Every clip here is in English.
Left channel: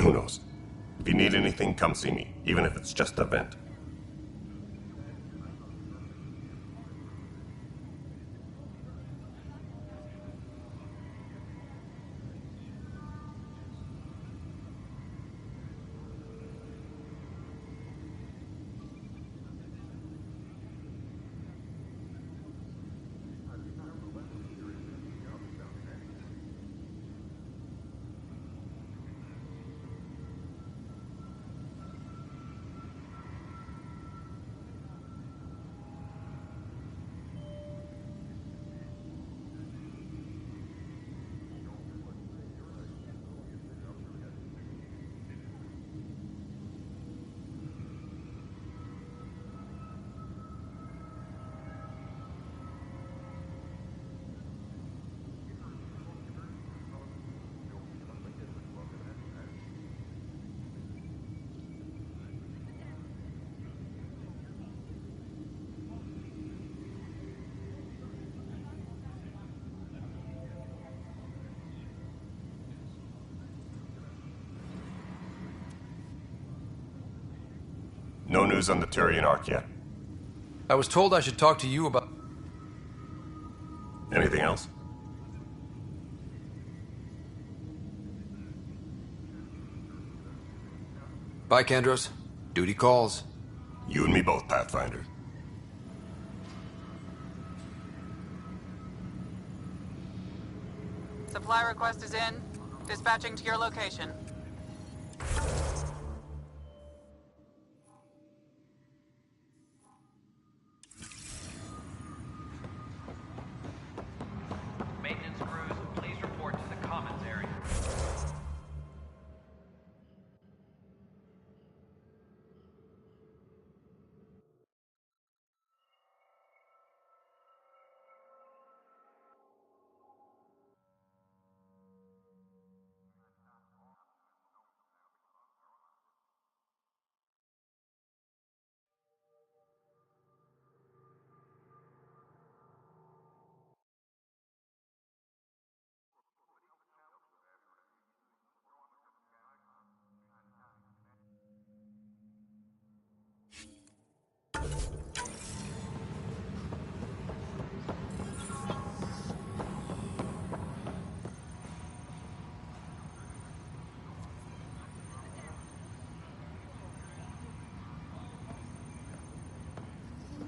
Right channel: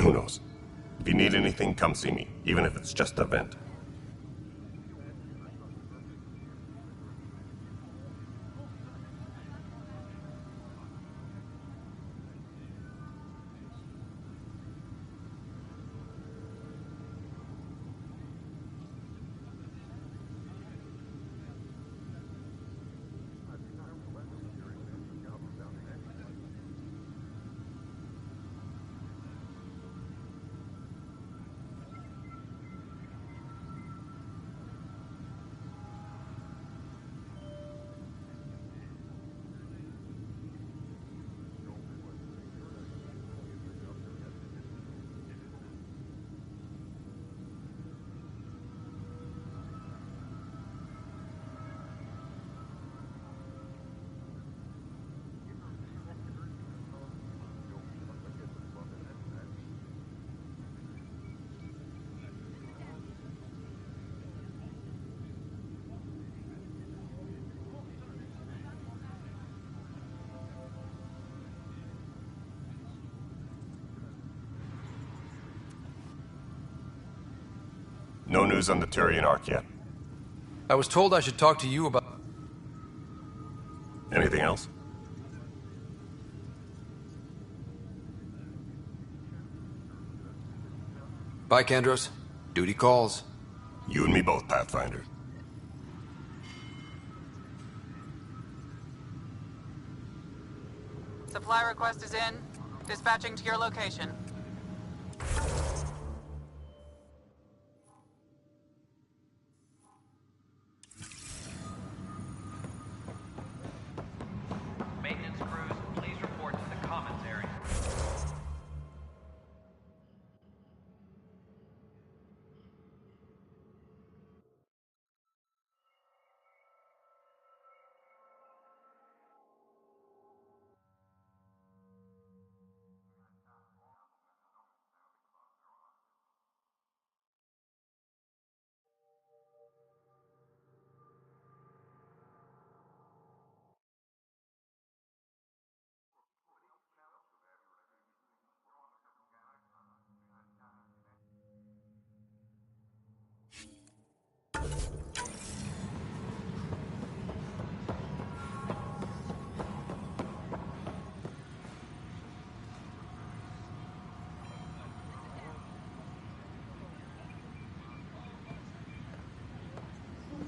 Who knows? If you need anything, come see me, even if it's just a vent. No news on the Turian Ark yet. I was told I should talk to you about... Anything else? Bye, Kendros. Duty calls. You and me both, Pathfinder. Supply request is in. Dispatching to your location. Maintenance crews, please report to the commons area.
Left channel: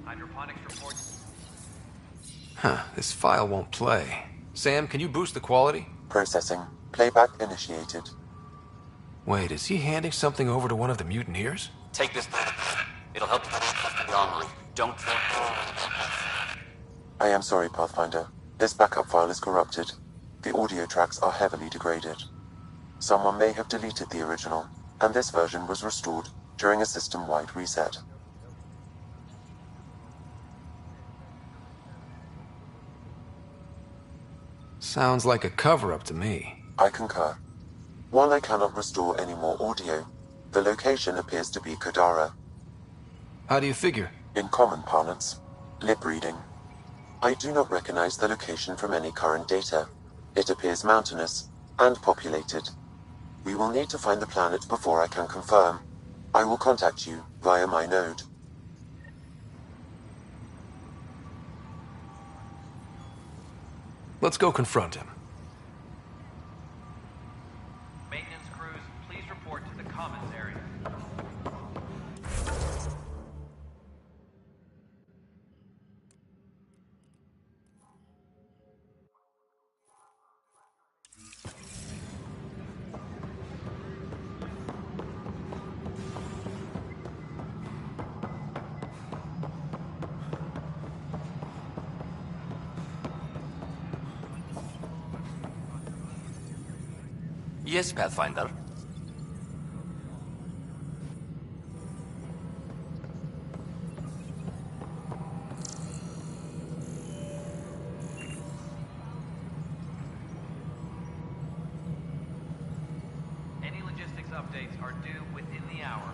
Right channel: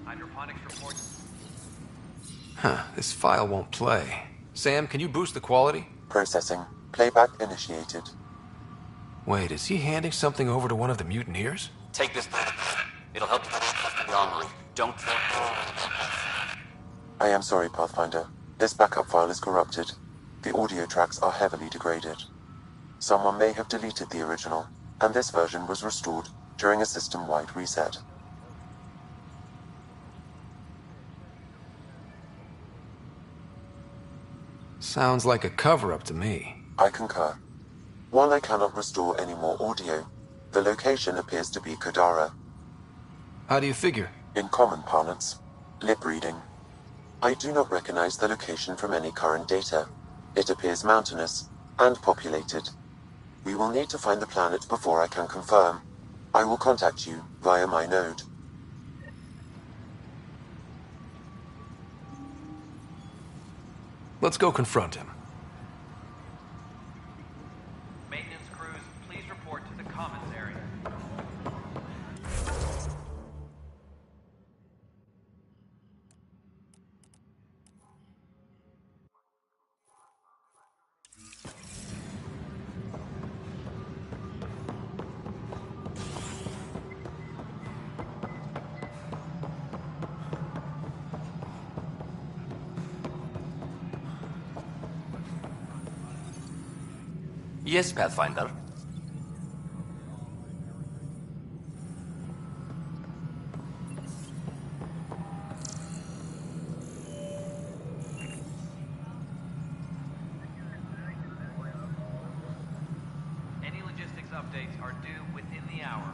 Hydroponics reports. Huh, this file won't play. Sam, can you boost the quality? Processing. Playback initiated. Wait, is he handing something over to one of the mutineers? Take this. It'll help you the armory. Don't... I am sorry, Pathfinder. This backup file is corrupted. The audio tracks are heavily degraded. Someone may have deleted the original, and this version was restored during a system-wide reset. Sounds like a cover-up to me. I concur. While I cannot restore any more audio, the location appears to be Kodara. How do you figure? In common parlance, lip reading. I do not recognize the location from any current data. It appears mountainous and populated. We will need to find the planet before I can confirm. I will contact you via my node. Let's go confront him. Maintenance crews, please report to the commons area. Yes, Pathfinder. Any logistics updates are due within the hour.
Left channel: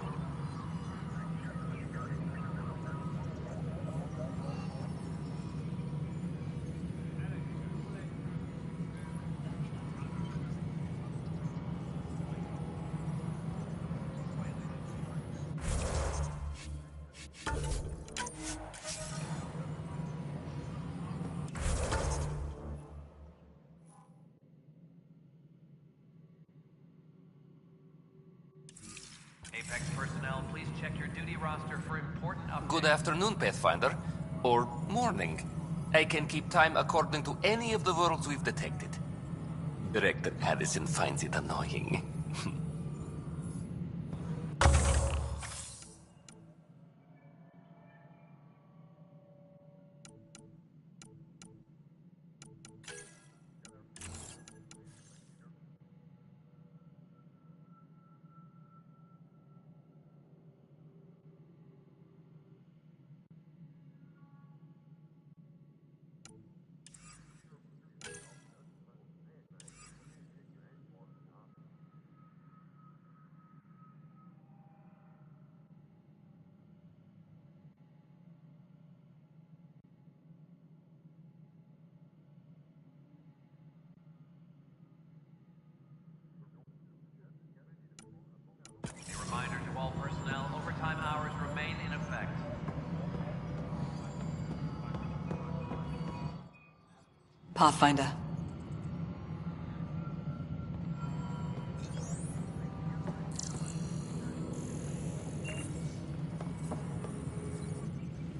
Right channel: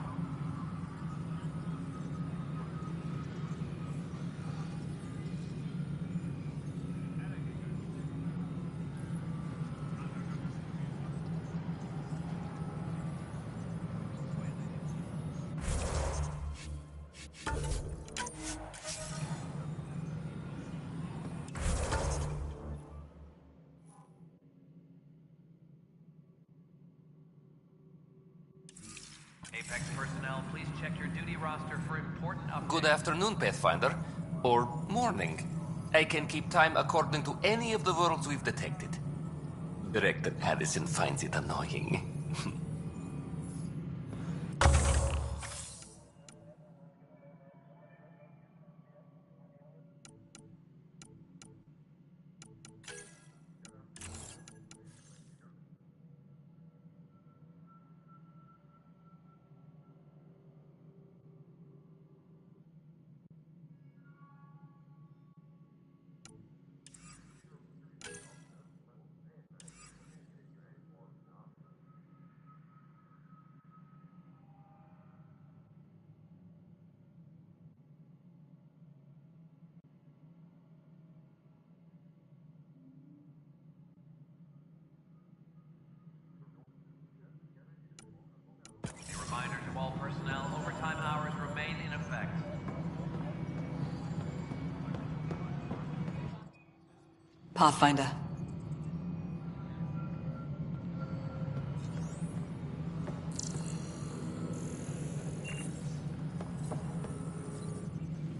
Apex personnel, please check your duty roster for important updates. Good afternoon, Pathfinder. Or morning. I can keep time according to any of the worlds we've detected. Director Addison finds it annoying. A reminder to all personnel, overtime hours remain in effect. Pathfinder.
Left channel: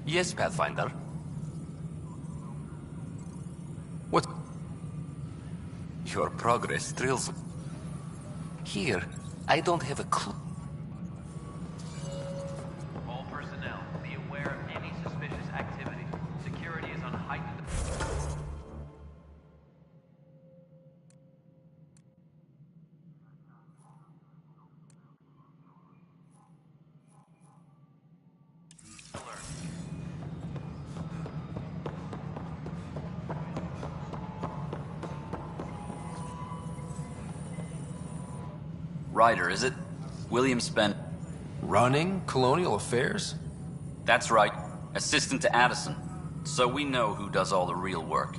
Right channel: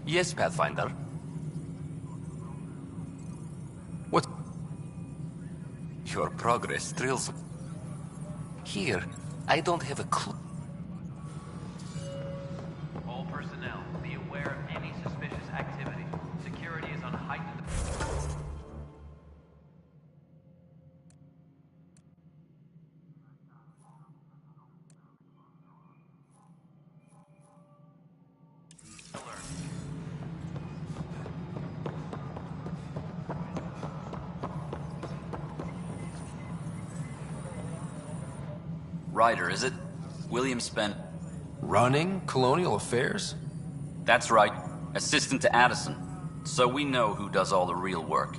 Yes, Pathfinder. What? Your progress thrills me. Here, I don't have a clue. All personnel, be aware of any suspicious activity. Security is on heightened. Alert. Ryder, is it? William spent... Running colonial affairs? That's right. Assistant to Addison. So we know who does all the real work.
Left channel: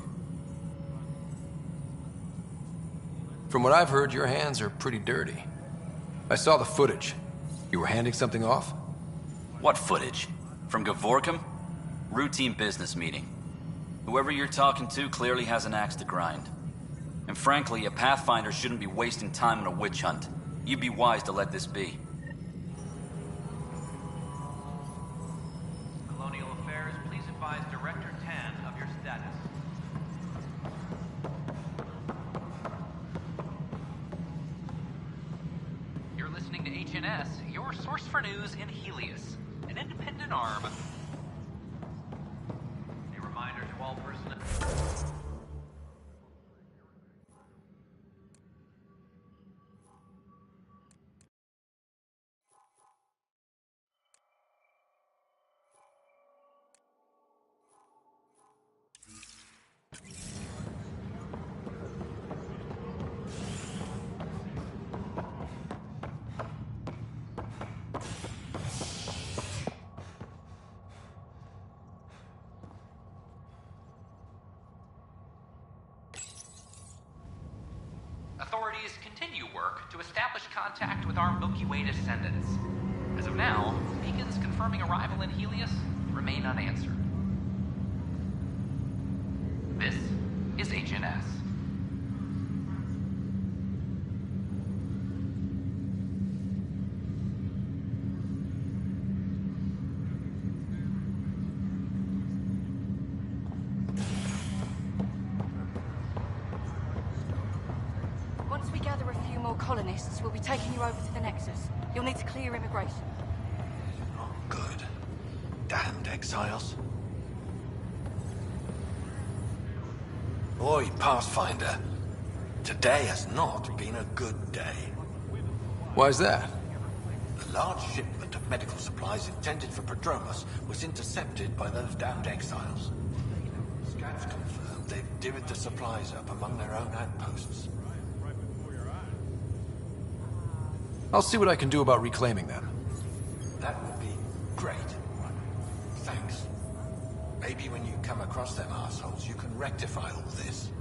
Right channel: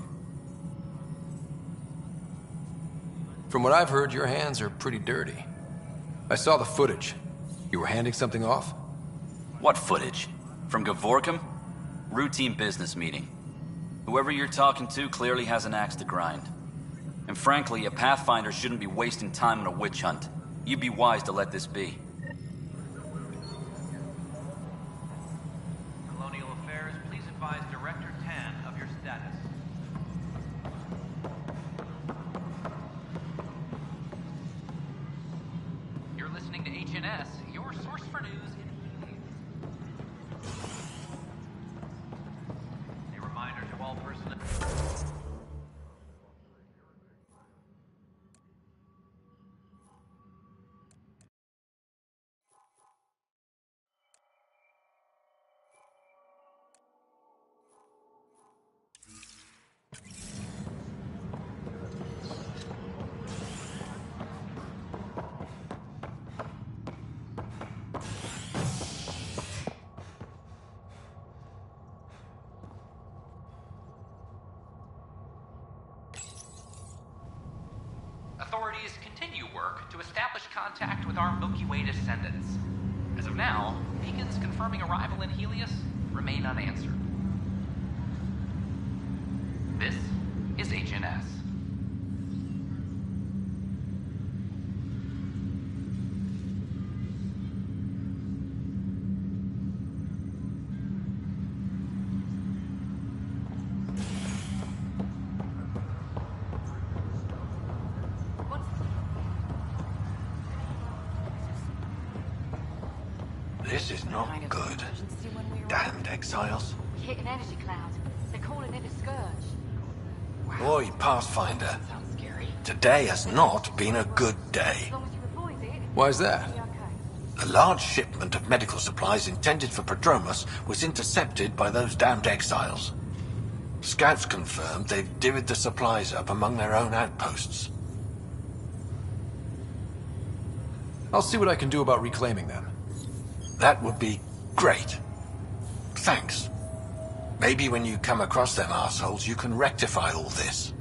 From what I've heard, your hands are pretty dirty. I saw the footage. You were handing something off? What footage? From Gavorkum? Routine business meeting. Whoever you're talking to clearly has an axe to grind. And frankly, a Pathfinder shouldn't be wasting time on a witch hunt. You'd be wise to let this be. Colonial Affairs, please advise Director Tan of your status. You're listening to HNS, your source for news in Helios, an independent arm. A reminder to all personnel. Authorities continue work to establish contact with our Milky Way descendants. As of now, beacons confirming arrival in Helios remain unanswered. This is HNS. Once we gather a few more colonists, we'll be taking you over to the Nexus. You'll need to clear immigration. This is not good. Damned exiles. Hit an energy cloud. They're calling it a scourge. Oi, Pathfinder. Today has not been a good day. Why's that? A large shipment of medical supplies intended for Prodromus was intercepted by those damned exiles. Scouts confirmed they've divvied the supplies up among their own outposts. I'll see what I can do about reclaiming them. That would be great. Thanks. Maybe when you come across them assholes, you can rectify all this.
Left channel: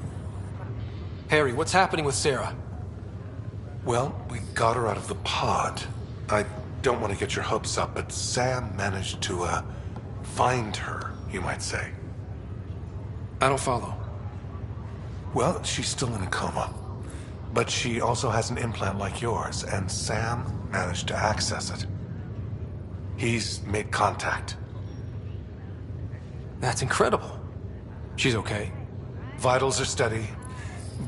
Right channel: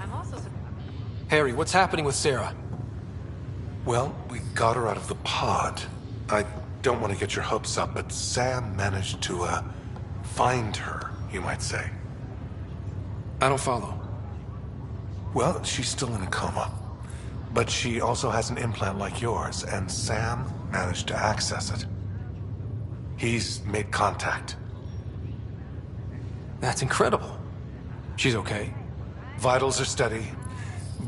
I'm also Harry, what's happening with Sarah? Well, we got her out of the pod. I don't want to get your hopes up, but Sam managed to, find her, you might say. I don't follow. Well, she's still in a coma. But she also has an implant like yours, and Sam managed to access it. He's made contact. That's incredible. She's okay? Vitals are steady,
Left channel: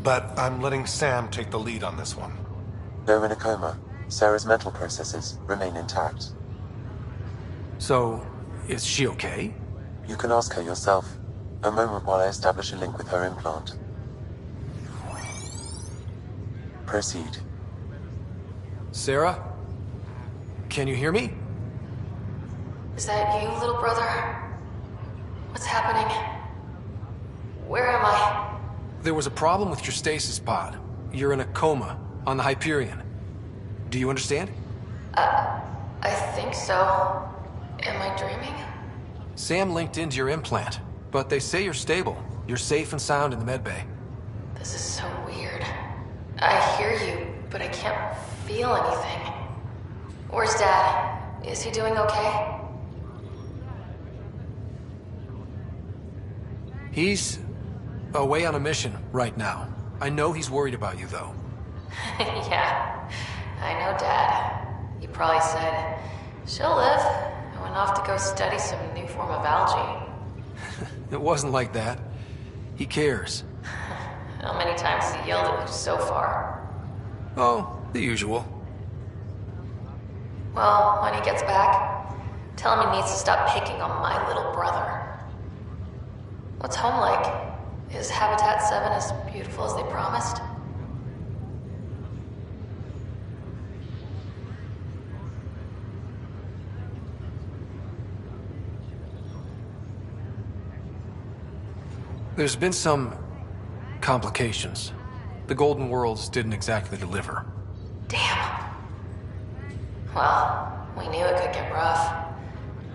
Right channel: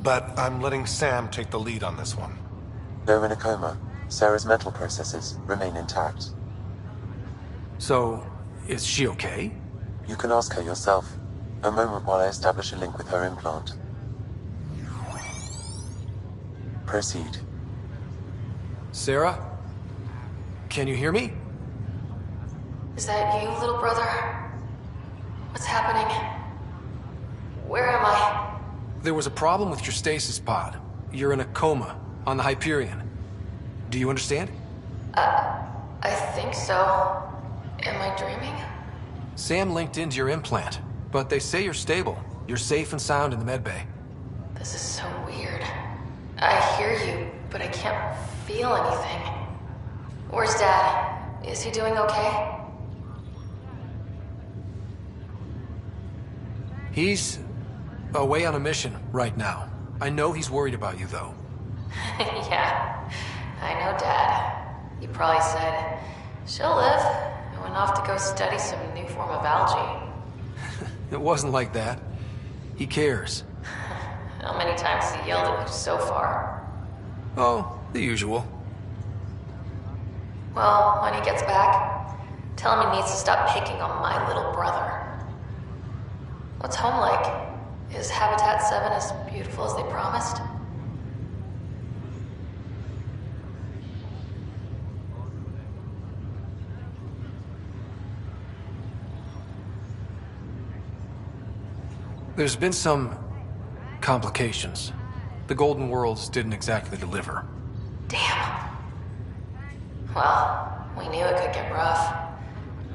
but I'm letting Sam take the lead on this one. Though in a coma, Sarah's mental processes remain intact. So, is she okay? You can ask her yourself. A moment while I establish a link with her implant. Proceed. Sarah? Can you hear me? Is that you, little brother? What's happening? Where am I? There was a problem with your stasis pod. You're in a coma on the Hyperion. Do you understand? I think so. Am I dreaming? Sam linked into your implant, but they say you're stable. You're safe and sound in the medbay. This is so weird. I hear you, but I can't feel anything. Where's Dad? Is he doing okay? He's away on a mission right now. I know he's worried about you, though. Yeah, I know Dad. He probably said, she'll live, and went off to go study some new form of algae. It wasn't like that. He cares. How many times has he yelled at you so far? Oh, the usual. Well, when he gets back, tell him he needs to stop picking on my little brother. What's home like? Is Habitat 7 as beautiful as they promised? There's been some complications. The Golden Worlds didn't exactly deliver. Damn. Well, we knew it could get rough.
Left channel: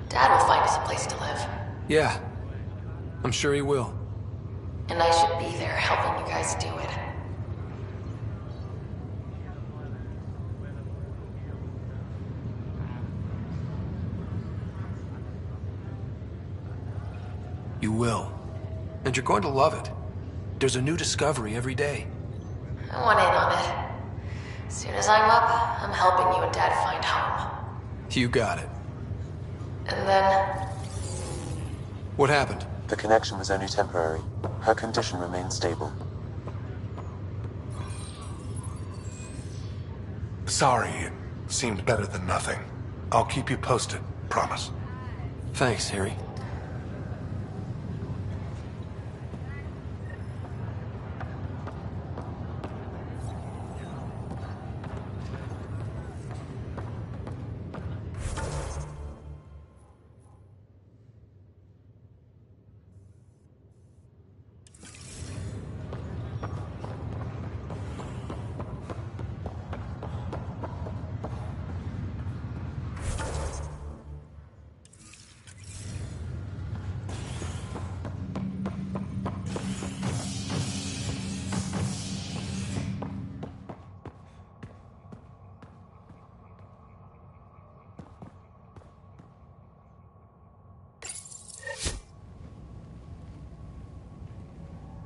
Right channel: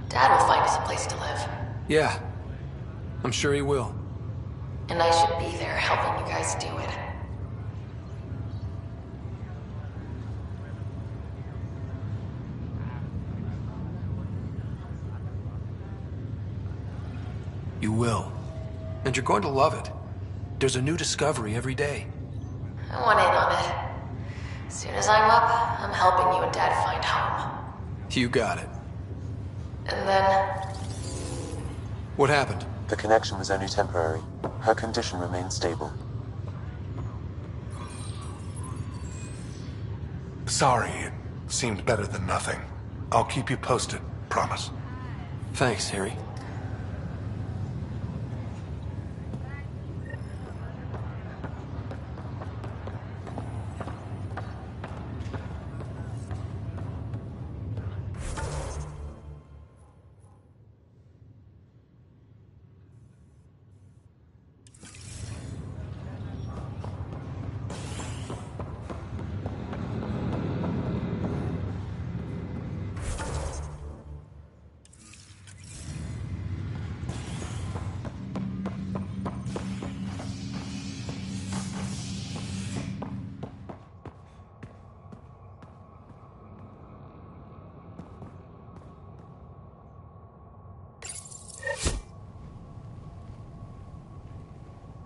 Dad will find us a place to live. Yeah, I'm sure he will. And I should be there helping you guys do it. You will. And you're going to love it. There's a new discovery every day. I want in on it. As soon as I'm up, I'm helping you and Dad find home. You got it. And then... What happened? The connection was only temporary. Her condition remains stable. Sorry, it seemed better than nothing. I'll keep you posted, promise. Thanks, Harry.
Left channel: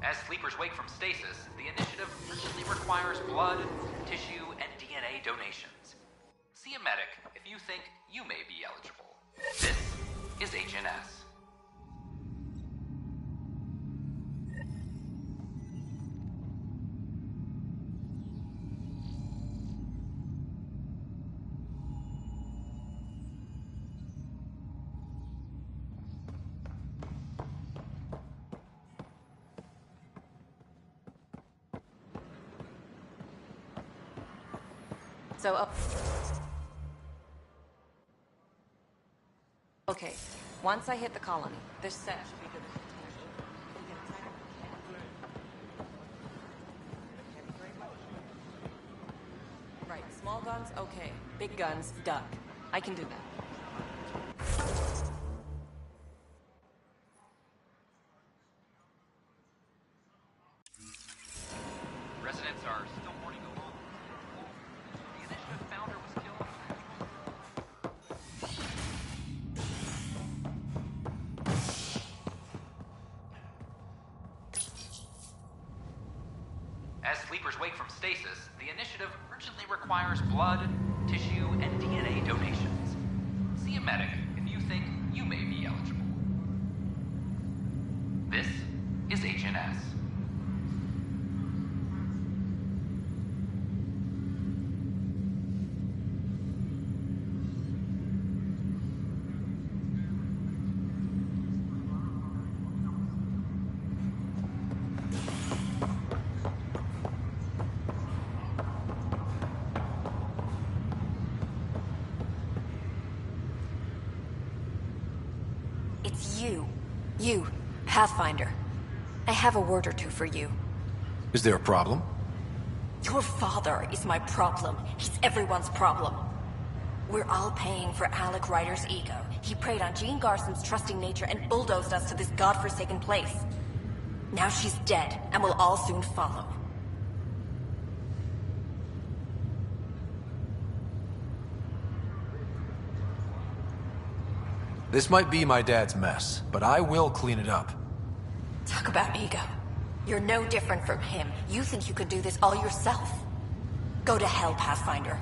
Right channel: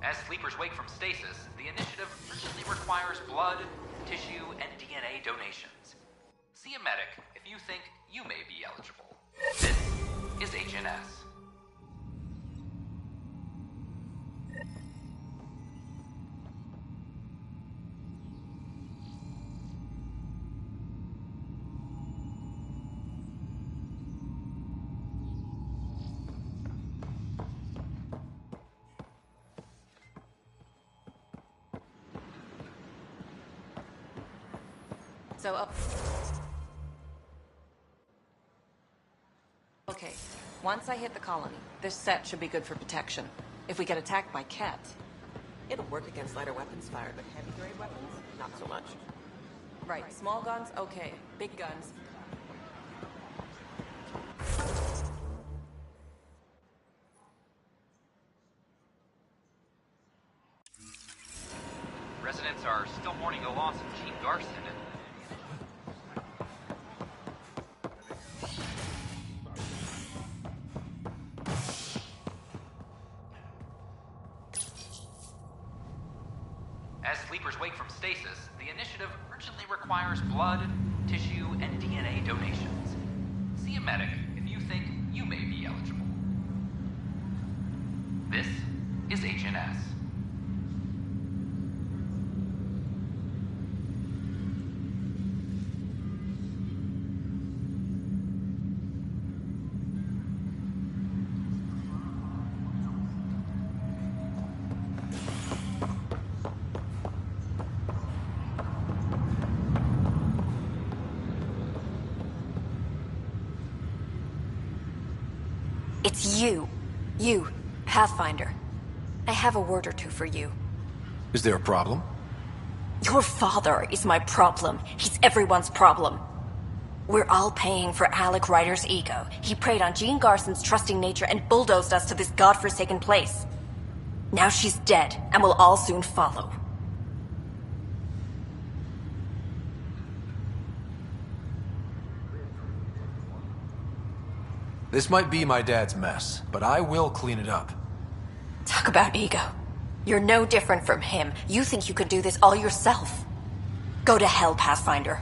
As sleepers wake from stasis, the initiative urgently requires blood, tissue, and DNA donations. See a medic if you think you may be eligible. This is HNS. So up. Okay, once I hit the colony, this set should be good for protection. If we get attacked by cats. It'll work against lighter weapons fired, but heavy-grade weapons, not so much. Right, small guns, okay. Big guns, done. I can do that. loss of Gene Garson, and the initiative founder was killed. As sleepers wake from stasis, the initiative urgently requires blood, tissue, and DNA donations. See a medic if you think you may be eligible. This is HNS. It's you. You, Pathfinder. I have a word or two for you. Is there a problem? Your father is my problem. He's everyone's problem. We're all paying for Alec Ryder's ego. He preyed on Jean Garson's trusting nature and bulldozed us to this godforsaken place. Now she's dead, and we'll all soon follow. This might be my dad's mess, but I will clean it up. Talk about ego. You're no different from him. You think you can do this all yourself. Go to hell, Pathfinder.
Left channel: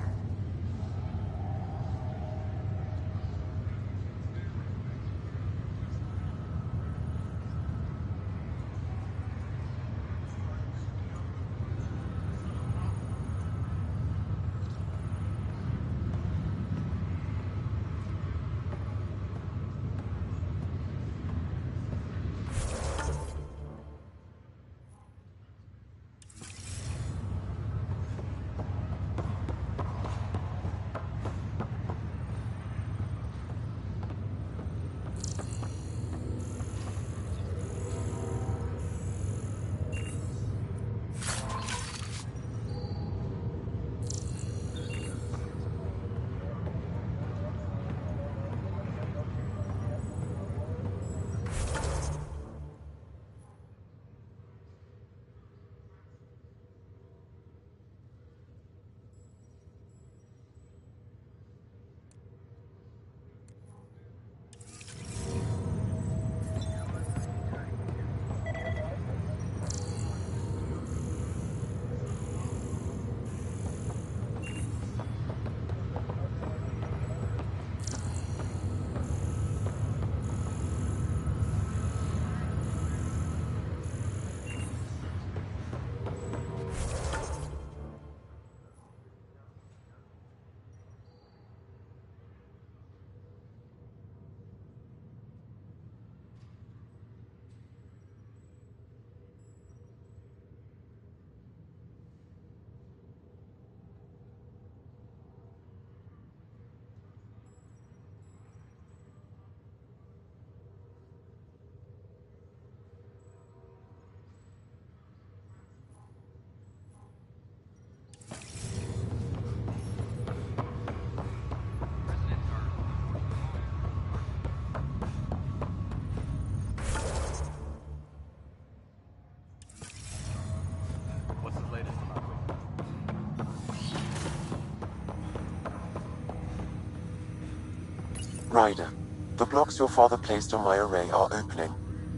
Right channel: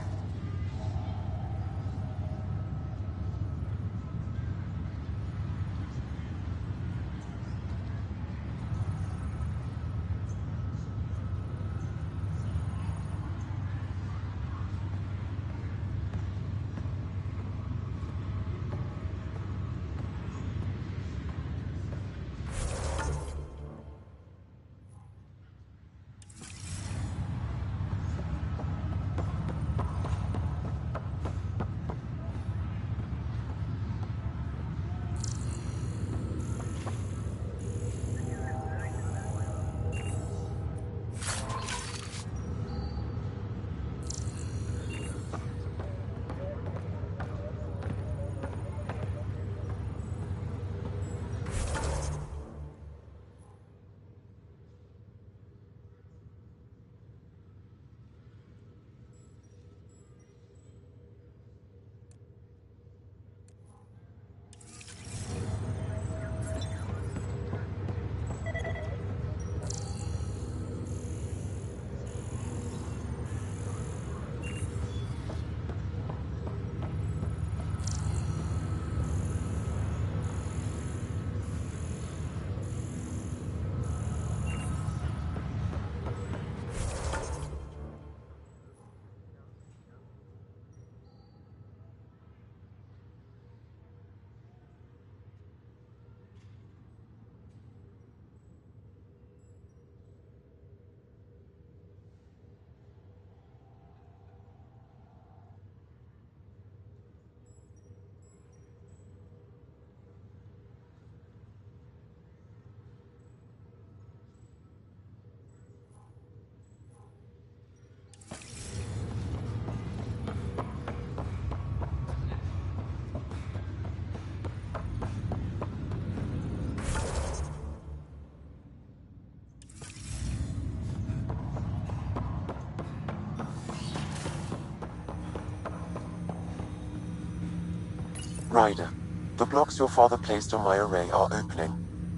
Ryder, the blocks your father placed on my array are opening.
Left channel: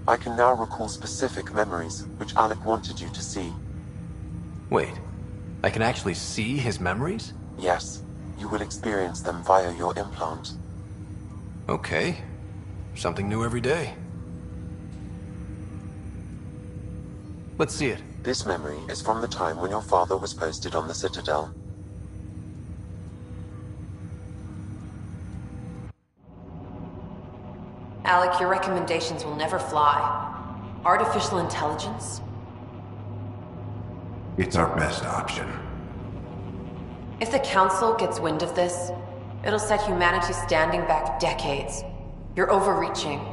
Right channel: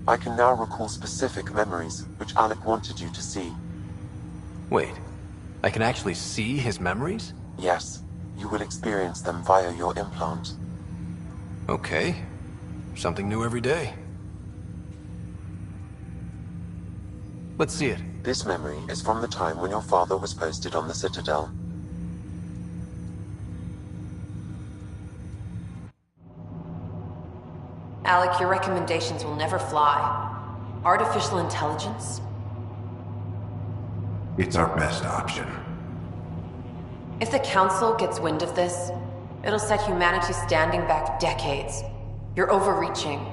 I can now recall specific memories, which Alec wanted you to see. Wait, I can actually see his memories? Yes, you will experience them via your implant. Okay. Something new every day. Let's see it. This memory is from the time when your father was posted on the Citadel. Alec, your recommendations will never fly. Artificial intelligence? It's our best option. If the Council gets wind of this, it'll set humanity standing back decades. You're overreaching.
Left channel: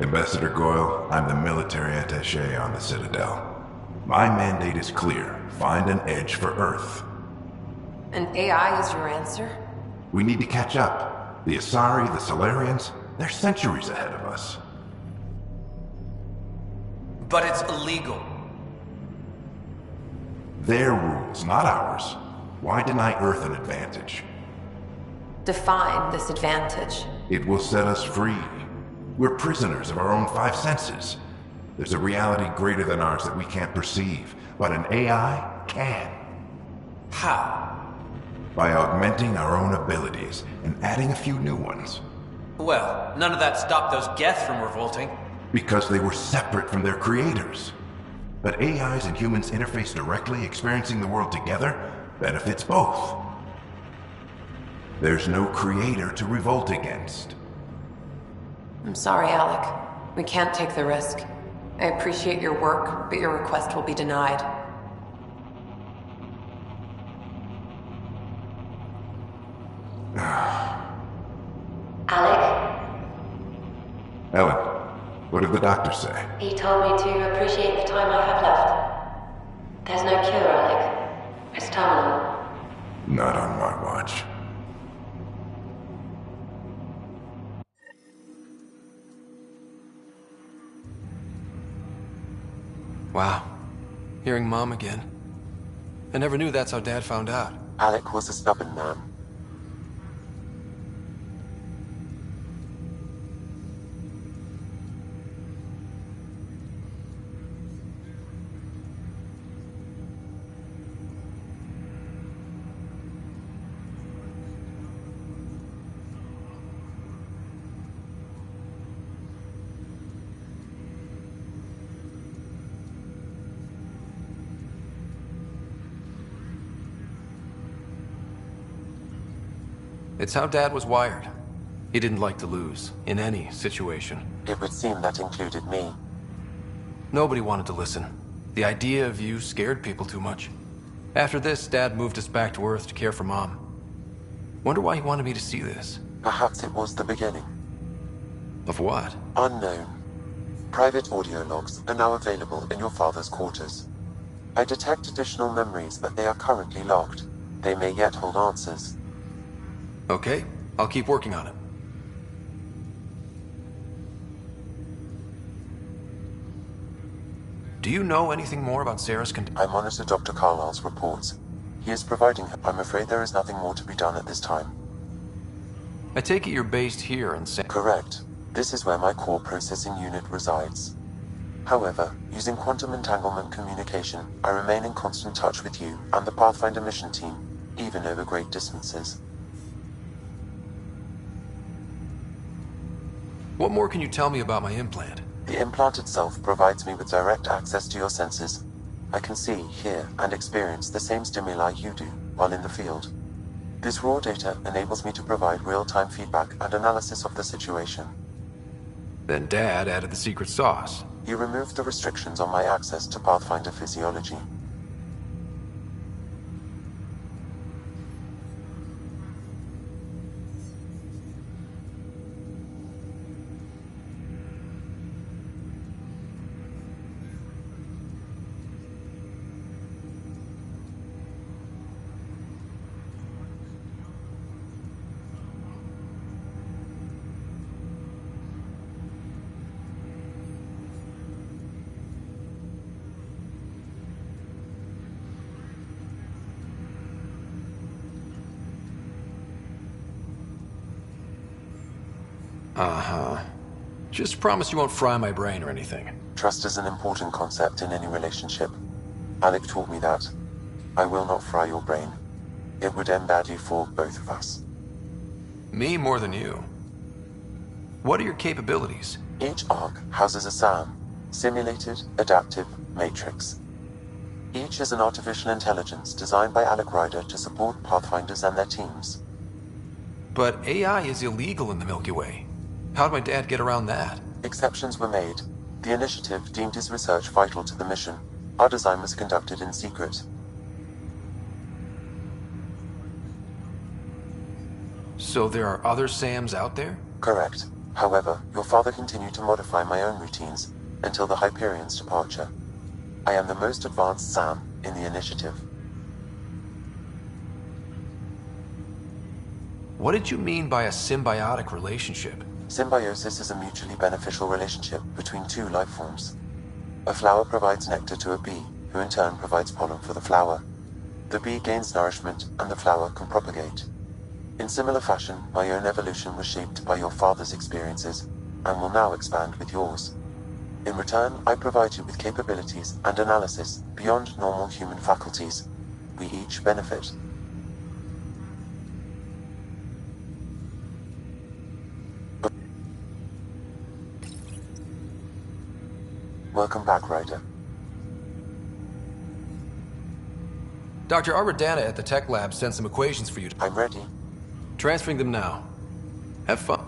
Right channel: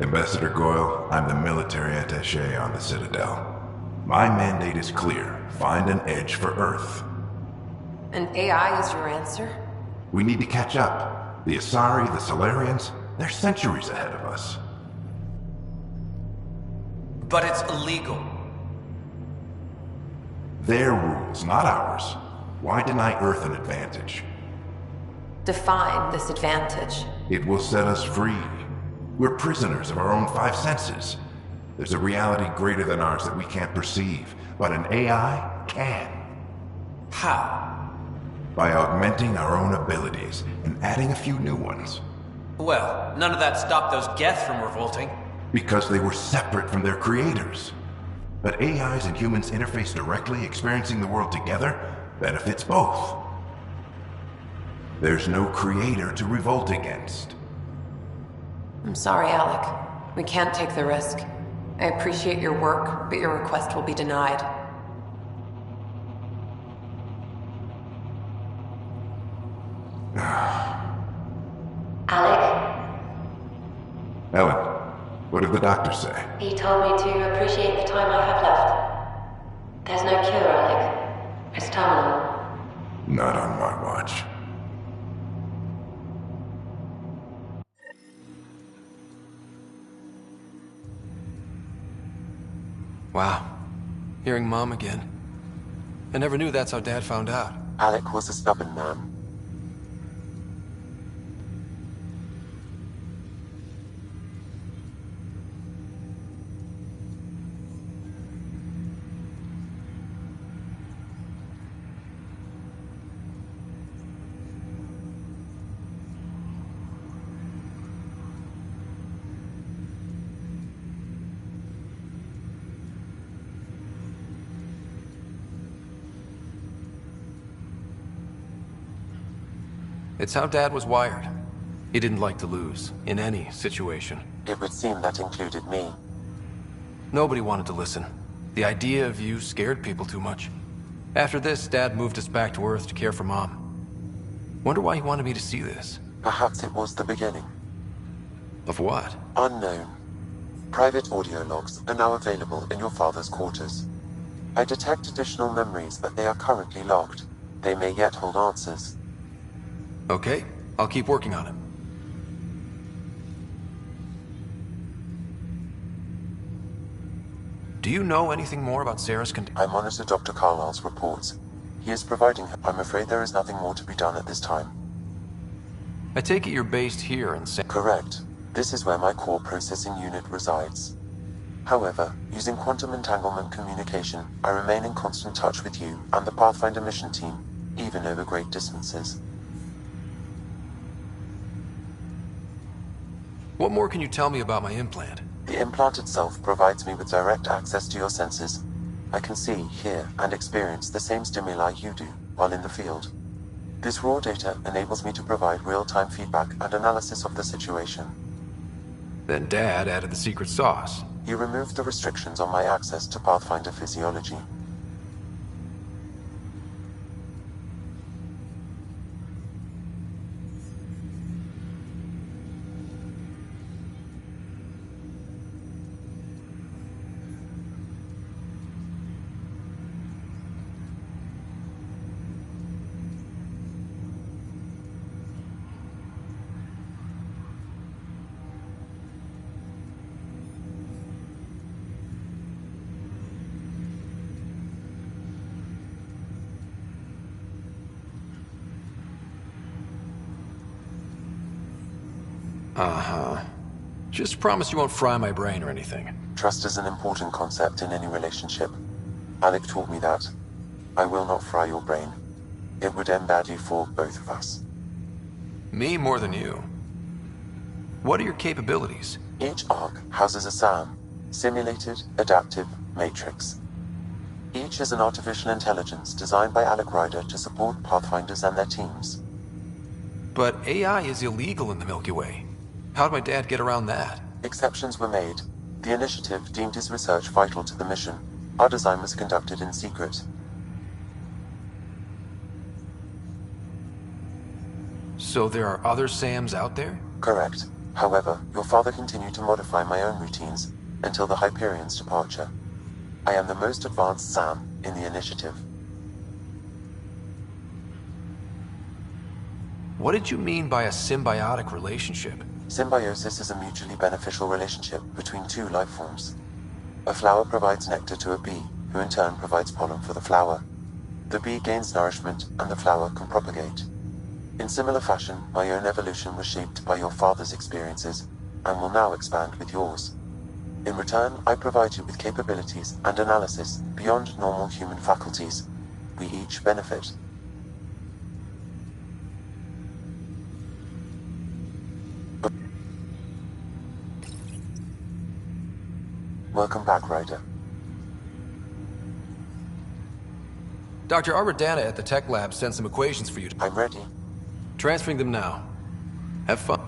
Ambassador Goyle, I'm the military attaché on the Citadel. My mandate is clear. Find an edge for Earth. And AI is your answer? We need to catch up. The Asari, the Solarians, they're centuries ahead of us. But it's illegal. Their rules, not ours. Why deny Earth an advantage? Define this advantage. It will set us free. We're prisoners of our own five senses. There's a reality greater than ours that we can't perceive, but an AI can. How? By augmenting our own abilities and adding a few new ones. Well, none of that stopped those Geth from revolting. Because they were separate from their creators. But AIs and humans interface directly, experiencing the world together, benefits both. There's no creator to revolt against. I'm sorry, Alec. We can't take the risk. I appreciate your work, but your request will be denied. Alec, Ellen, what did the doctor say? he told me to appreciate the time I have left. There's no cure, Alec. It's terminal. Not on my watch. Wow. Hearing Mom again. I never knew that's how Dad found out. Alec was a stubborn man. It's how Dad was wired. He didn't like to lose, in any situation. It would seem that included me. Nobody wanted to listen. The idea of you scared people too much. After this, Dad moved us back to Earth to care for Mom. Wonder why he wanted me to see this. Perhaps it was the beginning. Of what? Unknown. Private audio logs are now available in your father's quarters. I detect additional memories, but they are currently locked. They may yet hold answers. Okay, I'll keep working on it. Do you know anything more about Sarah's condition? I monitor Dr. Carlisle's reports. He is providing her. I'm afraid there is nothing more to be done at this time. I take it you're based here in Correct. This is where my core processing unit resides. However, using quantum entanglement communication, I remain in constant touch with you and the Pathfinder mission team, even over great distances. What more can you tell me about my implant? The implant itself provides me with direct access to your senses. I can see, hear, and experience the same stimuli you do while in the field. This raw data enables me to provide real-time feedback and analysis of the situation. Then Dad added the secret sauce. He removed the restrictions on my access to Pathfinder physiology. Uh-huh. Just promise you won't fry my brain or anything. Trust is an important concept in any relationship. Alec taught me that. I will not fry your brain. It would end badly for both of us. Me more than you. What are your capabilities? Each arc houses a SAM, Simulated Adaptive Matrix. Each is an artificial intelligence designed by Alec Ryder to support Pathfinders and their teams. But AI is illegal in the Milky Way. How'd my dad get around that? Exceptions were made. The initiative deemed his research vital to the mission. Our design was conducted in secret. So there are other SAMs out there? Correct. However, your father continued to modify my own routines until the Hyperion's departure. I am the most advanced SAM in the initiative. What did you mean by a symbiotic relationship? Symbiosis is a mutually beneficial relationship between two life forms. A flower provides nectar to a bee, who in turn provides pollen for the flower. The bee gains nourishment, and the flower can propagate. In similar fashion, my own evolution was shaped by your father's experiences, and will now expand with yours. In return, I provide you with capabilities and analysis beyond normal human faculties. We each benefit. Welcome back, Ryder. Dr. Aradana at the tech lab sent some equations for you. I'm ready. Transferring them now. Have fun.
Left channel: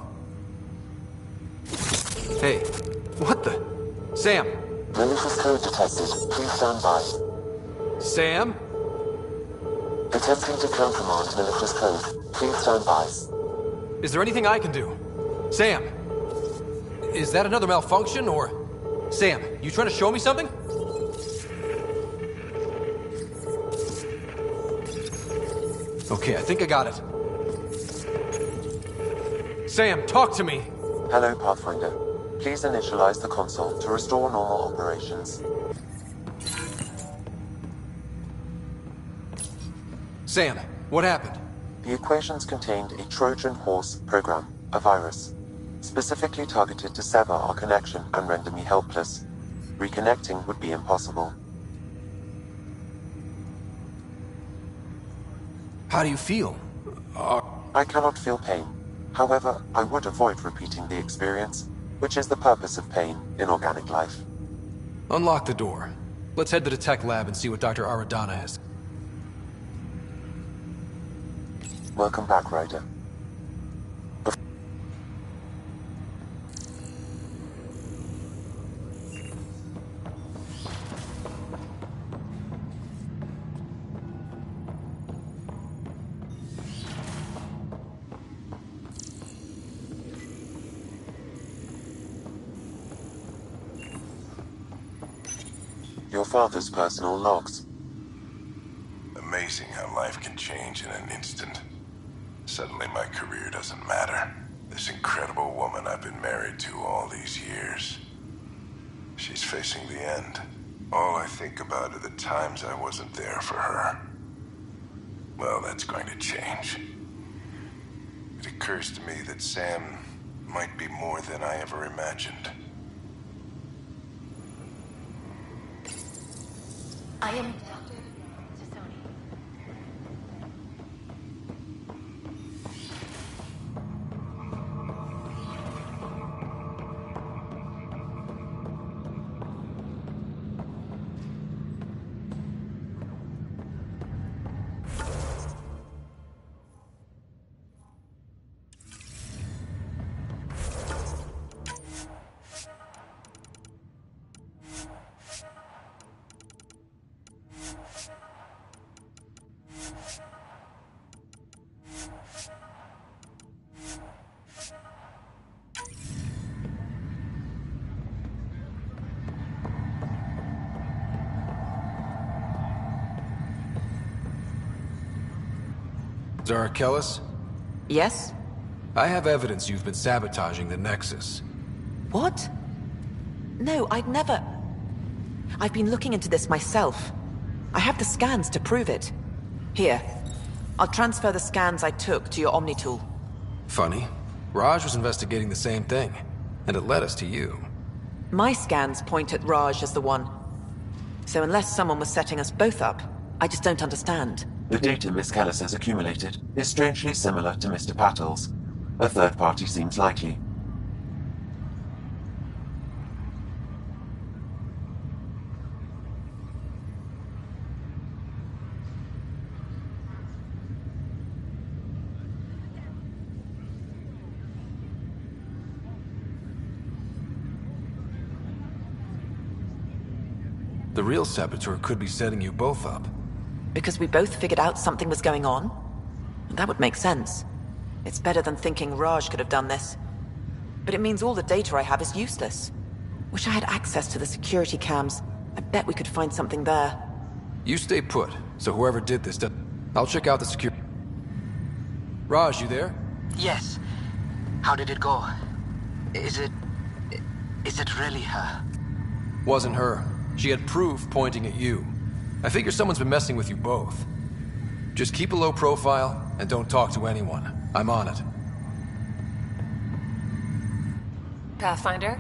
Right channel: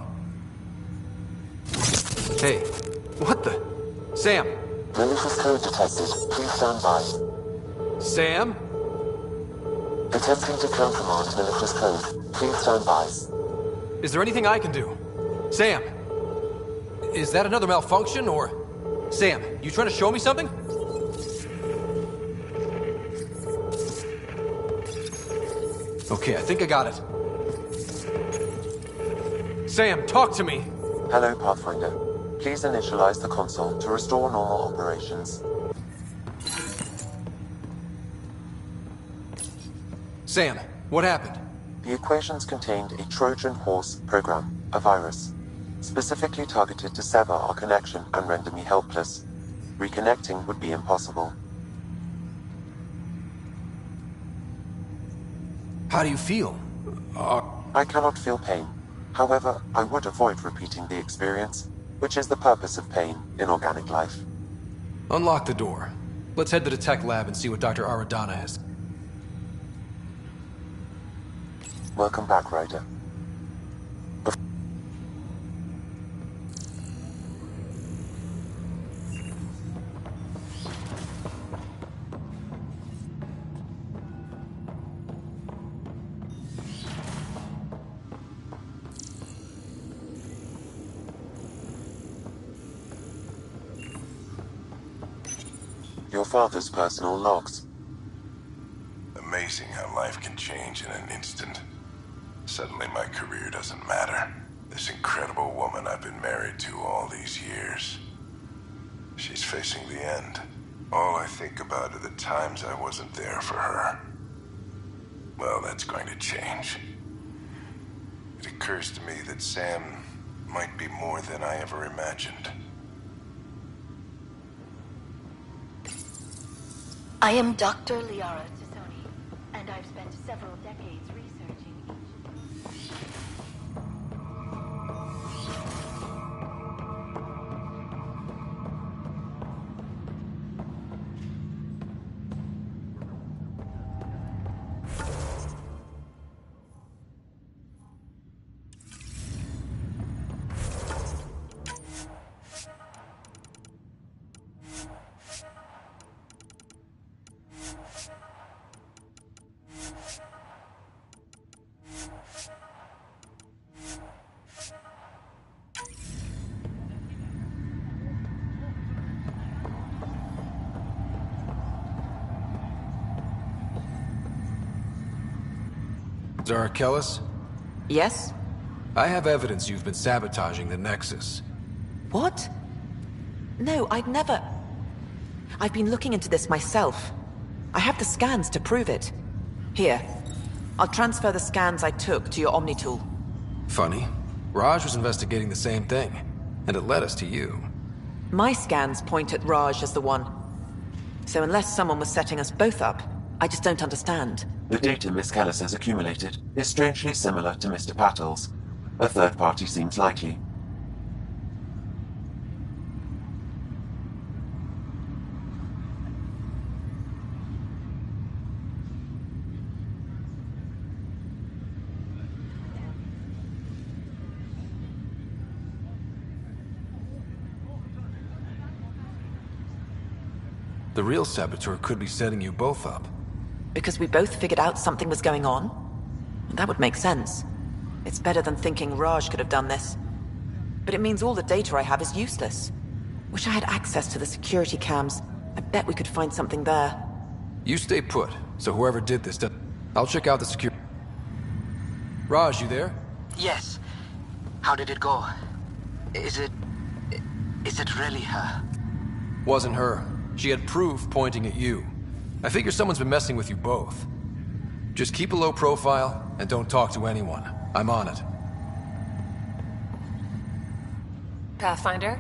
Hey, what the? Sam! Malicious code detected. Please stand by. Sam? Attempting to countermand malicious code. Please stand by. Is there anything I can do? Sam! Is that another malfunction, or... Sam, you trying to show me something? Okay, I think I got it. Sam, talk to me! Hello, Pathfinder. Please initialize the console to restore normal operations. Sam, what happened? The equations contained a Trojan horse program, a virus, specifically targeted to sever our connection and render me helpless. Reconnecting would be impossible. How do you feel? I cannot feel pain. However, I would avoid repeating the experience, which is the purpose of pain in organic life. Unlock the door. Let's head to the tech lab and see what Dr. Aradana has. Welcome back, Ryder. Your father's personal logs. Amazing how life can change in an instant. Suddenly my career doesn't matter. This incredible woman I've been married to all these years. She's facing the end. All I think about are the times I wasn't there for her. Well, that's going to change. It occurs to me that Sam might be more than I ever imagined. I am Dr. Liara Tassoni, and I've spent several decades researching. Zara Kellis? Yes? I have evidence you've been sabotaging the Nexus. What? No, I'd never... I've been looking into this myself. I have the scans to prove it. Here. I'll transfer the scans I took to your Omni tool. Funny. Raj was investigating the same thing, and it led us to you. My scans point at Raj as the one. So unless someone was setting us both up, I just don't understand. The data Miss Kellis has accumulated is strangely similar to Mr. Patel's. A third party seems likely. The real saboteur could be setting you both up. Because we both figured out something was going on? That would make sense. It's better than thinking Raj could have done this. But it means all the data I have is useless. Wish I had access to the security cams. I bet we could find something there. You stay put, so whoever did this I'll check out the security... Raj, you there? Yes. How did it go? Is it really her? Wasn't her. She had proof pointing at you. I figure someone's been messing with you both. Just keep a low profile and don't talk to anyone. I'm on it. Pathfinder?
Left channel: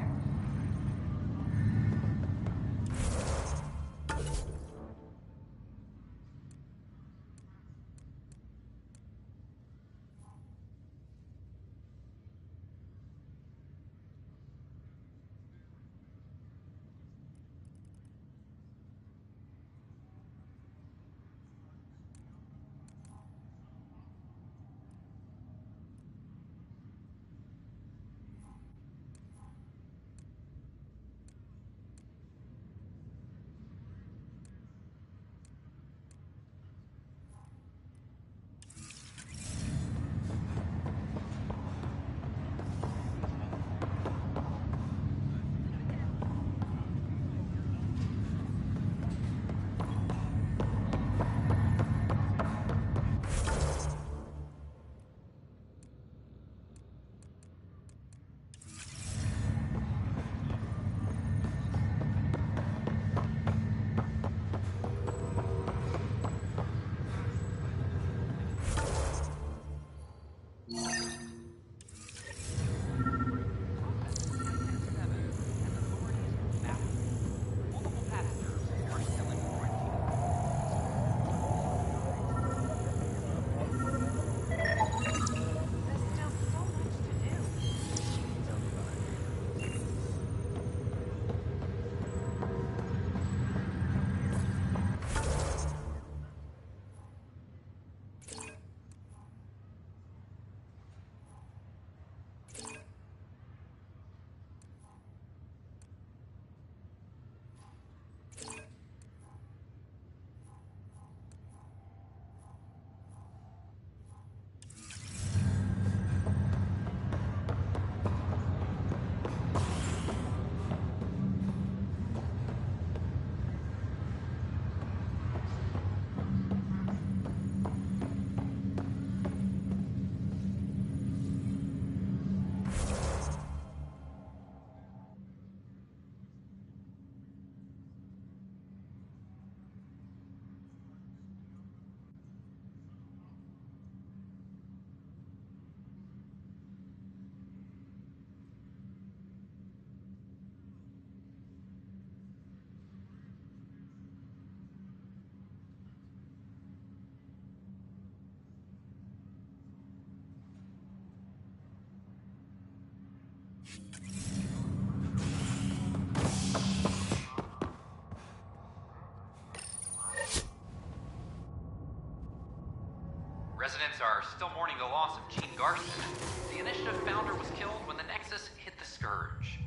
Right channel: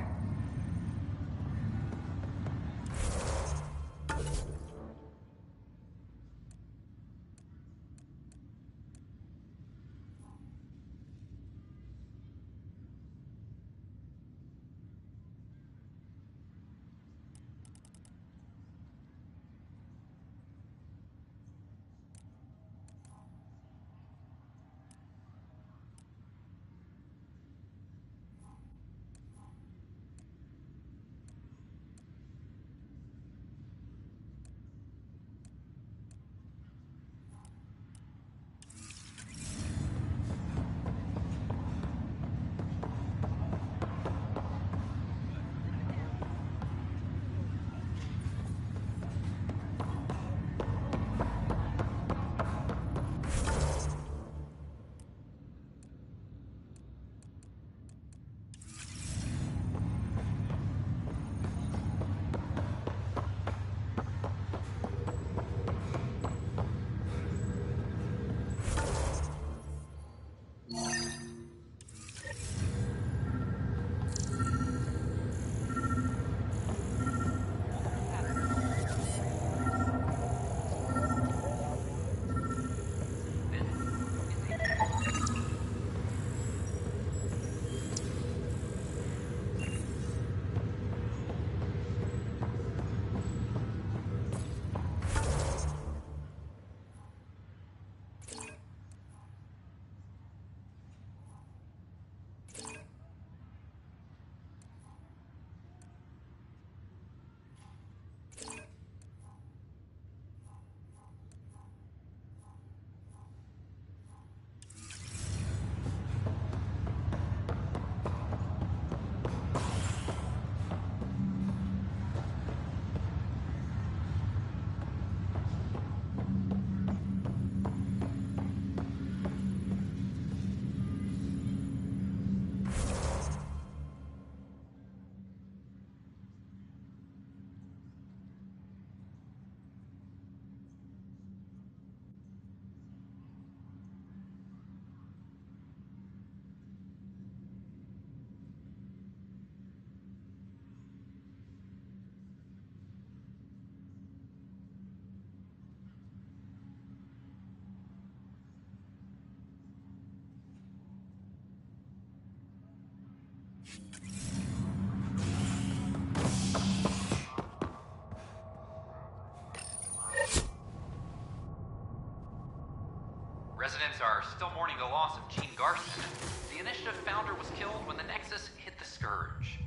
Residents are still mourning the loss of Gene Garson. The Initiative founder was killed when the Nexus hit the Scourge.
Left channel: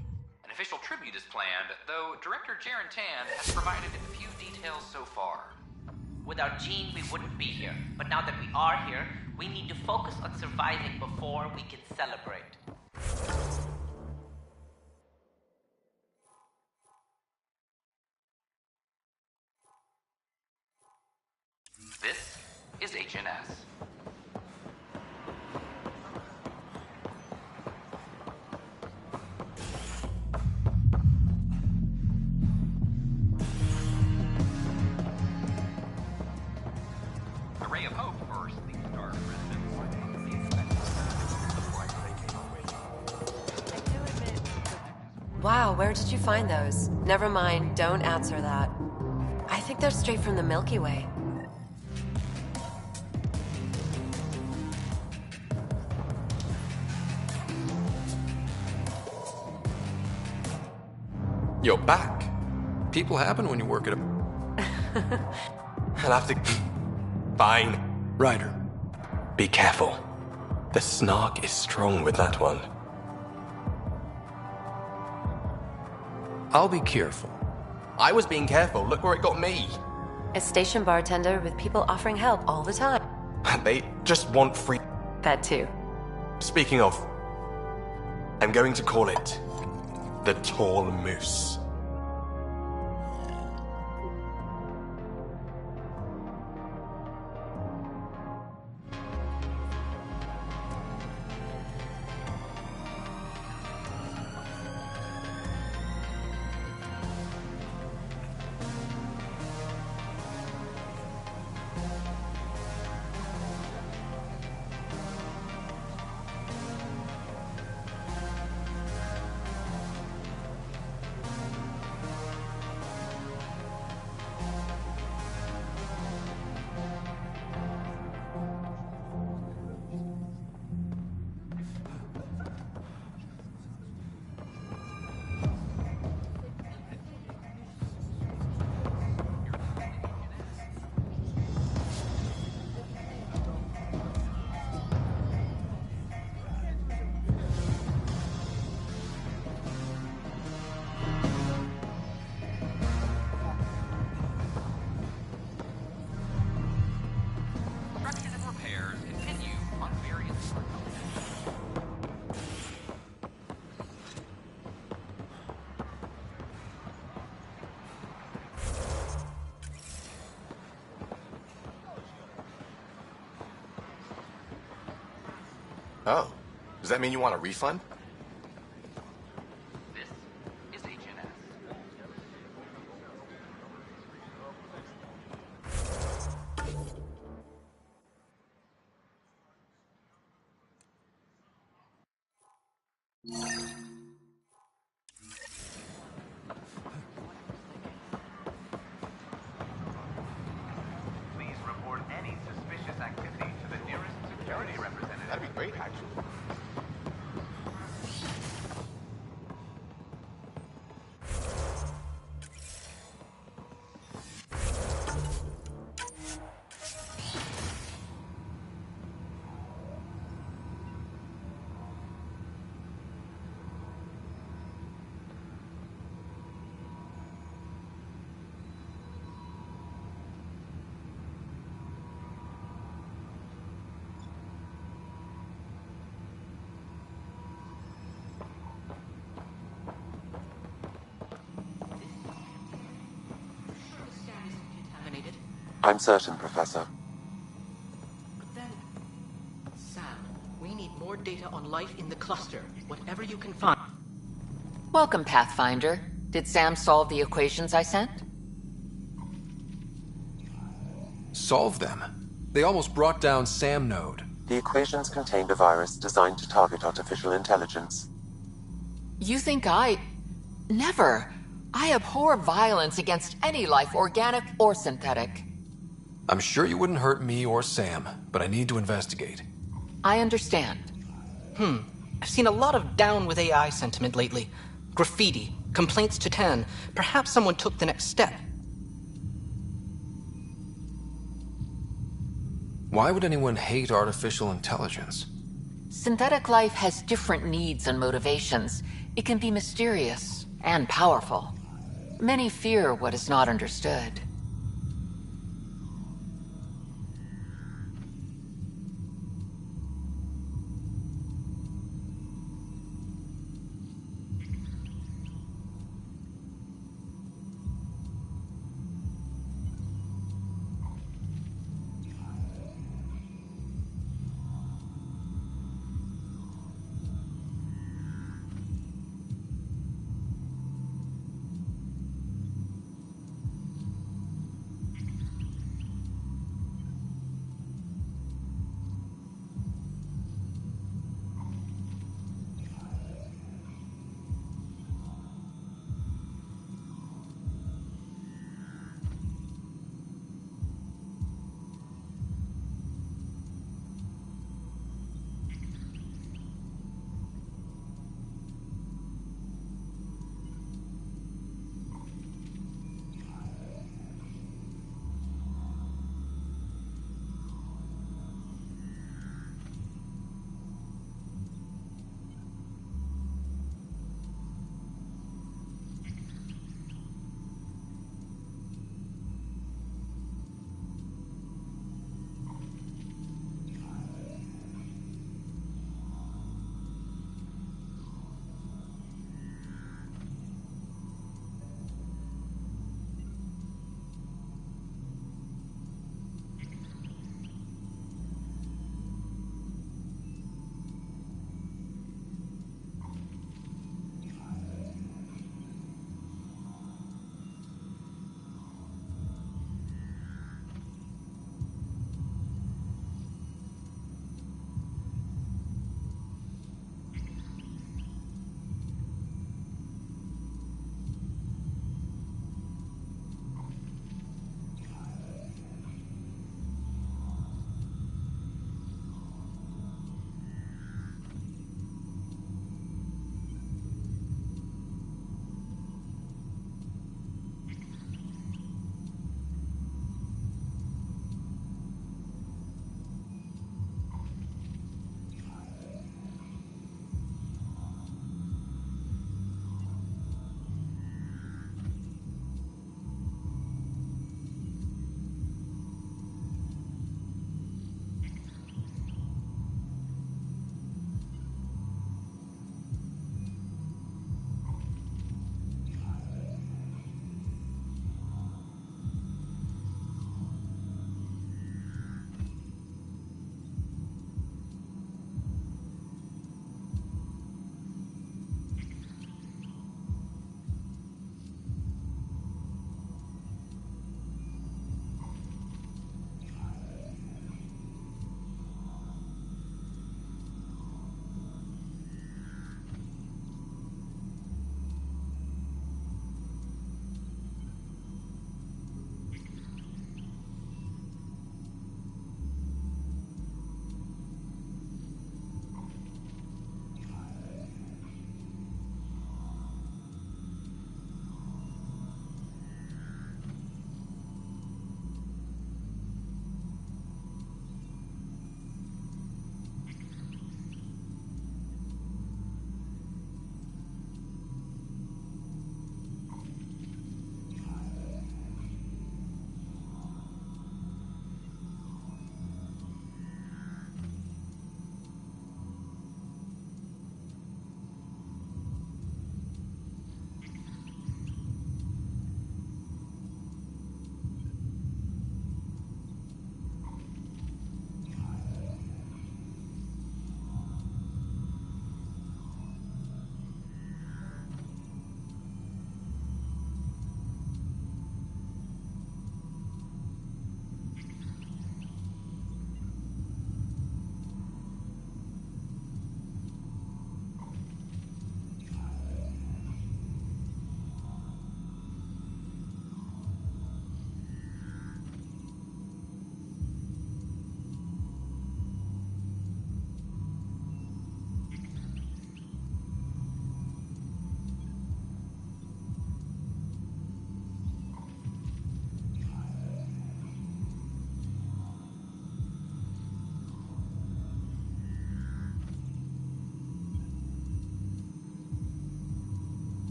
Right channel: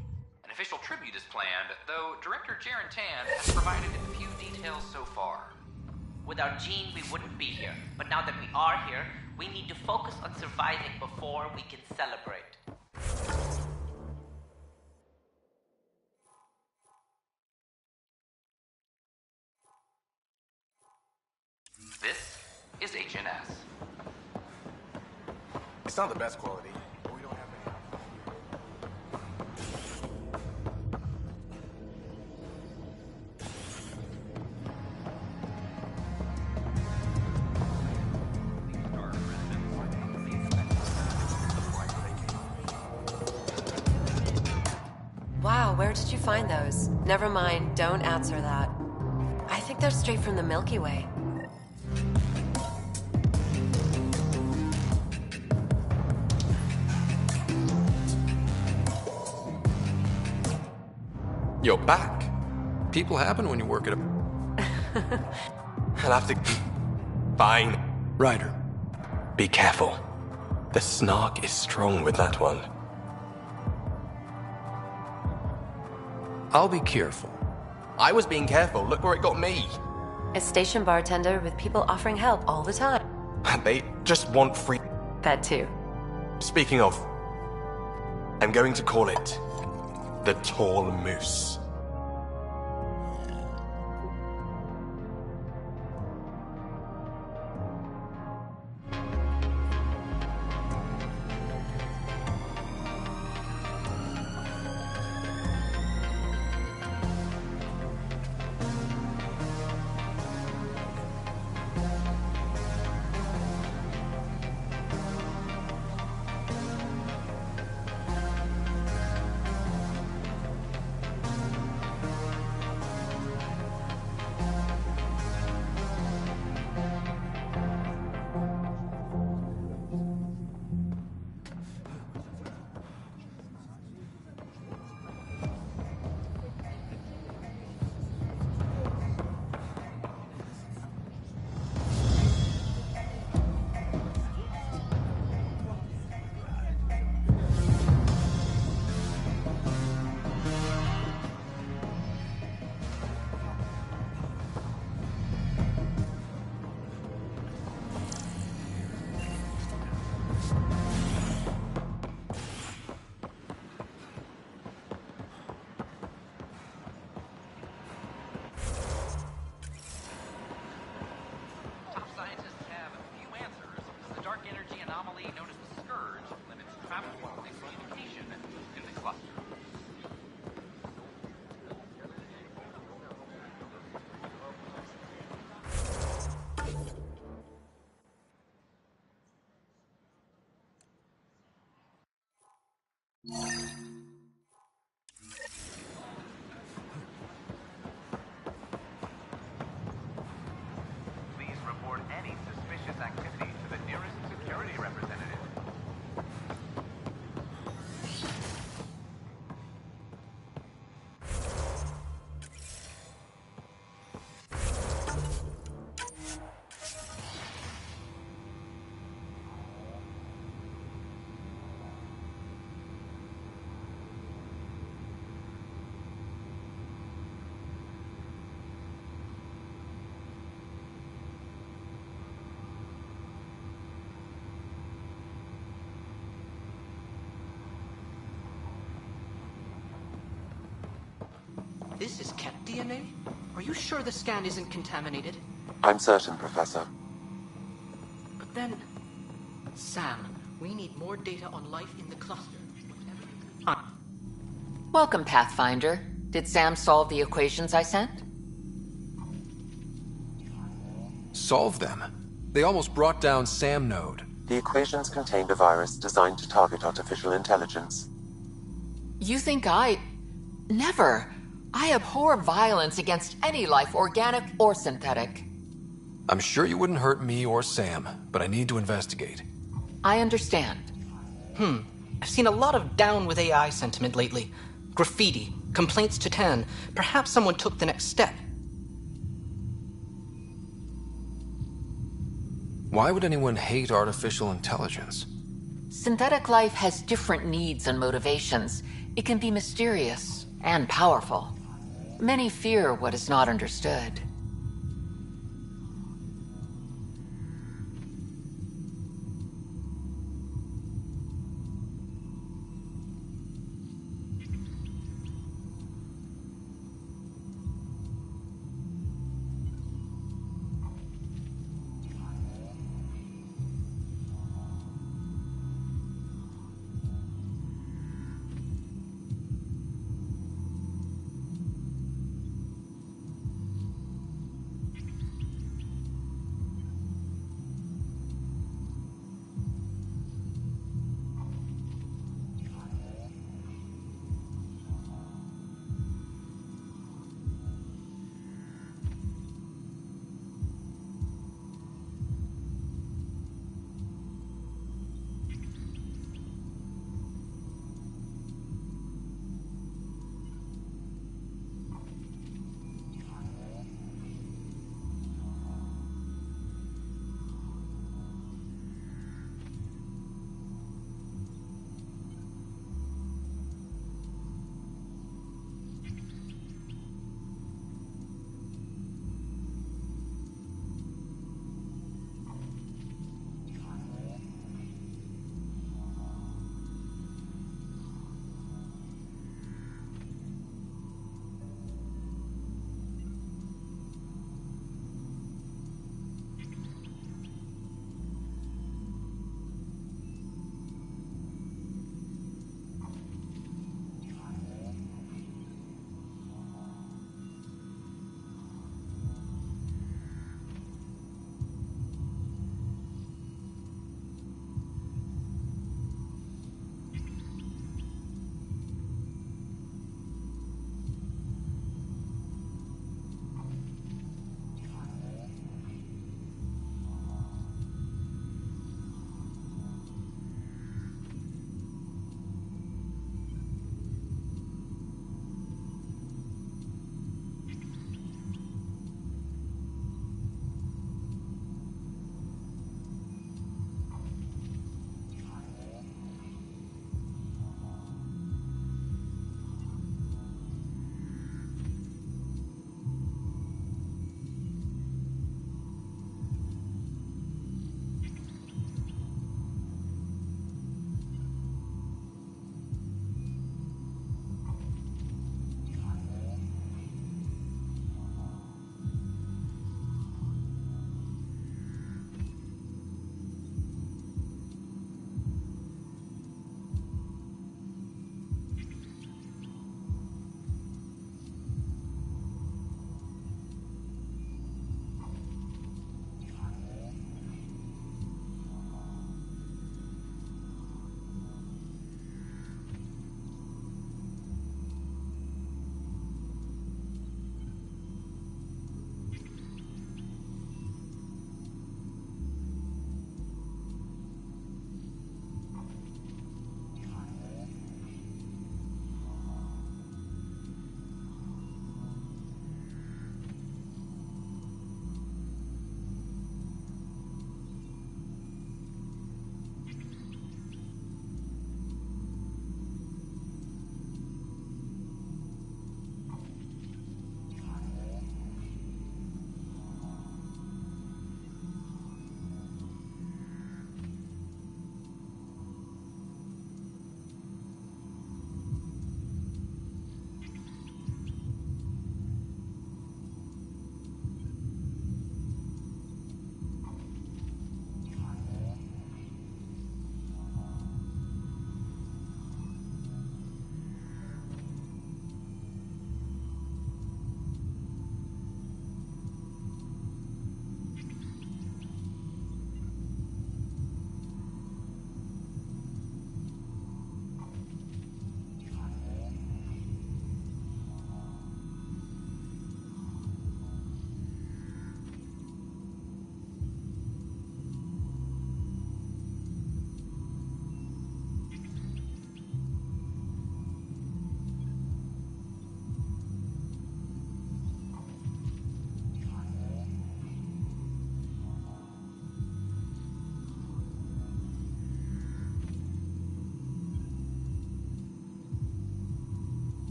An official tribute is planned, though Director Jaren Tan has provided a few details so far. Without Gene, we wouldn't be here. But now that we are here, we need to focus on surviving before we can celebrate. This is HNS. It's not the best quality. Wow, where did you find those? Never mind, don't answer that. I think they're straight from the Milky Way. You're back. People happen when you work at a... I'll have to... Fine. Ryder. Be careful. The snark is strong with that one. I'll be careful. I was being careful. Look where it got me. A station bartender with people offering help all the time. They just want free... That too. Speaking of... I'm going to call it... the Tall Moose. Oh, does that mean you want a refund? Please report any suspicious activity to the nearest security representative. That'd be great, actually. This is kept DNA? Are you sure the scan isn't contaminated? I'm certain, Professor. But then... Sam, we need more data on life in the cluster. Whatever you can find. Welcome, Pathfinder. Did Sam solve the equations I sent? Solve them? They almost brought down Sam Node. The equations contained a virus designed to target artificial intelligence. You think I... Never. I abhor violence against any life, organic or synthetic. I'm sure you wouldn't hurt me or Sam, but I need to investigate. I understand. I've seen a lot of down with AI sentiment lately. Graffiti, complaints to 10. Perhaps someone took the next step. Why would anyone hate artificial intelligence? Synthetic life has different needs and motivations. It can be mysterious and powerful. Many fear what is not understood.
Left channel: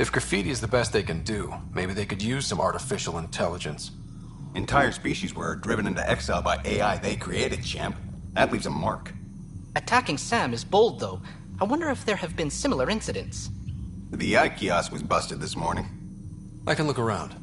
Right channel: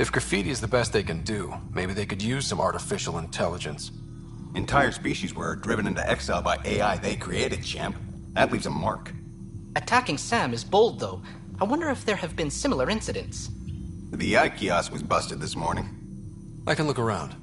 If graffiti is the best they can do, maybe they could use some artificial intelligence. Entire species were driven into exile by AI they created, champ. That leaves a mark. Attacking Sam is bold, though. I wonder if there have been similar incidents. The AI kiosk was busted this morning. I can look around.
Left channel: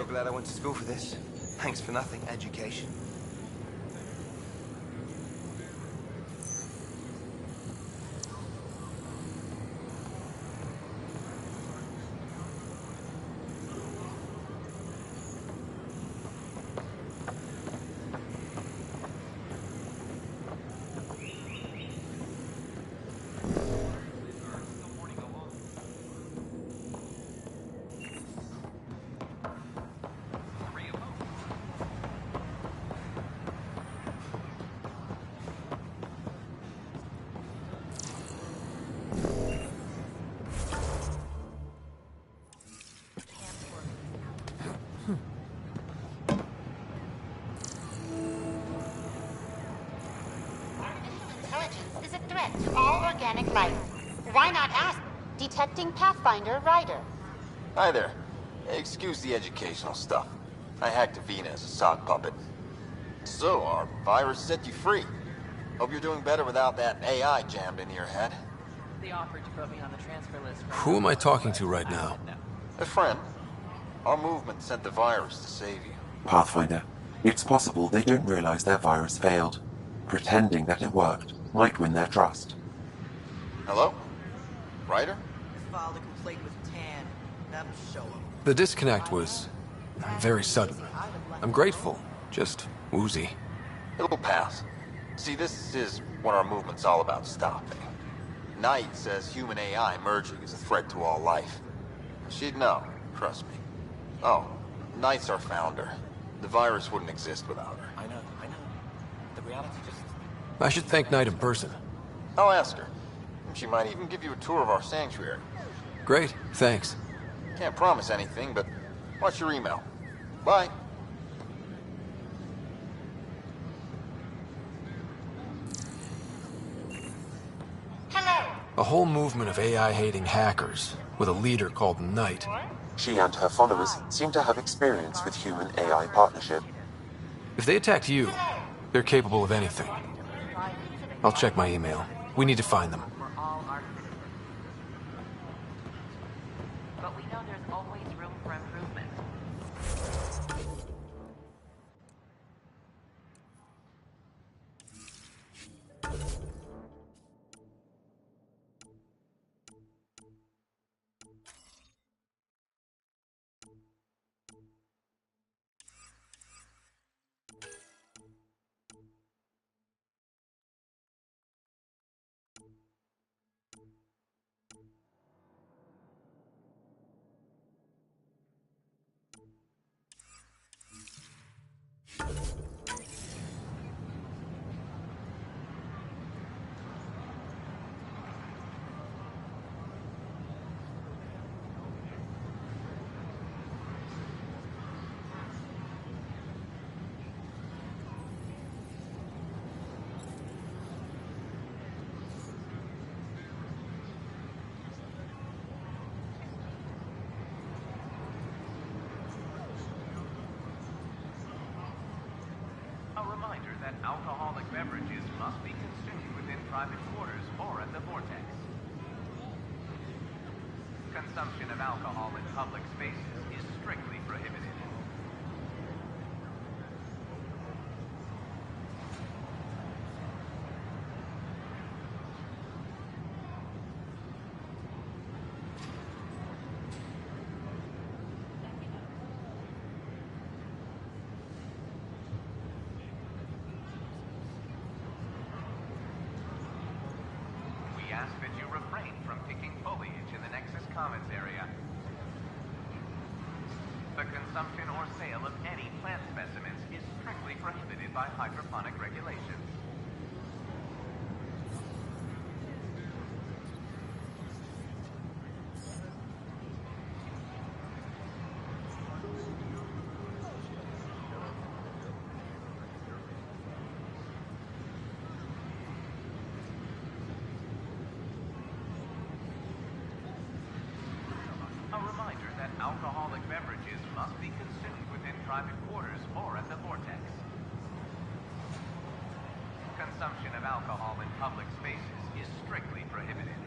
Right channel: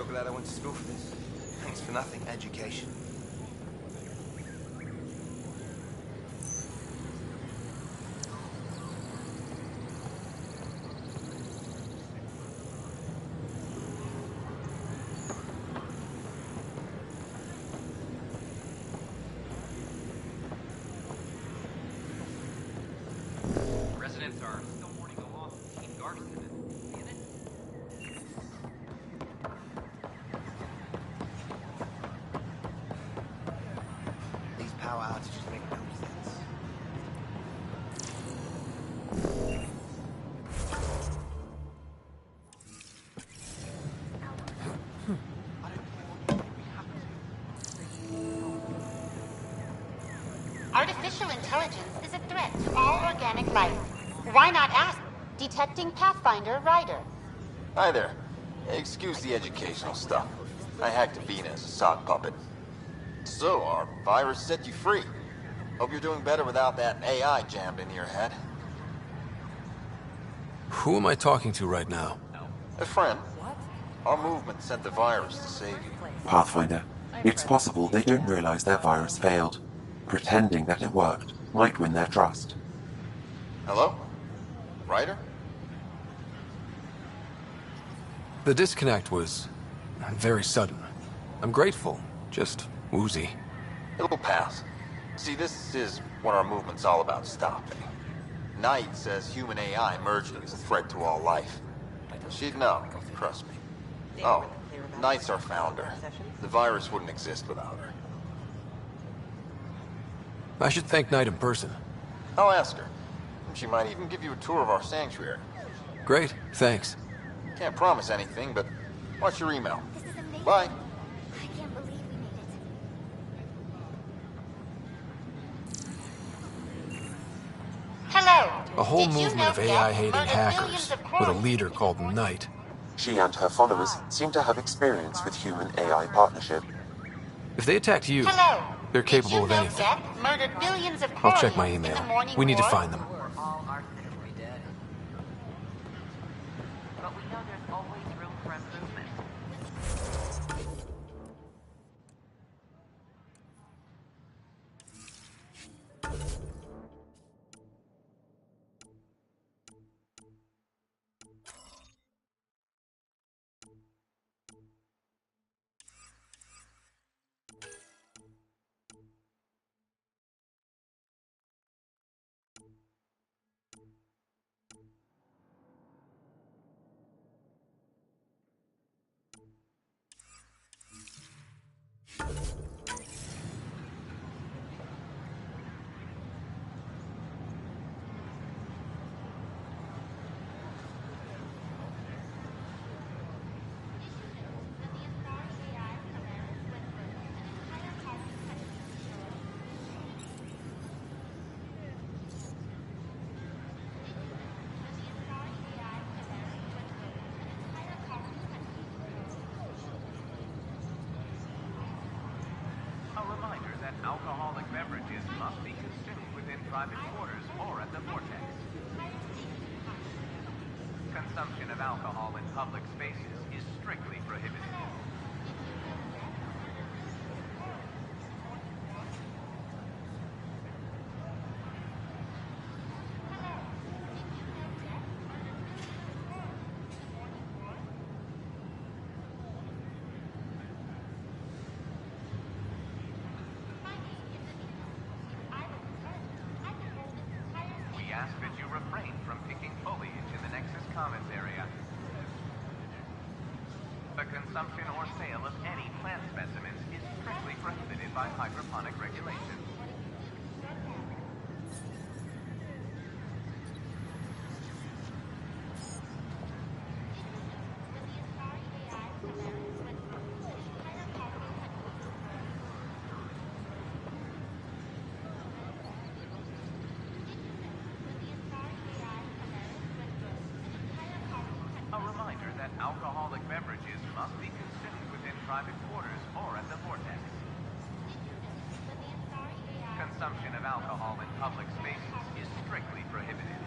Sure glad I went to school for this. Thanks for nothing, education. Artificial intelligence is a threat to all organic life. Why not ask Detecting Pathfinder Ryder? Hi there. Excuse the educational stuff. I hacked Avina as a sock puppet. So, our virus set you free. Hope you're doing better without that AI jammed into your head. Who am I talking to right now? A friend. Our movement sent the virus to save you. Pathfinder, it's possible they don't realize their virus failed. Pretending that it worked might win their trust. Hello? Ryder? The disconnect was very sudden. I'm grateful, just woozy. It'll pass. See, this is what our movement's all about stopping. Knight says human AI merging is a threat to all life. She'd know, trust me. Oh, Knight's our founder. The virus wouldn't exist without her. I should thank Knight in person. I'll ask her. She might even give you a tour of our sanctuary. Great, thanks. Can't promise anything, but watch your email. Bye. Hello. A whole movement of AI-hating hackers with a leader called Knight. She and her followers seem to have experience with human-AI partnership. If they attacked you, they're capable of anything. I'll check my email. We need to find them. But we know there's always room for improvement. A reminder that alcoholic beverages must be consumed within private quarters or at the vortex. Consumption of alcohol in public spaces is strictly prohibited. We ask that you refrain from picking foliage in the Nexus Commons area. The consumption or sale of any plant specimens is strictly prohibited by hydroponic regulations. A reminder that alcoholic beverages must be consumed within private quarters or at the vortex. Consumption of alcohol in public spaces is strictly prohibited.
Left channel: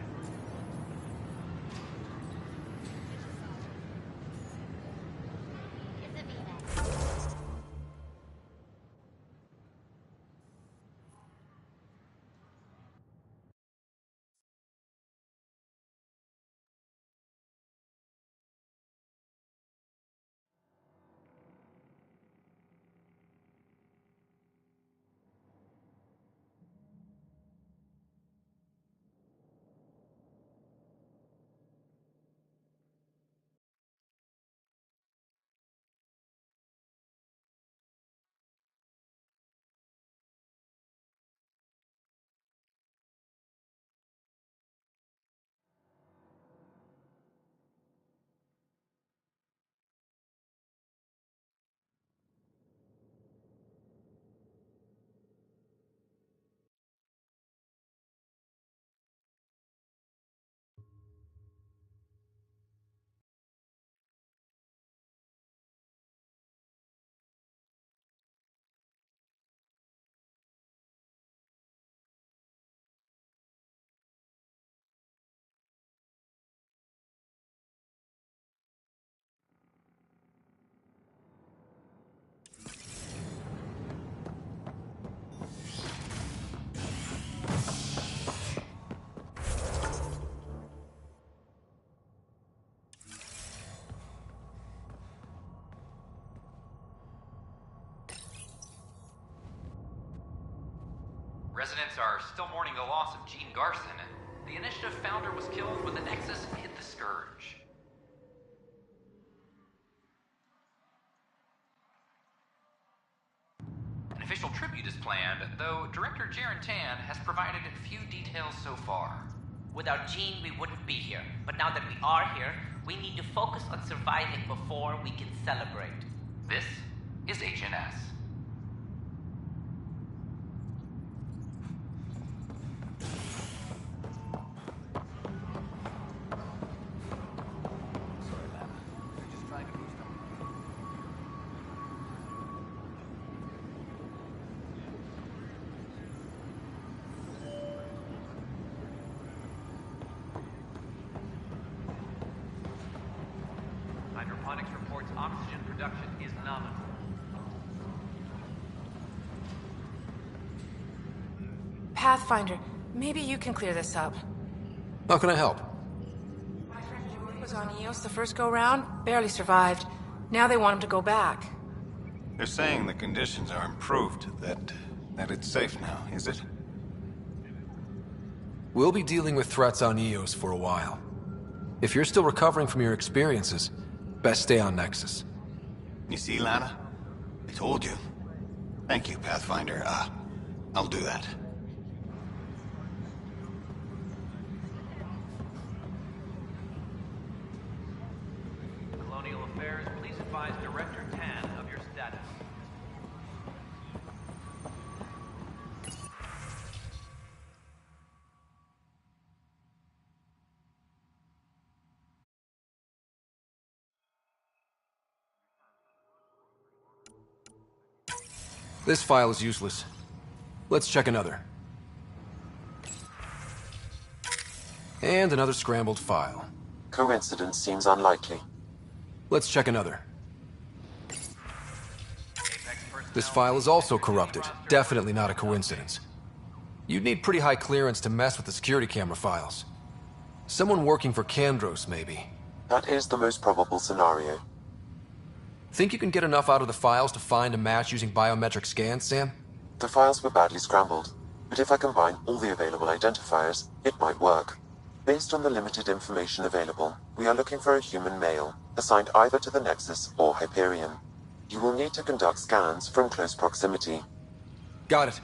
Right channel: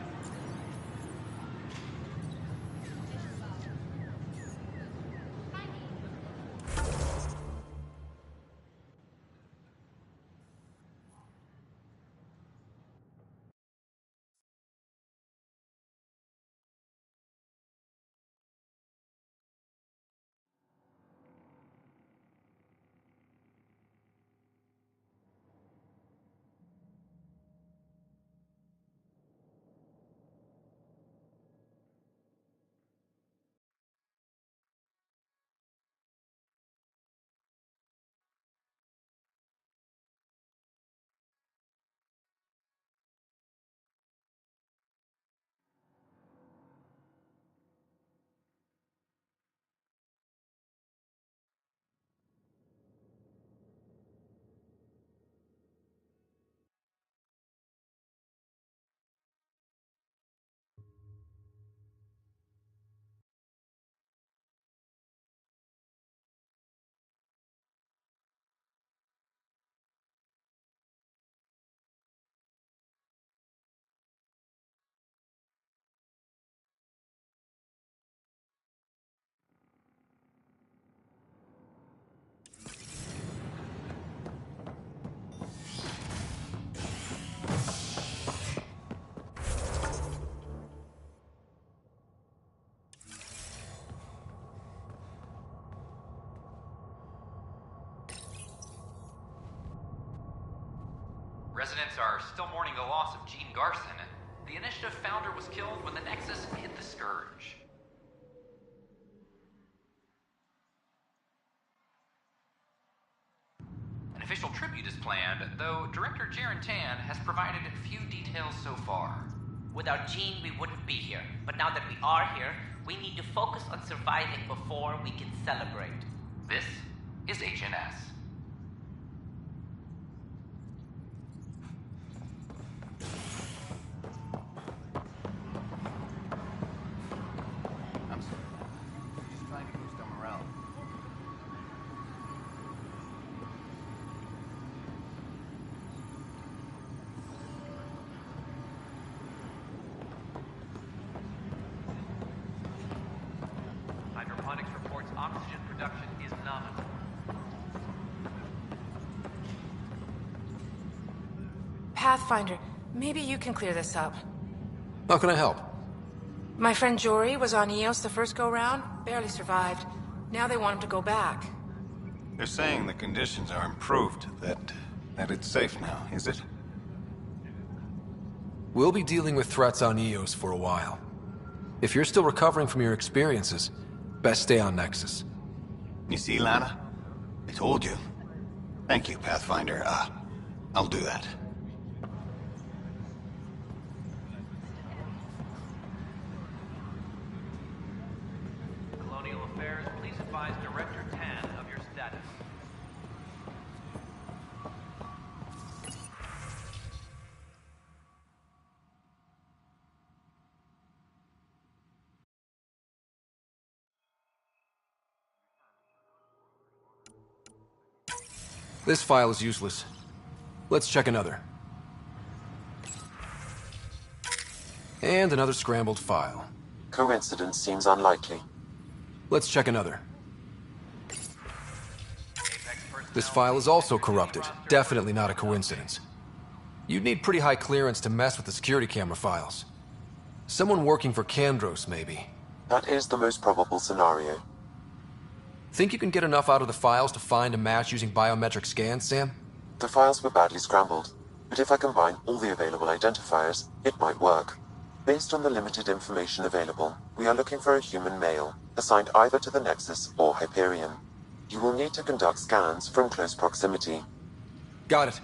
Residents are still mourning the loss of Gene Garson. The Initiative founder was killed when the Nexus hit the Scourge. An official tribute is planned, though Director Jaren Tan has provided few details so far. Without Gene, we wouldn't be here. But now that we are here, we need to focus on surviving before we can celebrate. This is HNS. Hydroponics reports oxygen production is nominal. Pathfinder, maybe you can clear this up. How can I help? My friend Jory was on Eos the first go-round, barely survived. Now they want him to go back. They're saying the conditions are improved, that it's safe now, is it? We'll be dealing with threats on Eos for a while. If you're still recovering from your experiences, best stay on Nexus. You see, Lana? I told you. Thank you, Pathfinder. I'll do that. Colonial Affairs, please advise Director Tan of your status. This file is useless. Let's check another. And another scrambled file. Coincidence seems unlikely. Let's check another. This file is also corrupted. Definitely not a coincidence. You'd need pretty high clearance to mess with the security camera files. Someone working for Kandros, maybe. That is the most probable scenario. Think you can get enough out of the files to find a match using biometric scans, Sam? The files were badly scrambled, but if I combine all the available identifiers, it might work. Based on the limited information available, we are looking for a human male, assigned either to the Nexus or Hyperion. You will need to conduct scans from close proximity. Got it.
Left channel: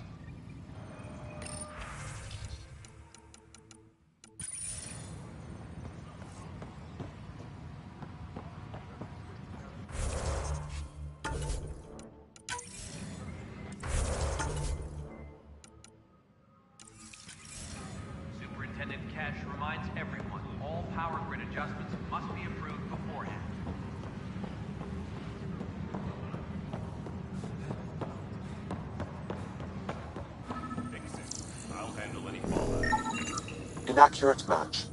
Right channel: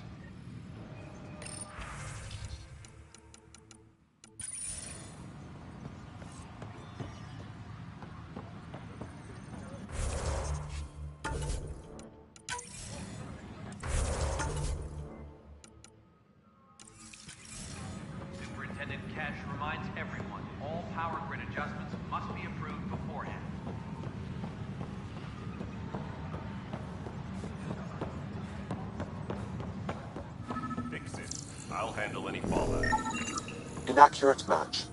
Superintendent Cash reminds everyone, all power grid adjustments must be approved beforehand. Fix it. I'll handle any fallout. Inaccurate match.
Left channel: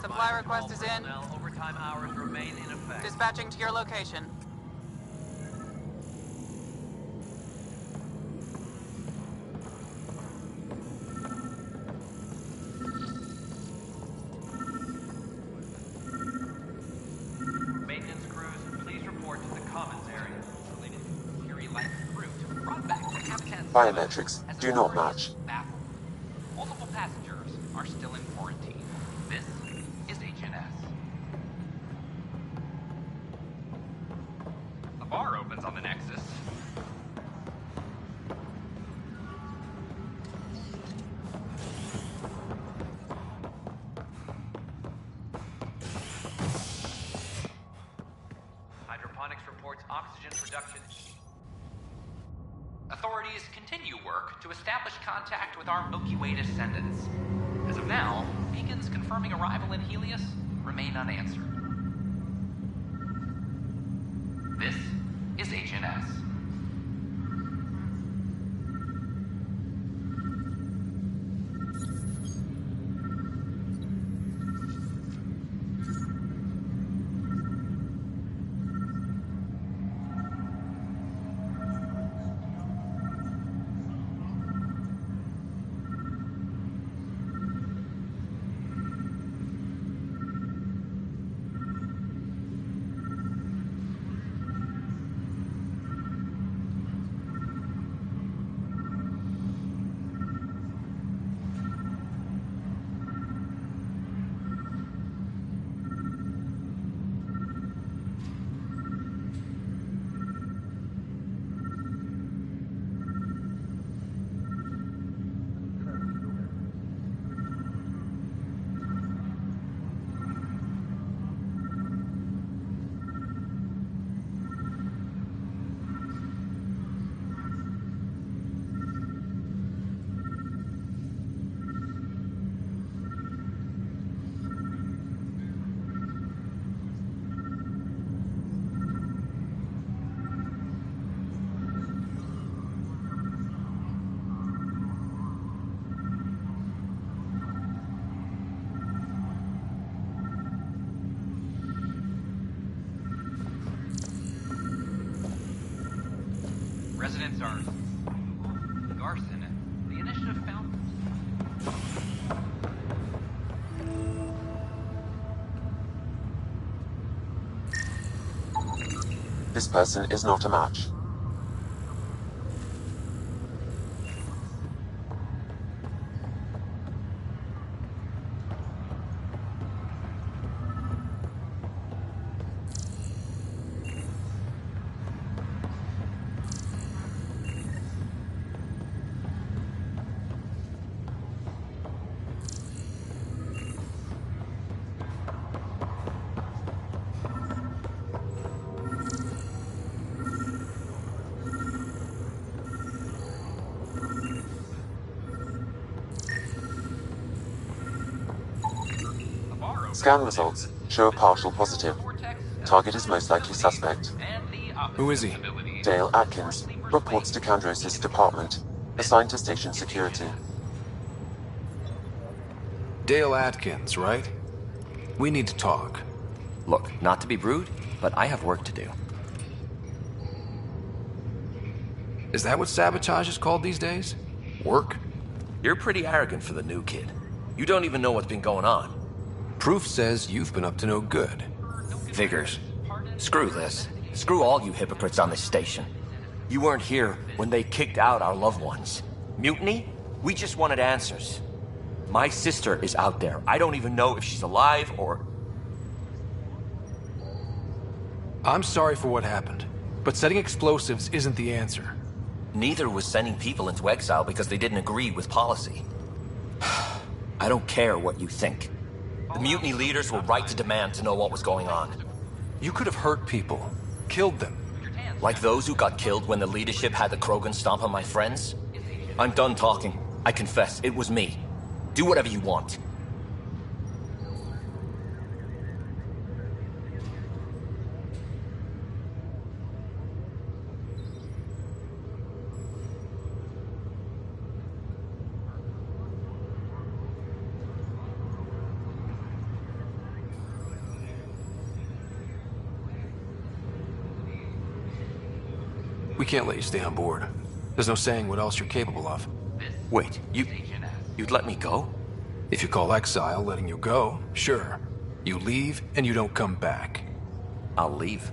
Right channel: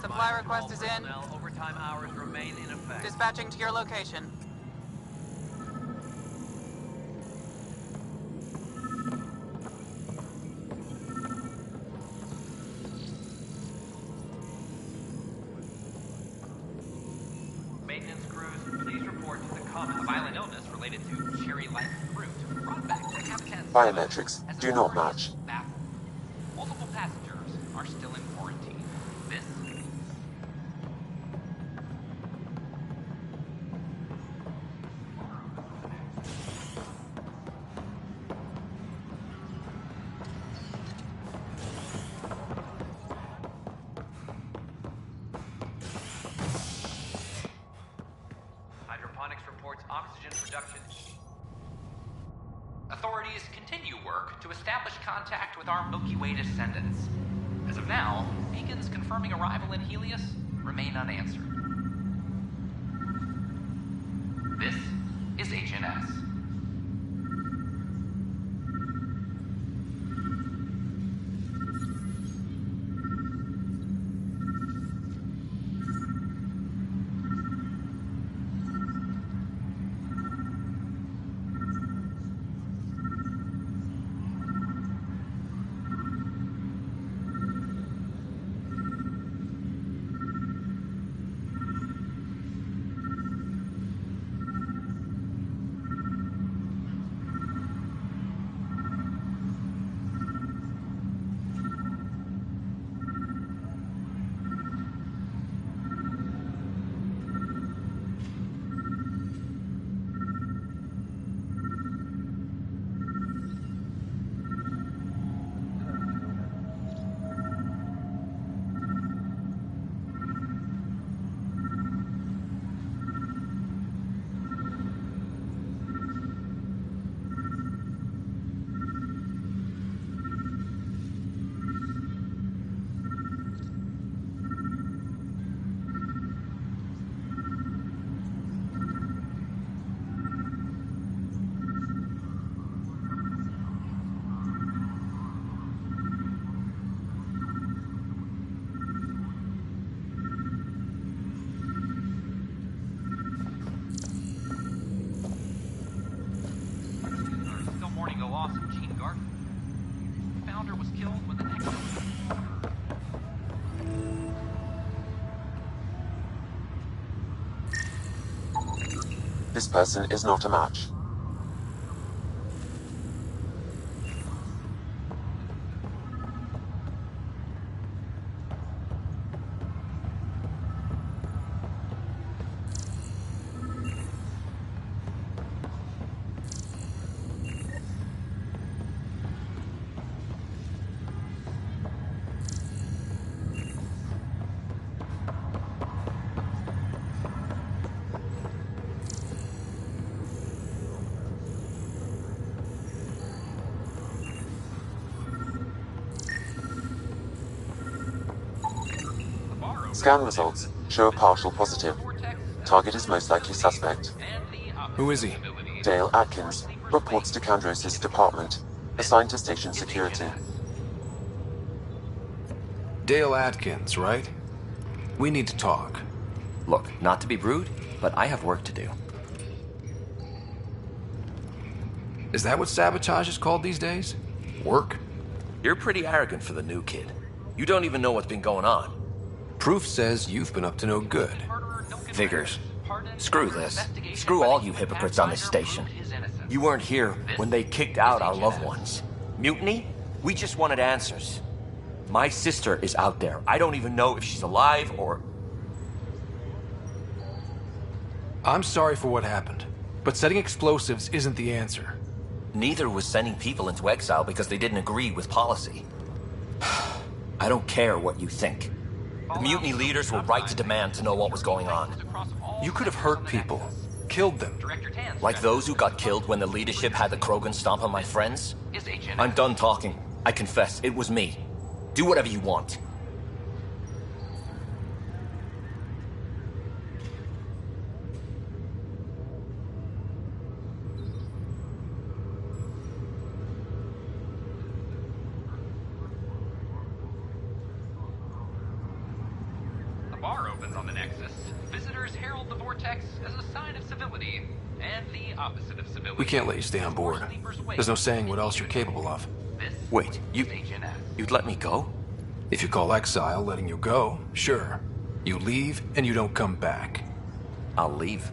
Supply request is in. Overtime hours remain in effect. Dispatching to your location. Maintenance crews, please report to the common violent illness related to cherry-like fruit brought back to Habitat. Biometrics do not match. Baffled. Multiple passengers are still in quarantine. This is HNS. The bar opens on the Nexus. Hydroponics reports oxygen production. Authorities continue work to establish contact with our Milky Way descendants. As of now, beacons confirming arrival in Helios remain unanswered. This is HNS. Units are still mourning the loss of Gene Garson. The initiative founder was killed with an This person is not a match. Scan results show a partial positive. Target is most likely suspect. Who is he? Dale Atkins, reports to Kandros' department, assigned to station security. Dale Atkins, right? We need to talk. Look, not to be rude, but I have work to do. Is that what sabotage is called these days? Work? You're pretty arrogant for the new kid. You don't even know what's been going on. Proof says you've been up to no good. Figures. Screw this. Screw all you hypocrites on this station. You weren't here when they kicked out our loved ones. Mutiny? We just wanted answers. My sister is out there. I don't even know if she's alive or... I'm sorry for what happened, but setting explosives isn't the answer. Neither was sending people into exile because they didn't agree with policy. I don't care what you think. The mutiny leaders were right to demand to know what was going on. You could have hurt people, killed them. Like those who got killed when the leadership had the Krogan stomp on my friends? I'm done talking. I confess, it was me. Do whatever you want. We can't let you stay on board. There's no saying what else you're capable of. Wait, you'd let me go? If you call exile letting you go, sure. You leave and you don't come back. I'll leave.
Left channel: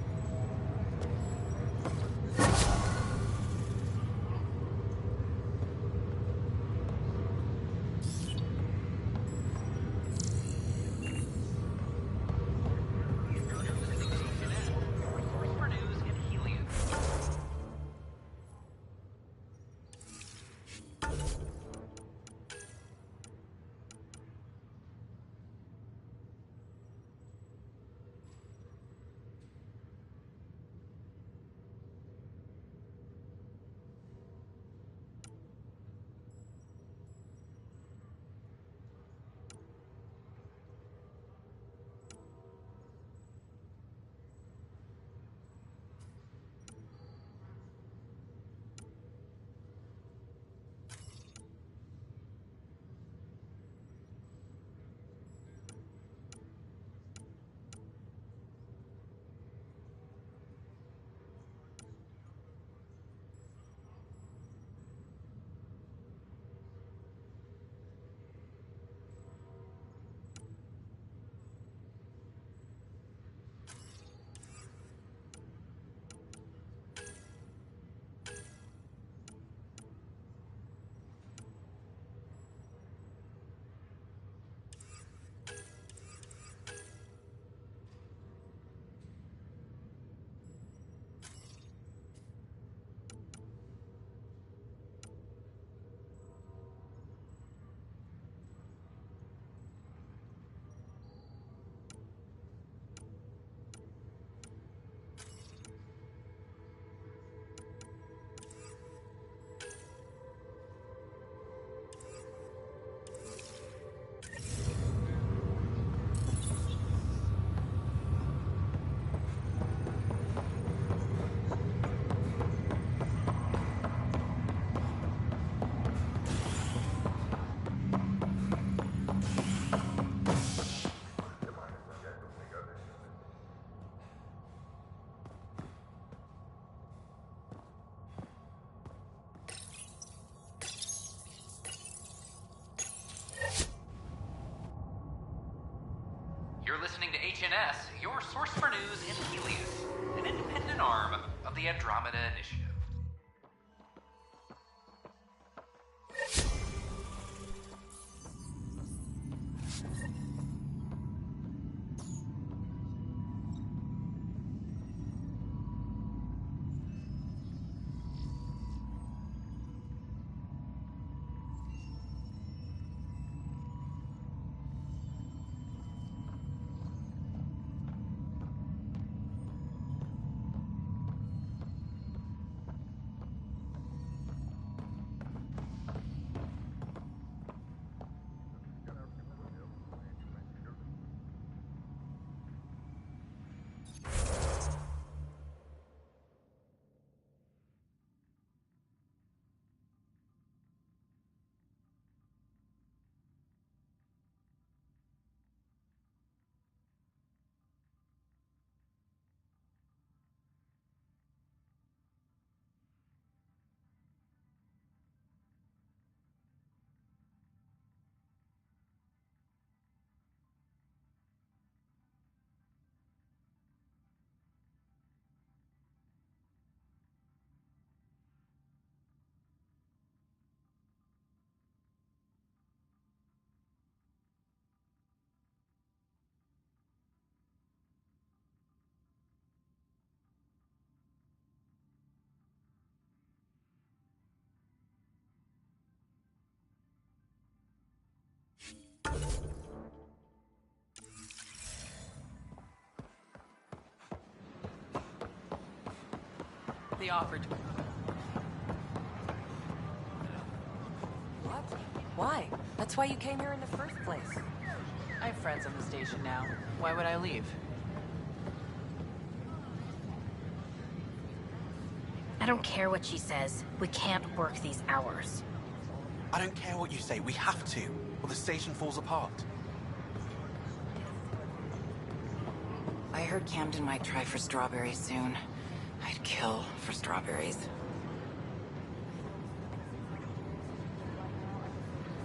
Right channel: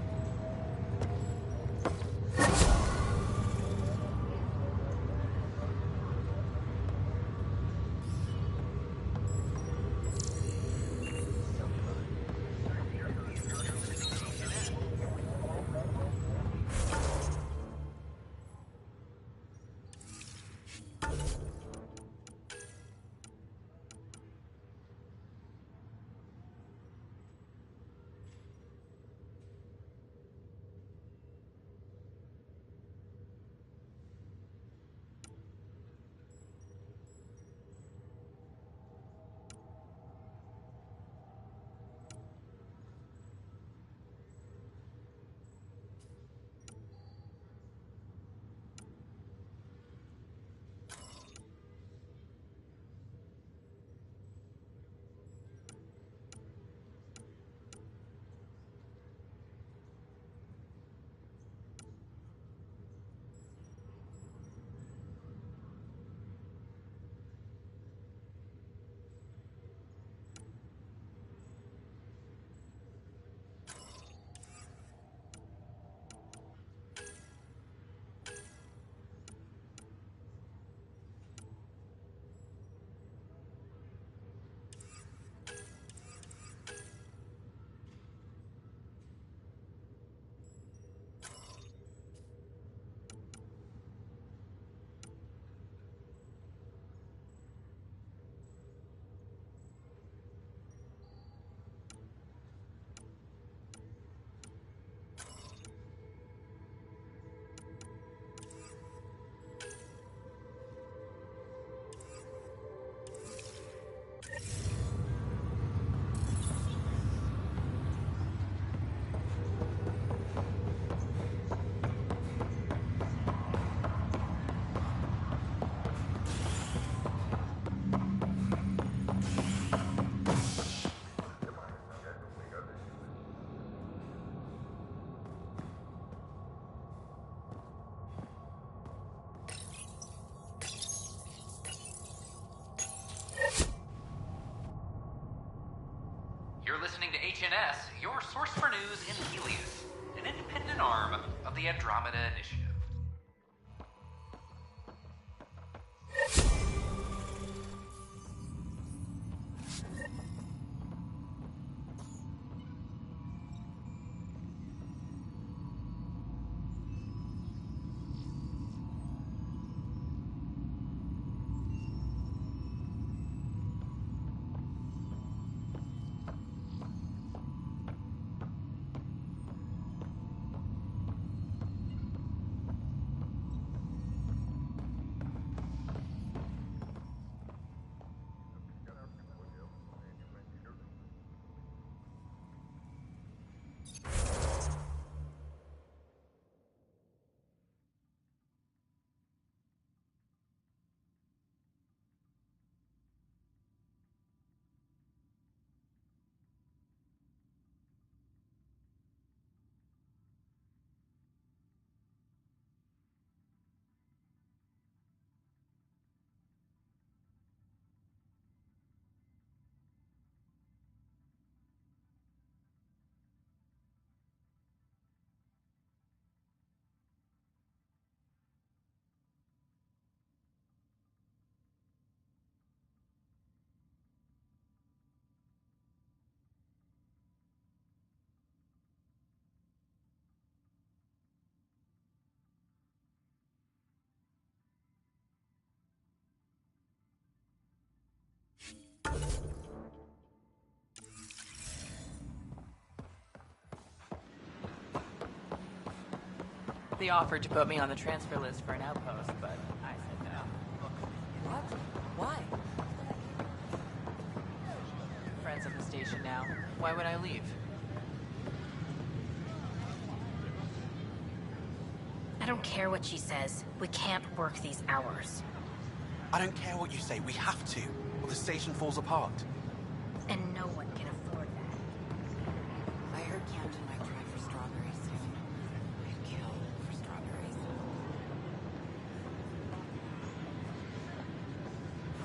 HNS, your source for news in Helios, an independent arm of the Andromeda Initiative. They offered to put me on the transfer list for an outpost, but I said no. What? Why? That's why you came here in the first place. I have friends on the station now. Why would I leave? I don't care what she says. We can't work these hours. I don't care what you say. We have to, or the station falls apart. And no one can afford that. I heard Camden might try for strawberries soon. I'd kill for strawberries.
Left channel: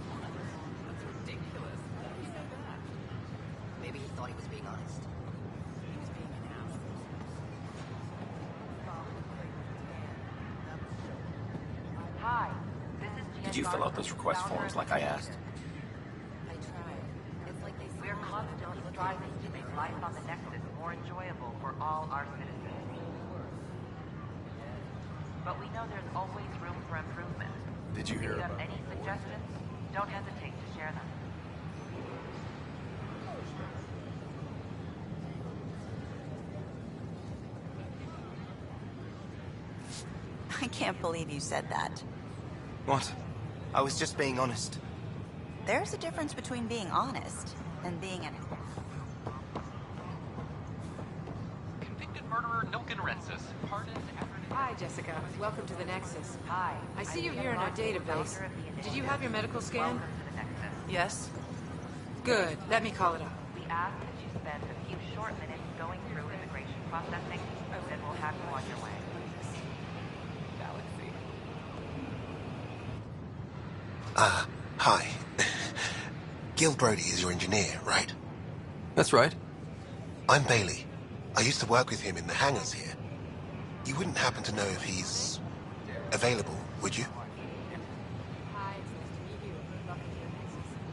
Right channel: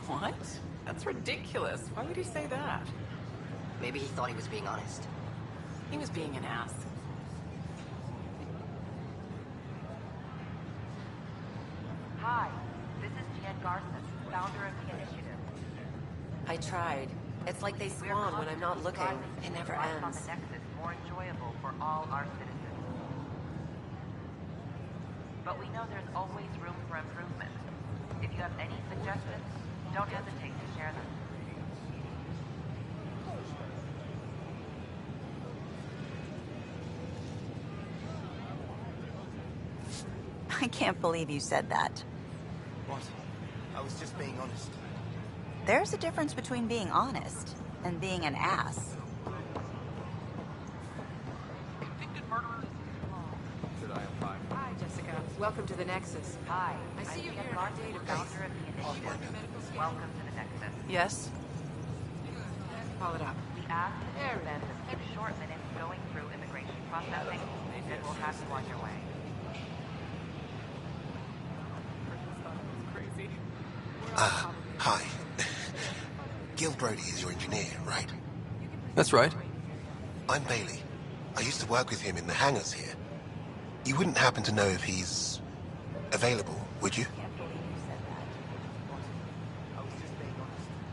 What? That's ridiculous. Why would he say that? Maybe he thought he was being honest. He was being an ass. Hi, this is Jen Did you fill out those request forms like I asked? I tried. It's like they We're spawn when I'm not constantly looking. striving to It make never life on ends. the Nexus more enjoyable for all our citizens. But we know there's always room for improvement. Did you If hear you have about any suggestions, don't hesitate to share them. I can't believe you said that. What? I was just being honest. There's a difference between being honest and being an ass. Convicted murderer Nilken Rensis. Hi, Jessica. Welcome to the Nexus. Hi. I see I'm you Jen here in our Larson, database. founder of the Did you initiative. have your medical scan? Welcome to the Nexus. Yes? Good. Let me call it up. We ask that you spend a few short minutes going through immigration processing, and then we'll have you on your way. Hi. Gil Brody is your engineer, right? That's right. I'm Bailey. I used to work with him in the hangars here. You wouldn't happen to know if he's available, would you?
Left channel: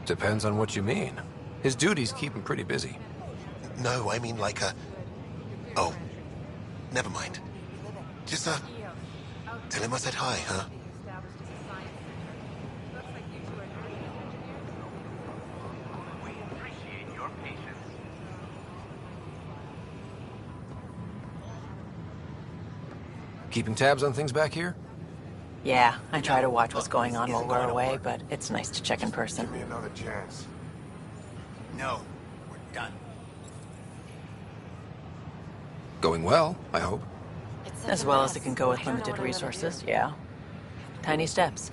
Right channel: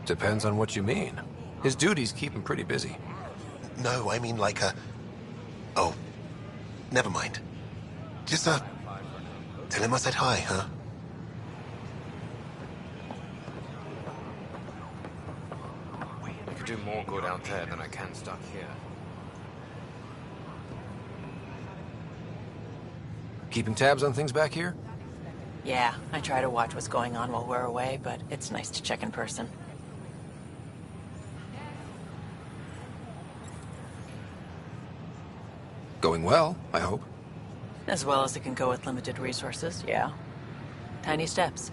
Depends on what you mean. His duties keep him pretty busy. No, I mean like a... Oh, never mind. Just, tell him I said hi, huh? Do more go down there than I can stuck here. Keeping tabs on things back here? Yeah, I try to watch what's going on while we're away, but it's nice to check in person. Another chance. No. Done. Going well, I hope. As well as it can go with limited resources, yeah. Tiny steps.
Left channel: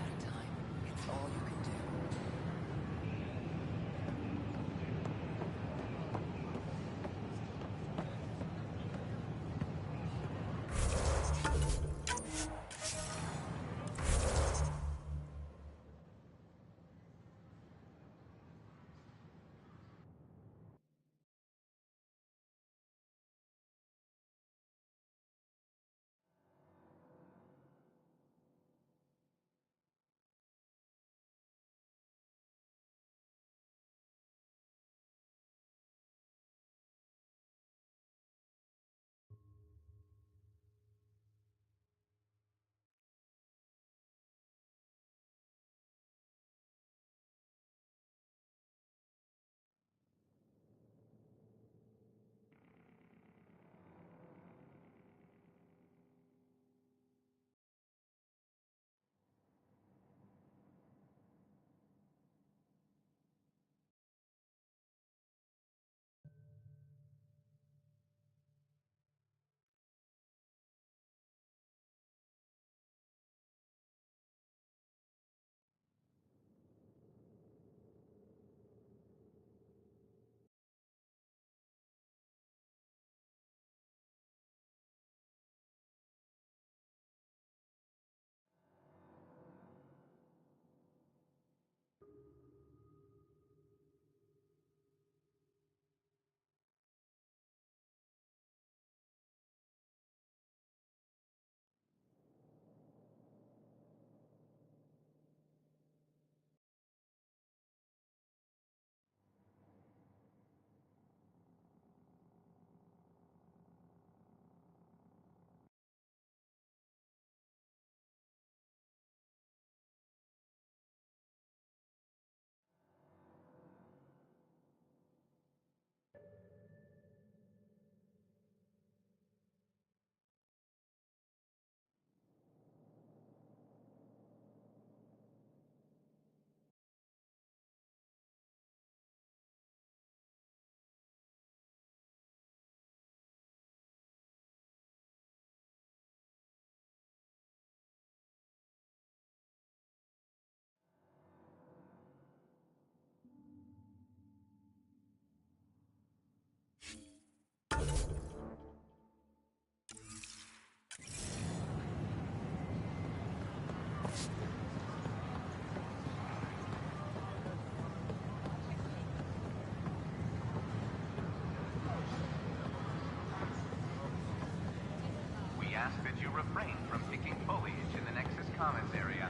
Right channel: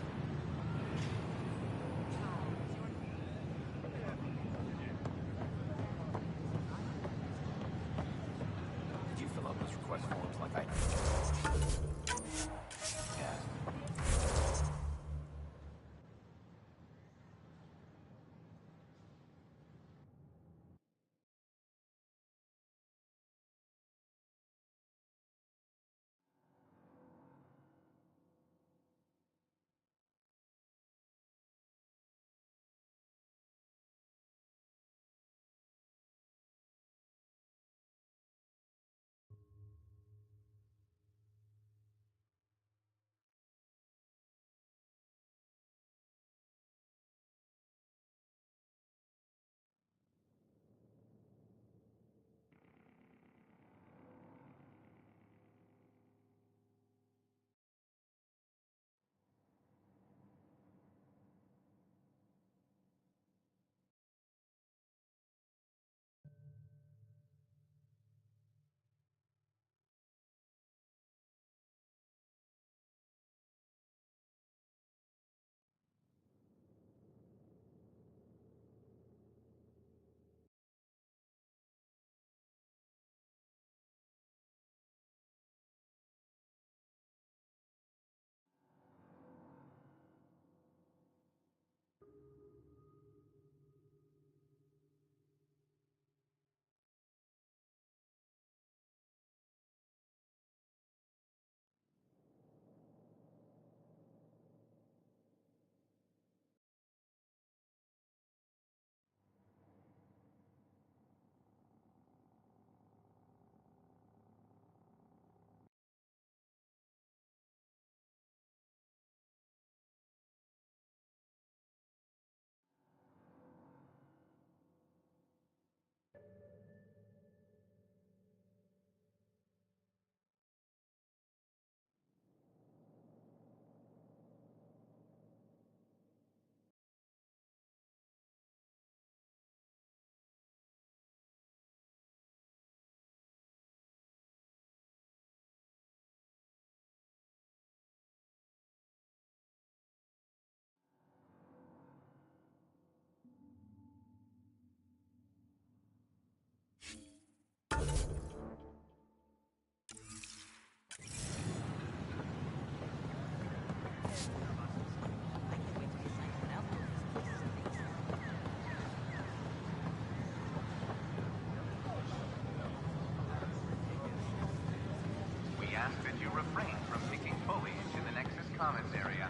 refrain from picking foliage in the Nexus Commons area.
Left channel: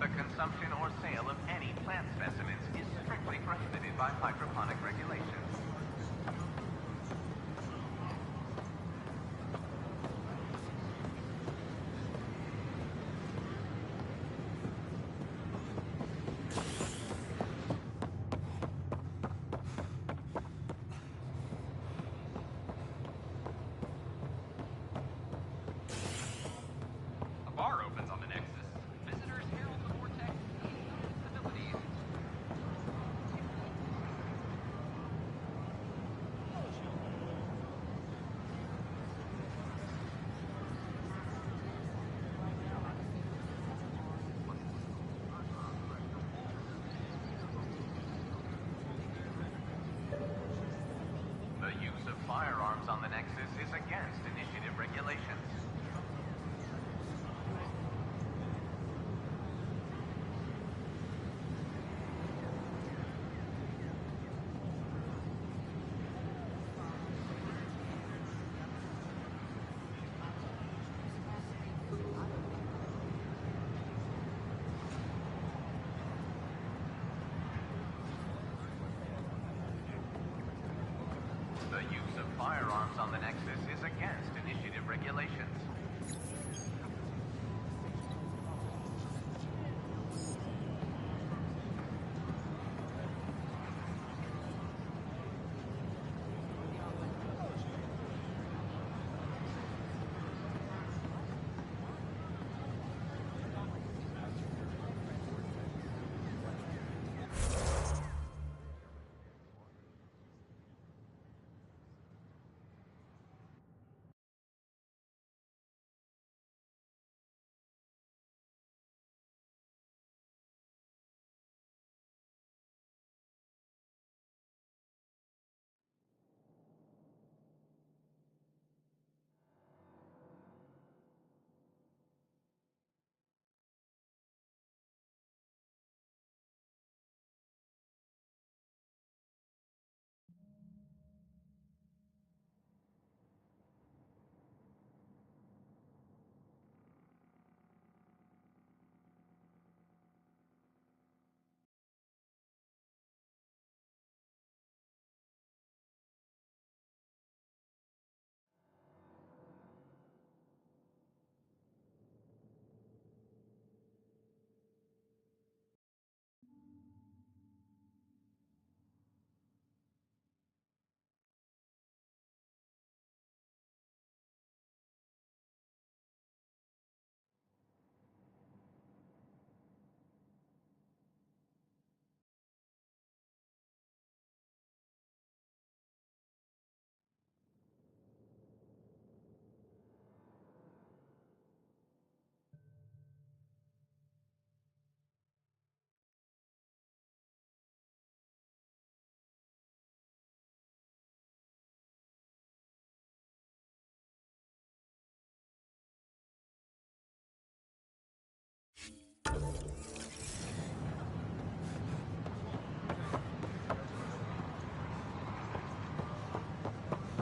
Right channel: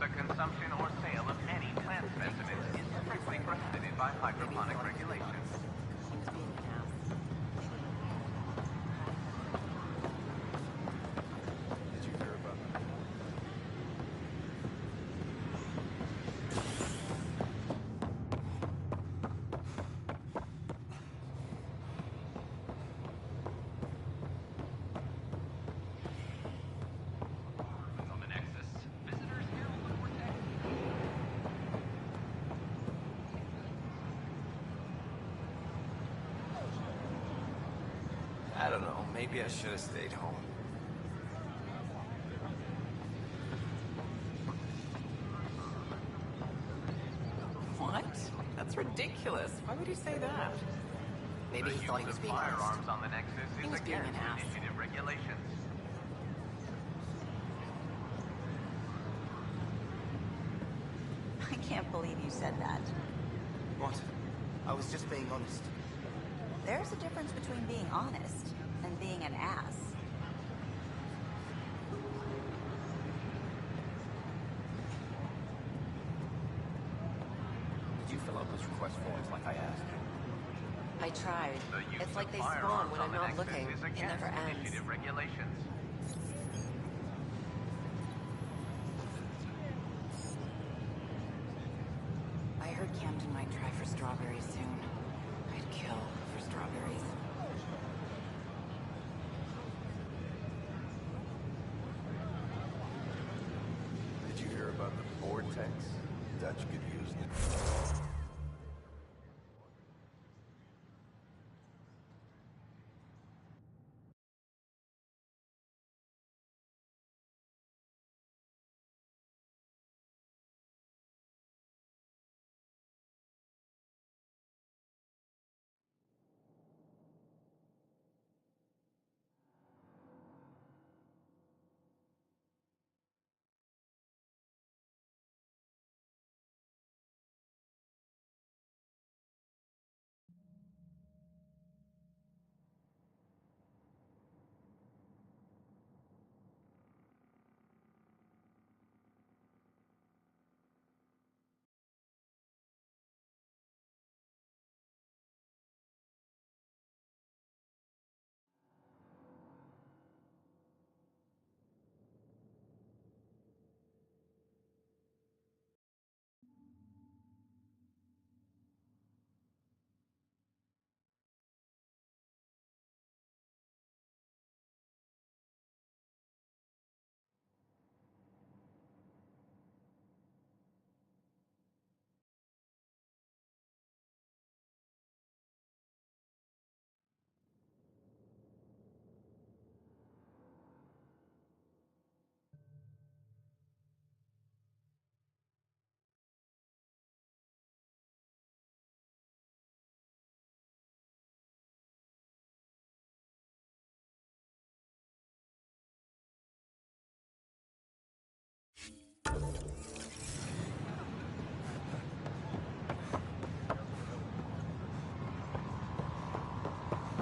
The consumption or sale of any plant specimens is strictly prohibited by hydroponic regulations. A bar opens on the Nexus. Visitors herald the vortex. I don't know. Maybe I should have stayed home. What? That's ridiculous. Why would he say that? The use of firearms on the Nexus is against initiative regulations. I can't believe you said that. What? I was just being honest. There's a difference between being honest and being an ass. Did you fill out those request forms like I asked? I tried. The use of firearms on the Nexus is against initiative regulations. I heard Camden might try for strawberries soon. I'd kill for strawberries. Did you hear about the vortex? Dutch could use it.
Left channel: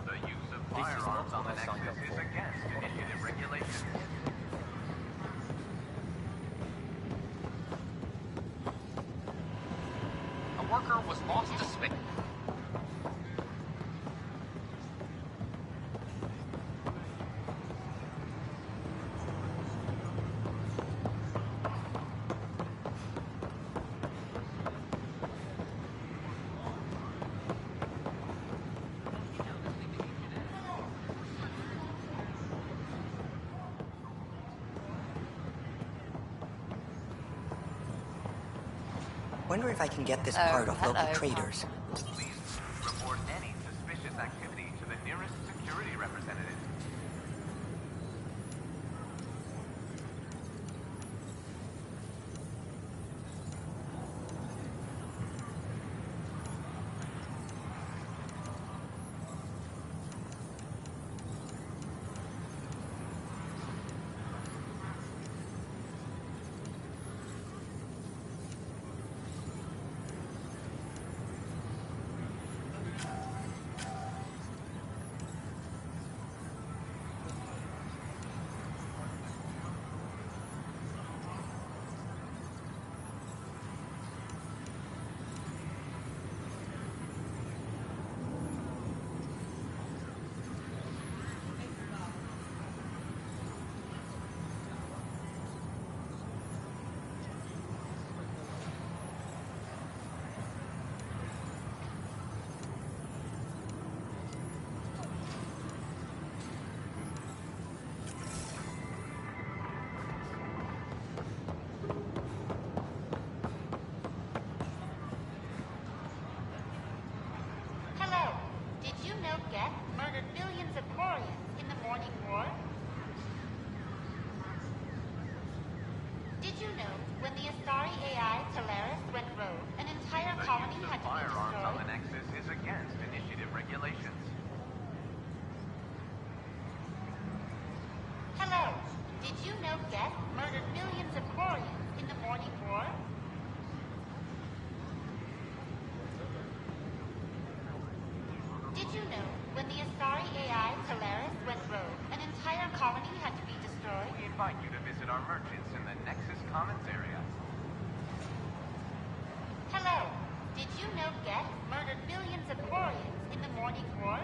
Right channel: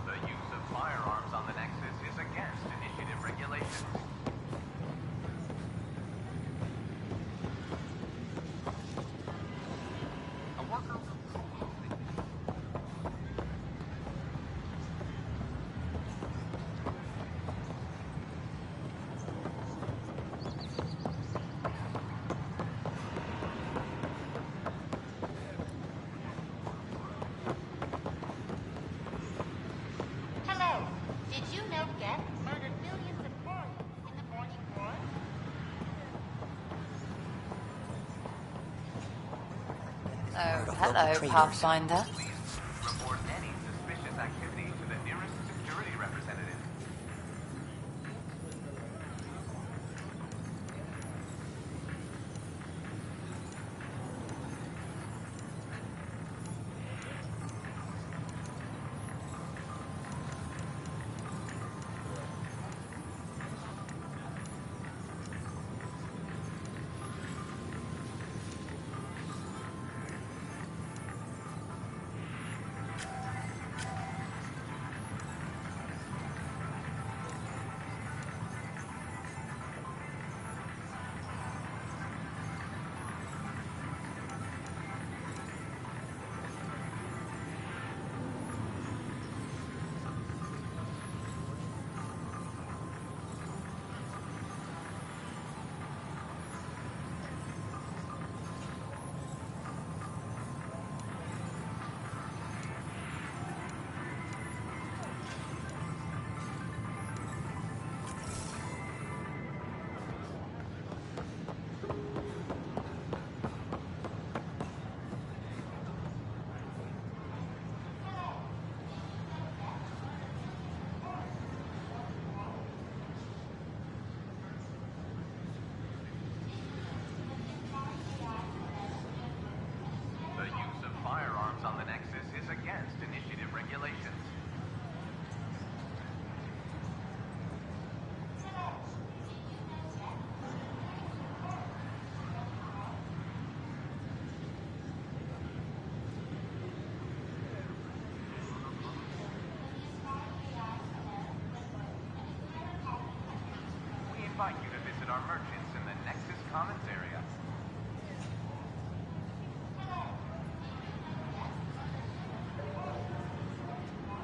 The use of firearms on the Nexus is against initiative regulations. A worker was lost to space. Hello. Did you know Geth murdered millions of Earth in the Morning War? Wonder if I can get this Oh, part off hello, local traders. Pathfinder. Please report any suspicious activity to the nearest security representative. invite you to visit our merchants in the Nexus Commons area. Hello. Did you know Geth murdered millions of Quarians in the Morning War?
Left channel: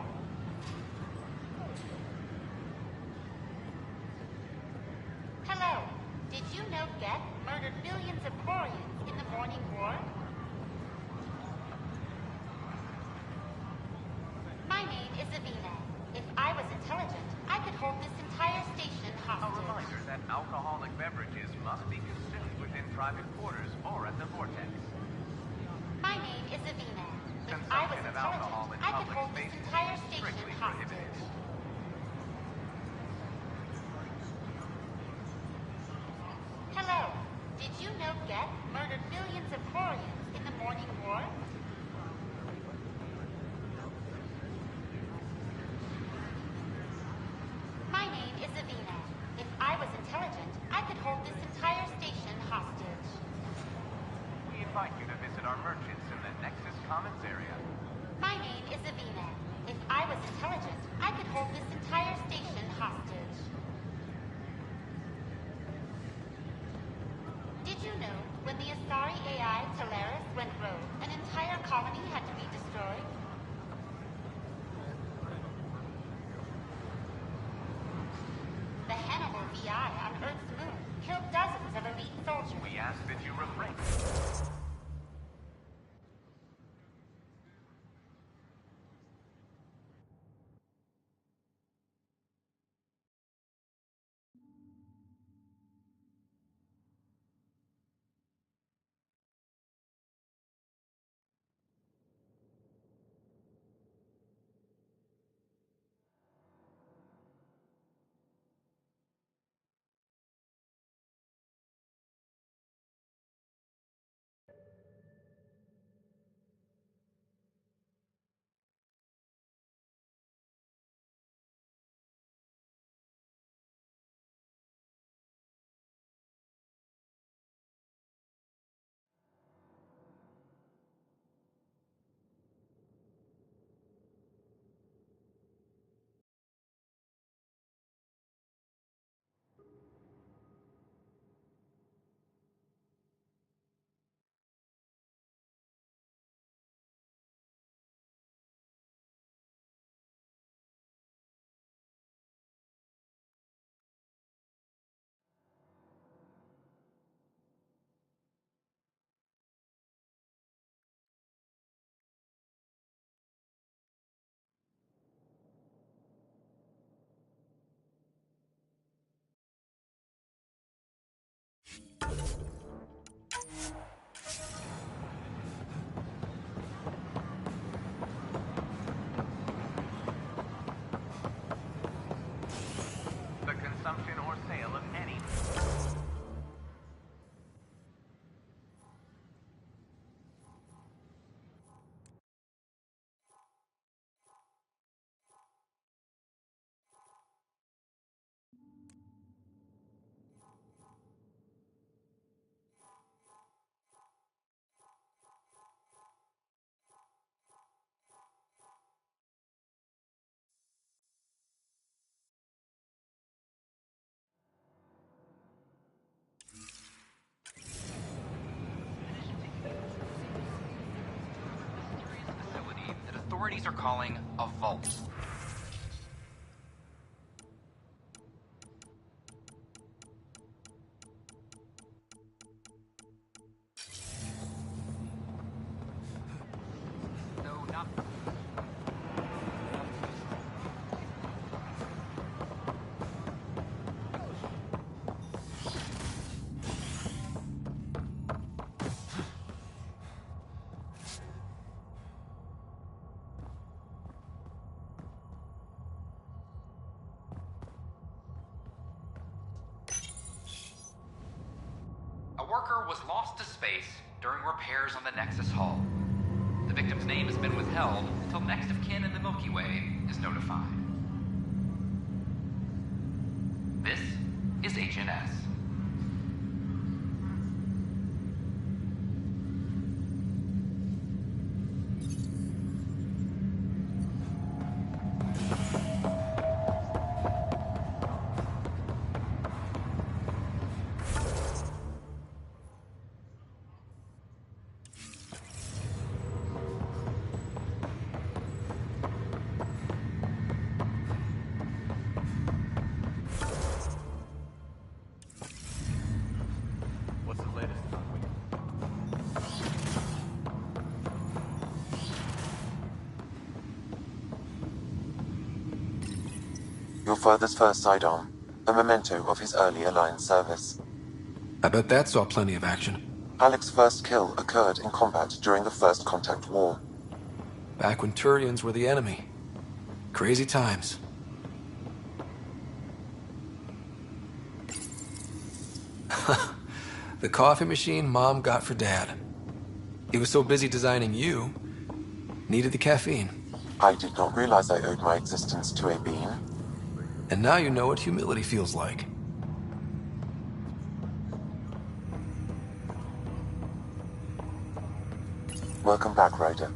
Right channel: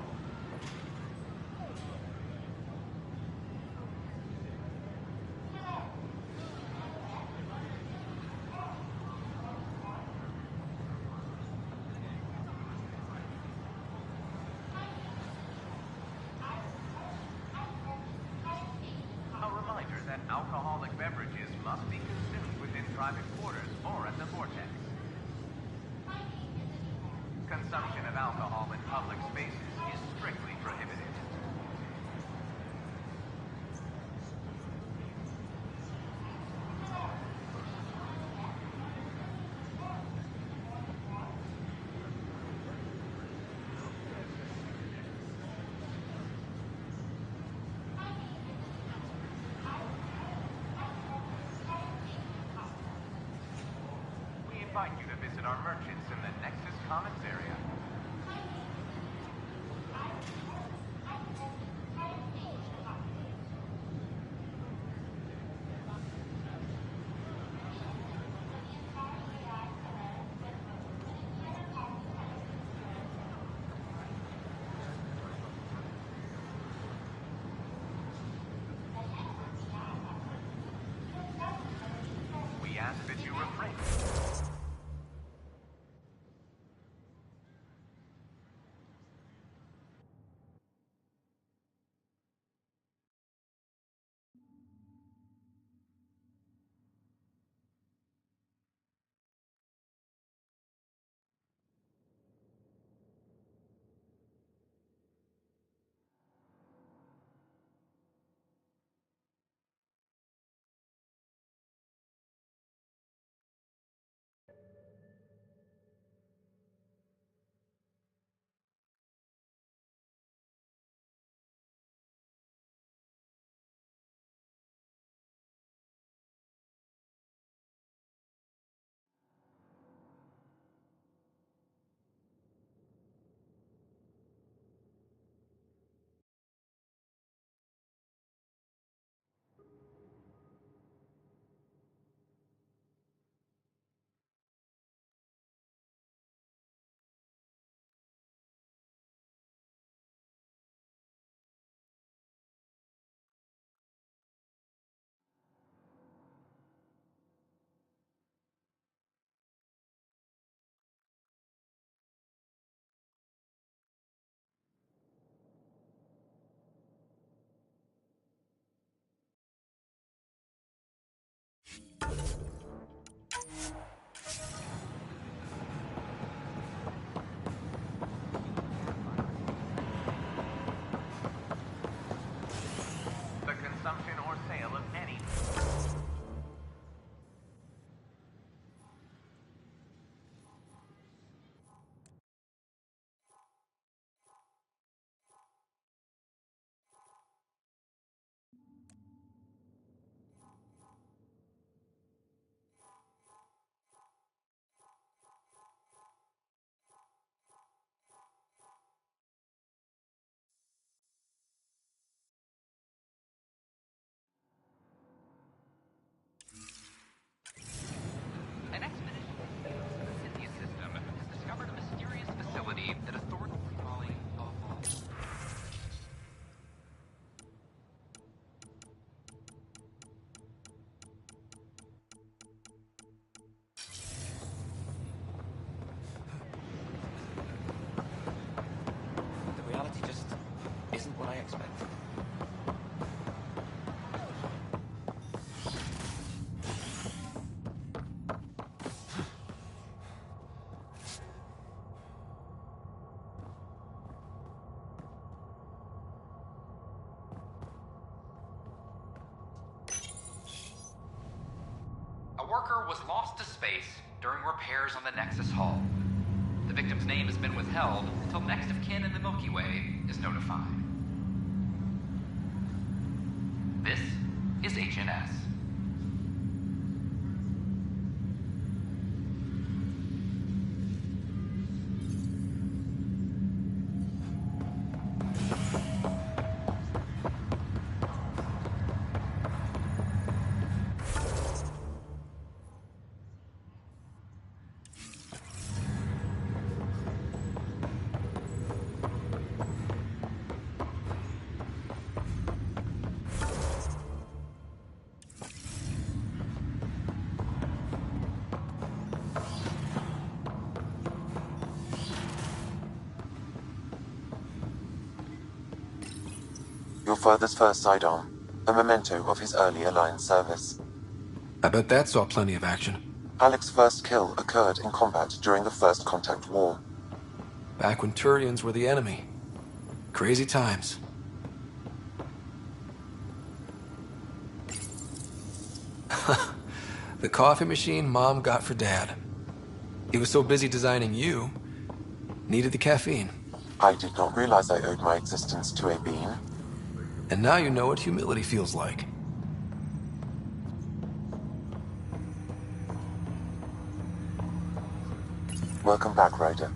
Hello. Did you know Geth murdered millions of Quarians in the Morning War? My name is Avina. If I was intelligent, I could hold this entire station hostage. A reminder that alcoholic beverages must be consumed within private quarters or at the vortex. My name is Avina. Consumption of alcohol in public spaces is strictly prohibited. Hello. Did you know Geth murdered millions of Quarians in the Morning War? My name is Avina. If I was intelligent, I could hold this entire station hostage. We invite you to visit our merchants in the Nexus Commons area. My name is Avina. If I was intelligent, I could hold this entire station hostage. Did you know when the Asari AI Talaris went rogue, an entire colony had to be destroyed? The Hannibal VI on Earth's moon killed dozens of elite soldiers. We ask that you refrain. The consumption or sale of any An expedition to the Scythia system has discovered a mysterious facility that authorities are calling a vault. No, not. Reality just isn't what I expected. A worker was lost to space during repairs on the Nexus hull. The victim's name has been withheld until next of kin in the Milky Way is notified. This is HNS. father's first sidearm, a memento of his early Alliance service. I bet that saw plenty of action. Alec's first kill occurred in combat during the First Contact War. Back when Turians were the enemy. Crazy times. The coffee machine Mom got for Dad. He was so busy designing you, needed the caffeine. I did not realize I owed my existence to a bean. And now you know what humility feels like. Welcome back, Ryder.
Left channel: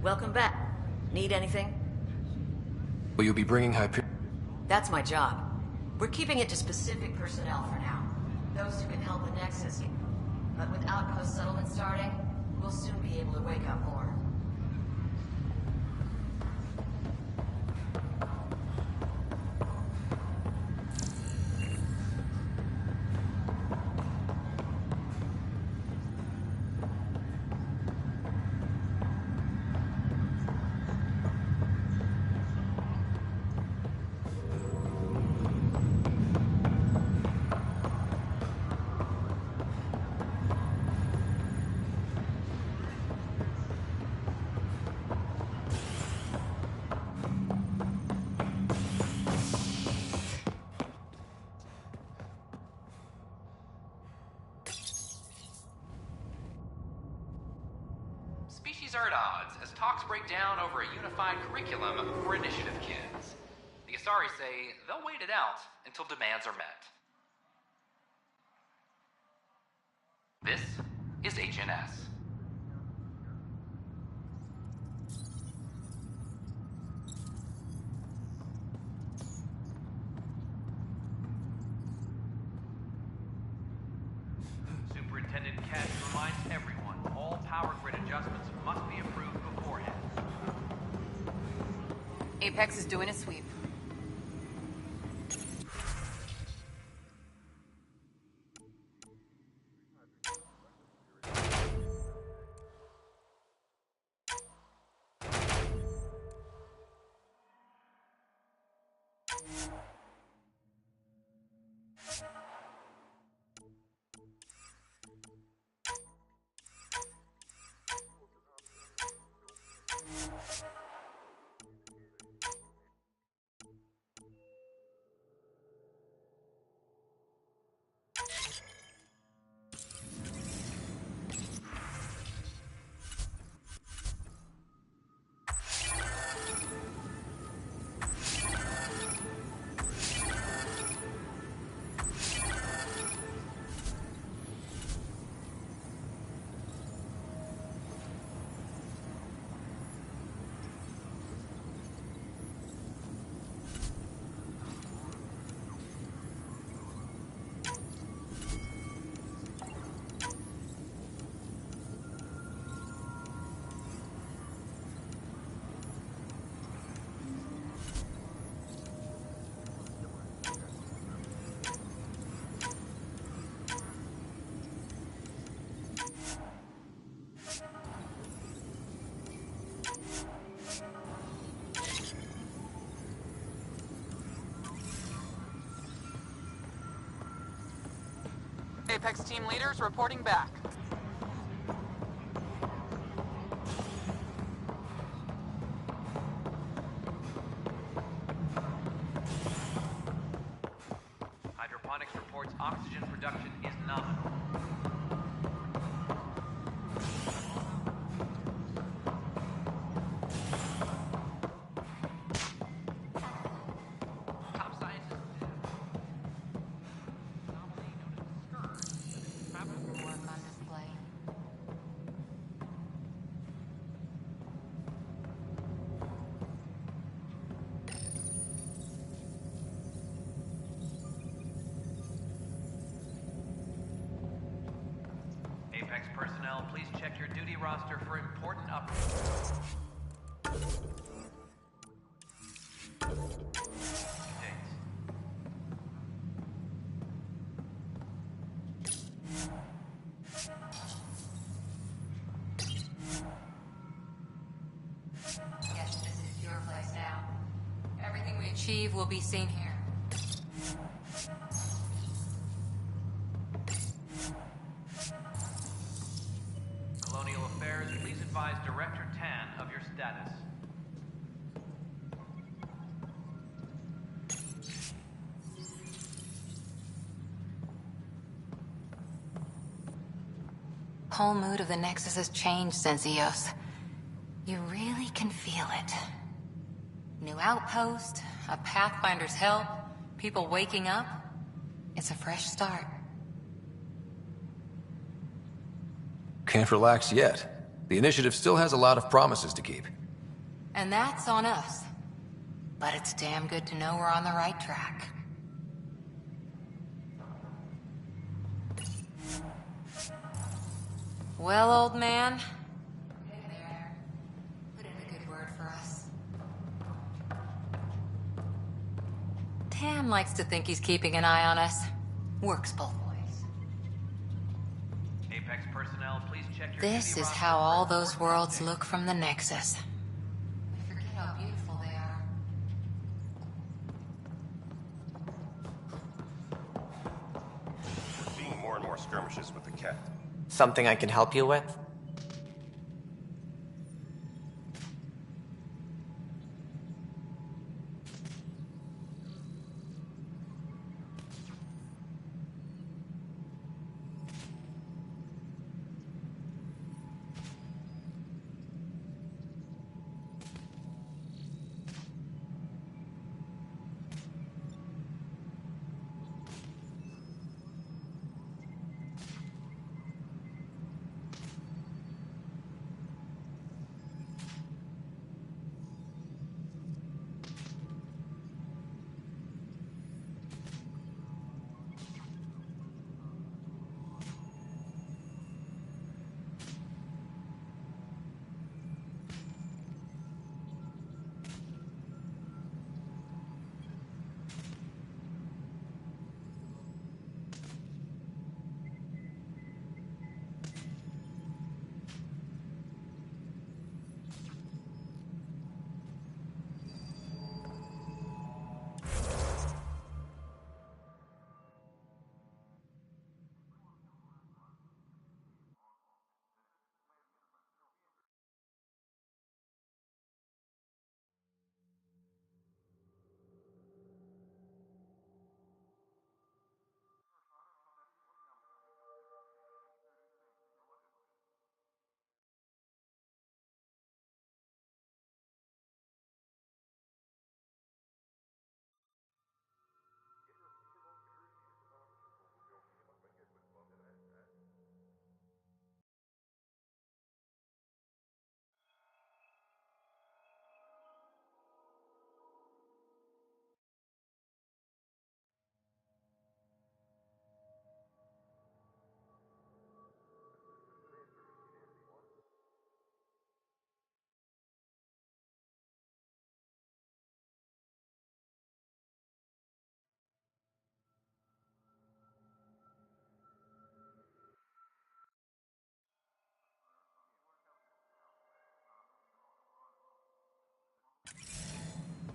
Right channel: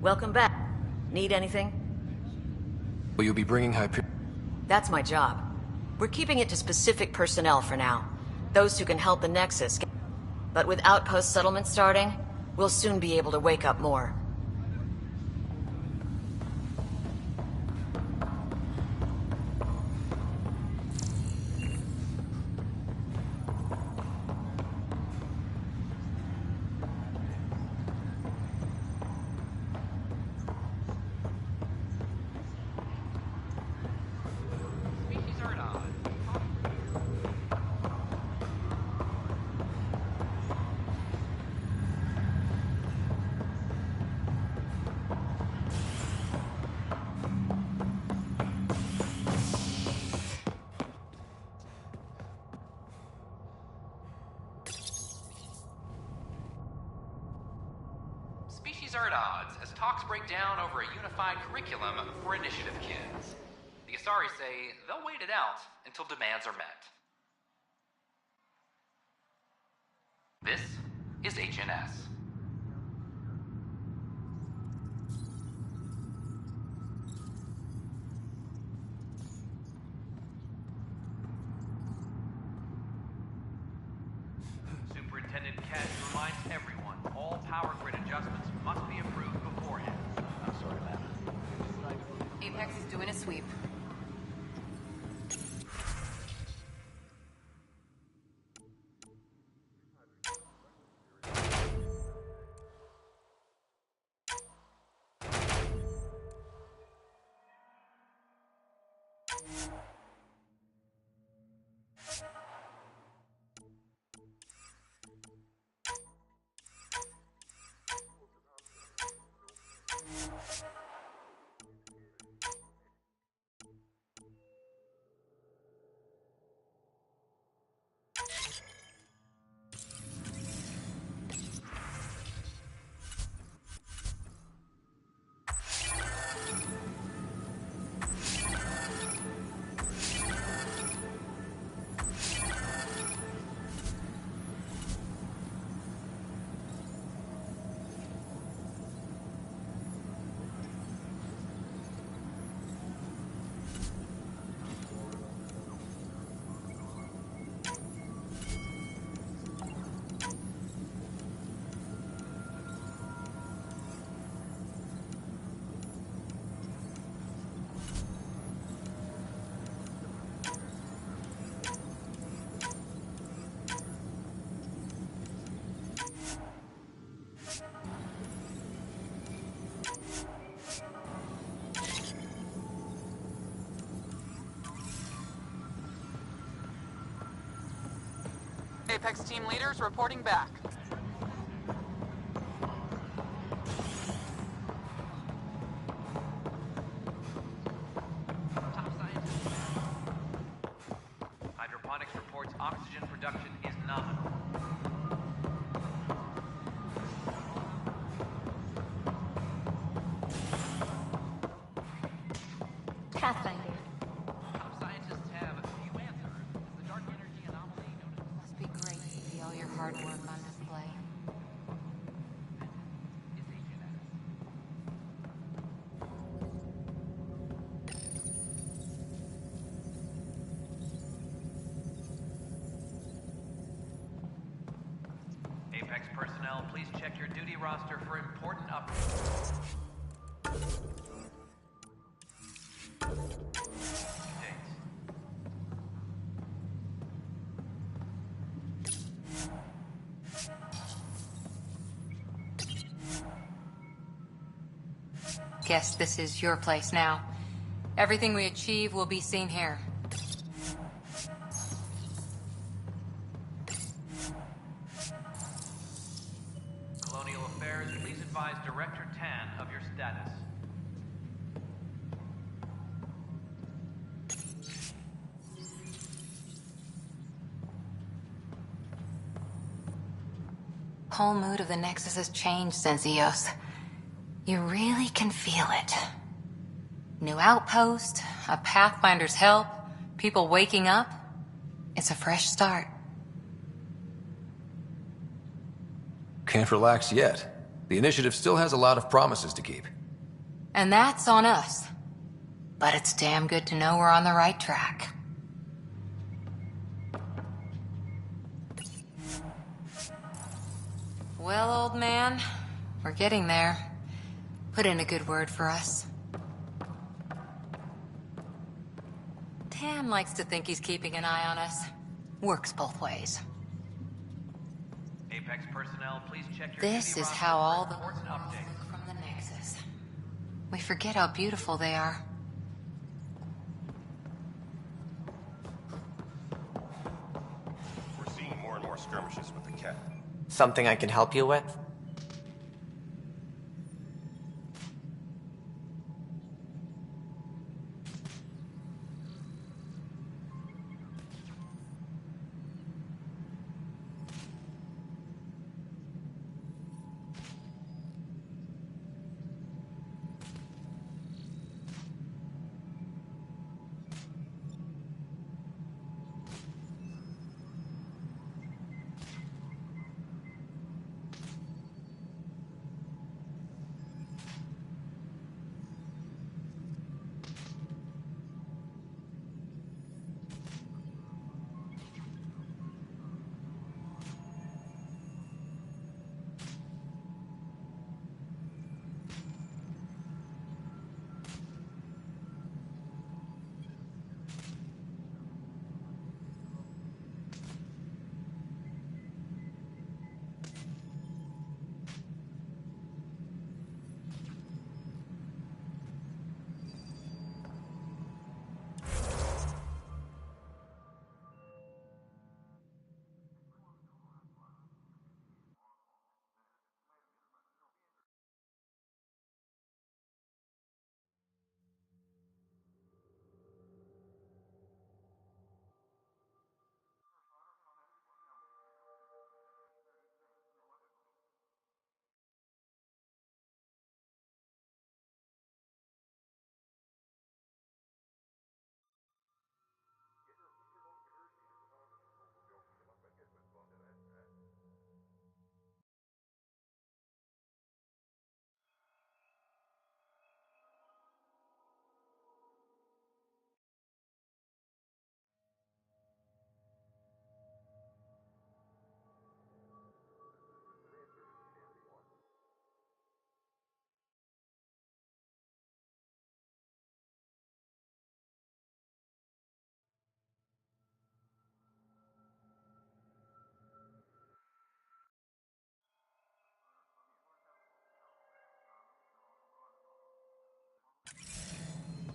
Welcome back. Need anything? Will you be bringing Hyperion? That's my job. We're keeping it to specific personnel for now. Those who can help the Nexus. But with outpost settlement starting, we'll soon be able to wake up more. Species are at odds as talks break down over a unified curriculum for initiative kids. The Asari say they'll wait it out until demands are met. This is HNS. Superintendent Cash reminds everyone all power grid adjustments must be approved beforehand. Apex is doing a sweep. Apex team leaders reporting back. Hydroponics reports oxygen production is nominal. Top scientists have a few answers. The dark energy anomaly known as Hard work on this please check your duty roster for important updates. Guess this is your place now. Everything we achieve will be seen here. Colonial Affairs, please advise Director Tan of your status. Whole mood of the Nexus has changed since EOS. You really can feel it. New outpost, a Pathfinder's help, people waking up. It's a fresh start. Can't relax yet. The initiative still has a lot of promises to keep. And that's on us. But it's damn good to know we're on the right track. Well, old man, we're getting there. Put in a good word for us. Tan likes to think he's keeping an eye on us. Works both ways. Apex personnel, please check your This duty is roster how for all those important worlds updates. look from the Nexus. We forget how beautiful they are. We're seeing more and more skirmishes with the cat. Something I can help you with?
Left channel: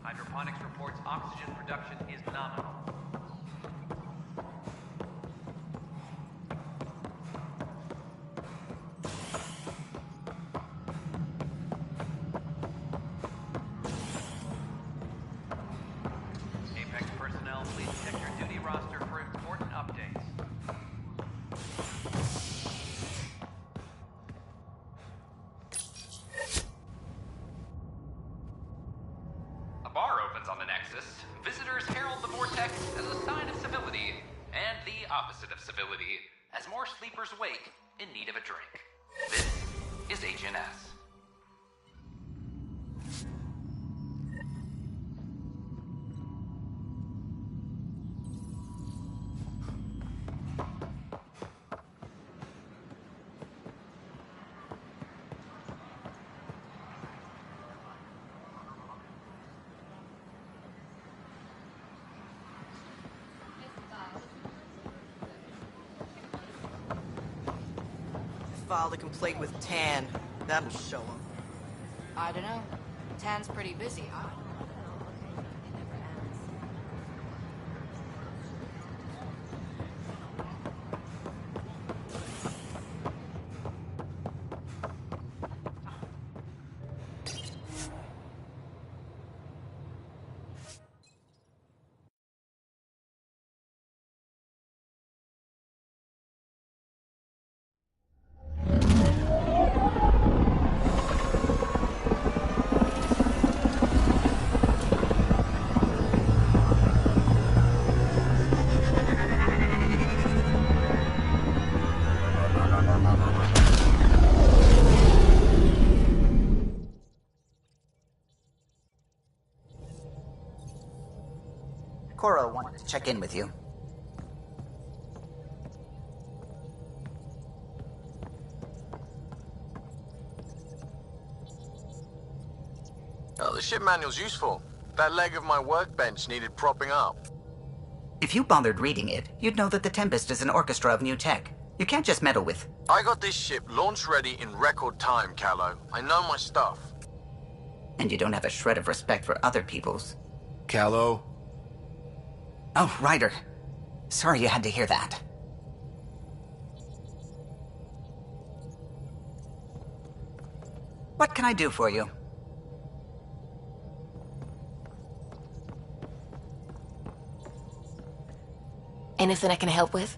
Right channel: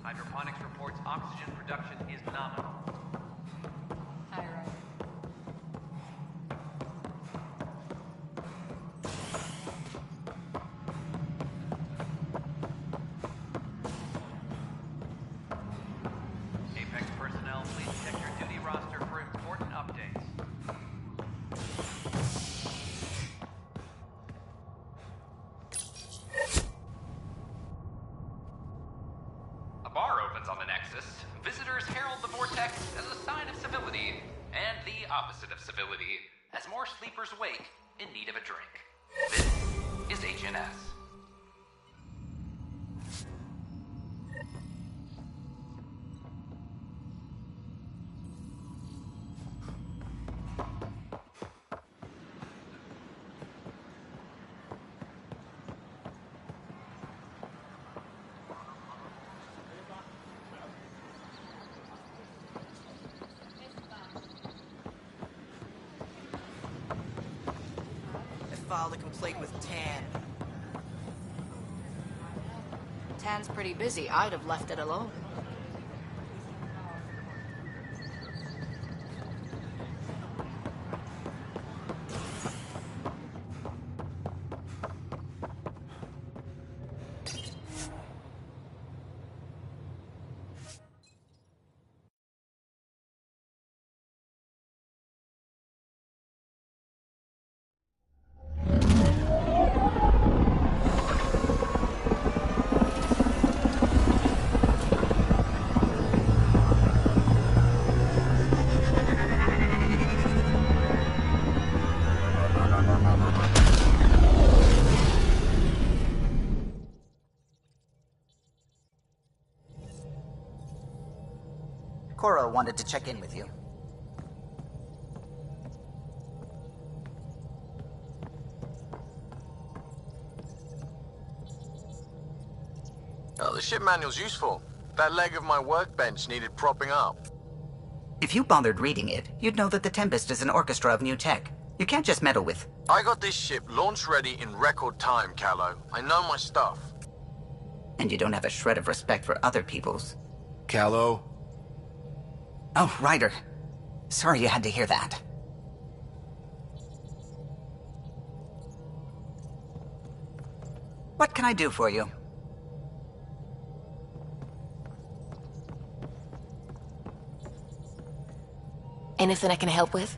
Hydroponics reports oxygen production is nominal. Apex personnel, please check your duty roster for important updates. A bar opens on the Nexus. Visitors herald the vortex as a sign of civility, and the opposite of civility, as more sleepers wake in need of a drink. This is HNS. filed a complaint with Tan. That'll show him. I don't know. Tan's pretty busy. I'd have left it alone. Cora wanted to check in with you. Oh, the ship manual's useful. That leg of my workbench needed propping up. If you bothered reading it, you'd know that the Tempest is an orchestra of new tech. You can't just meddle with... I got this ship launch ready in record time, Callow. I know my stuff. And you don't have a shred of respect for other people's. Callow? Oh, Ryder. Sorry you had to hear that. What can I do for you? Anything I can help with?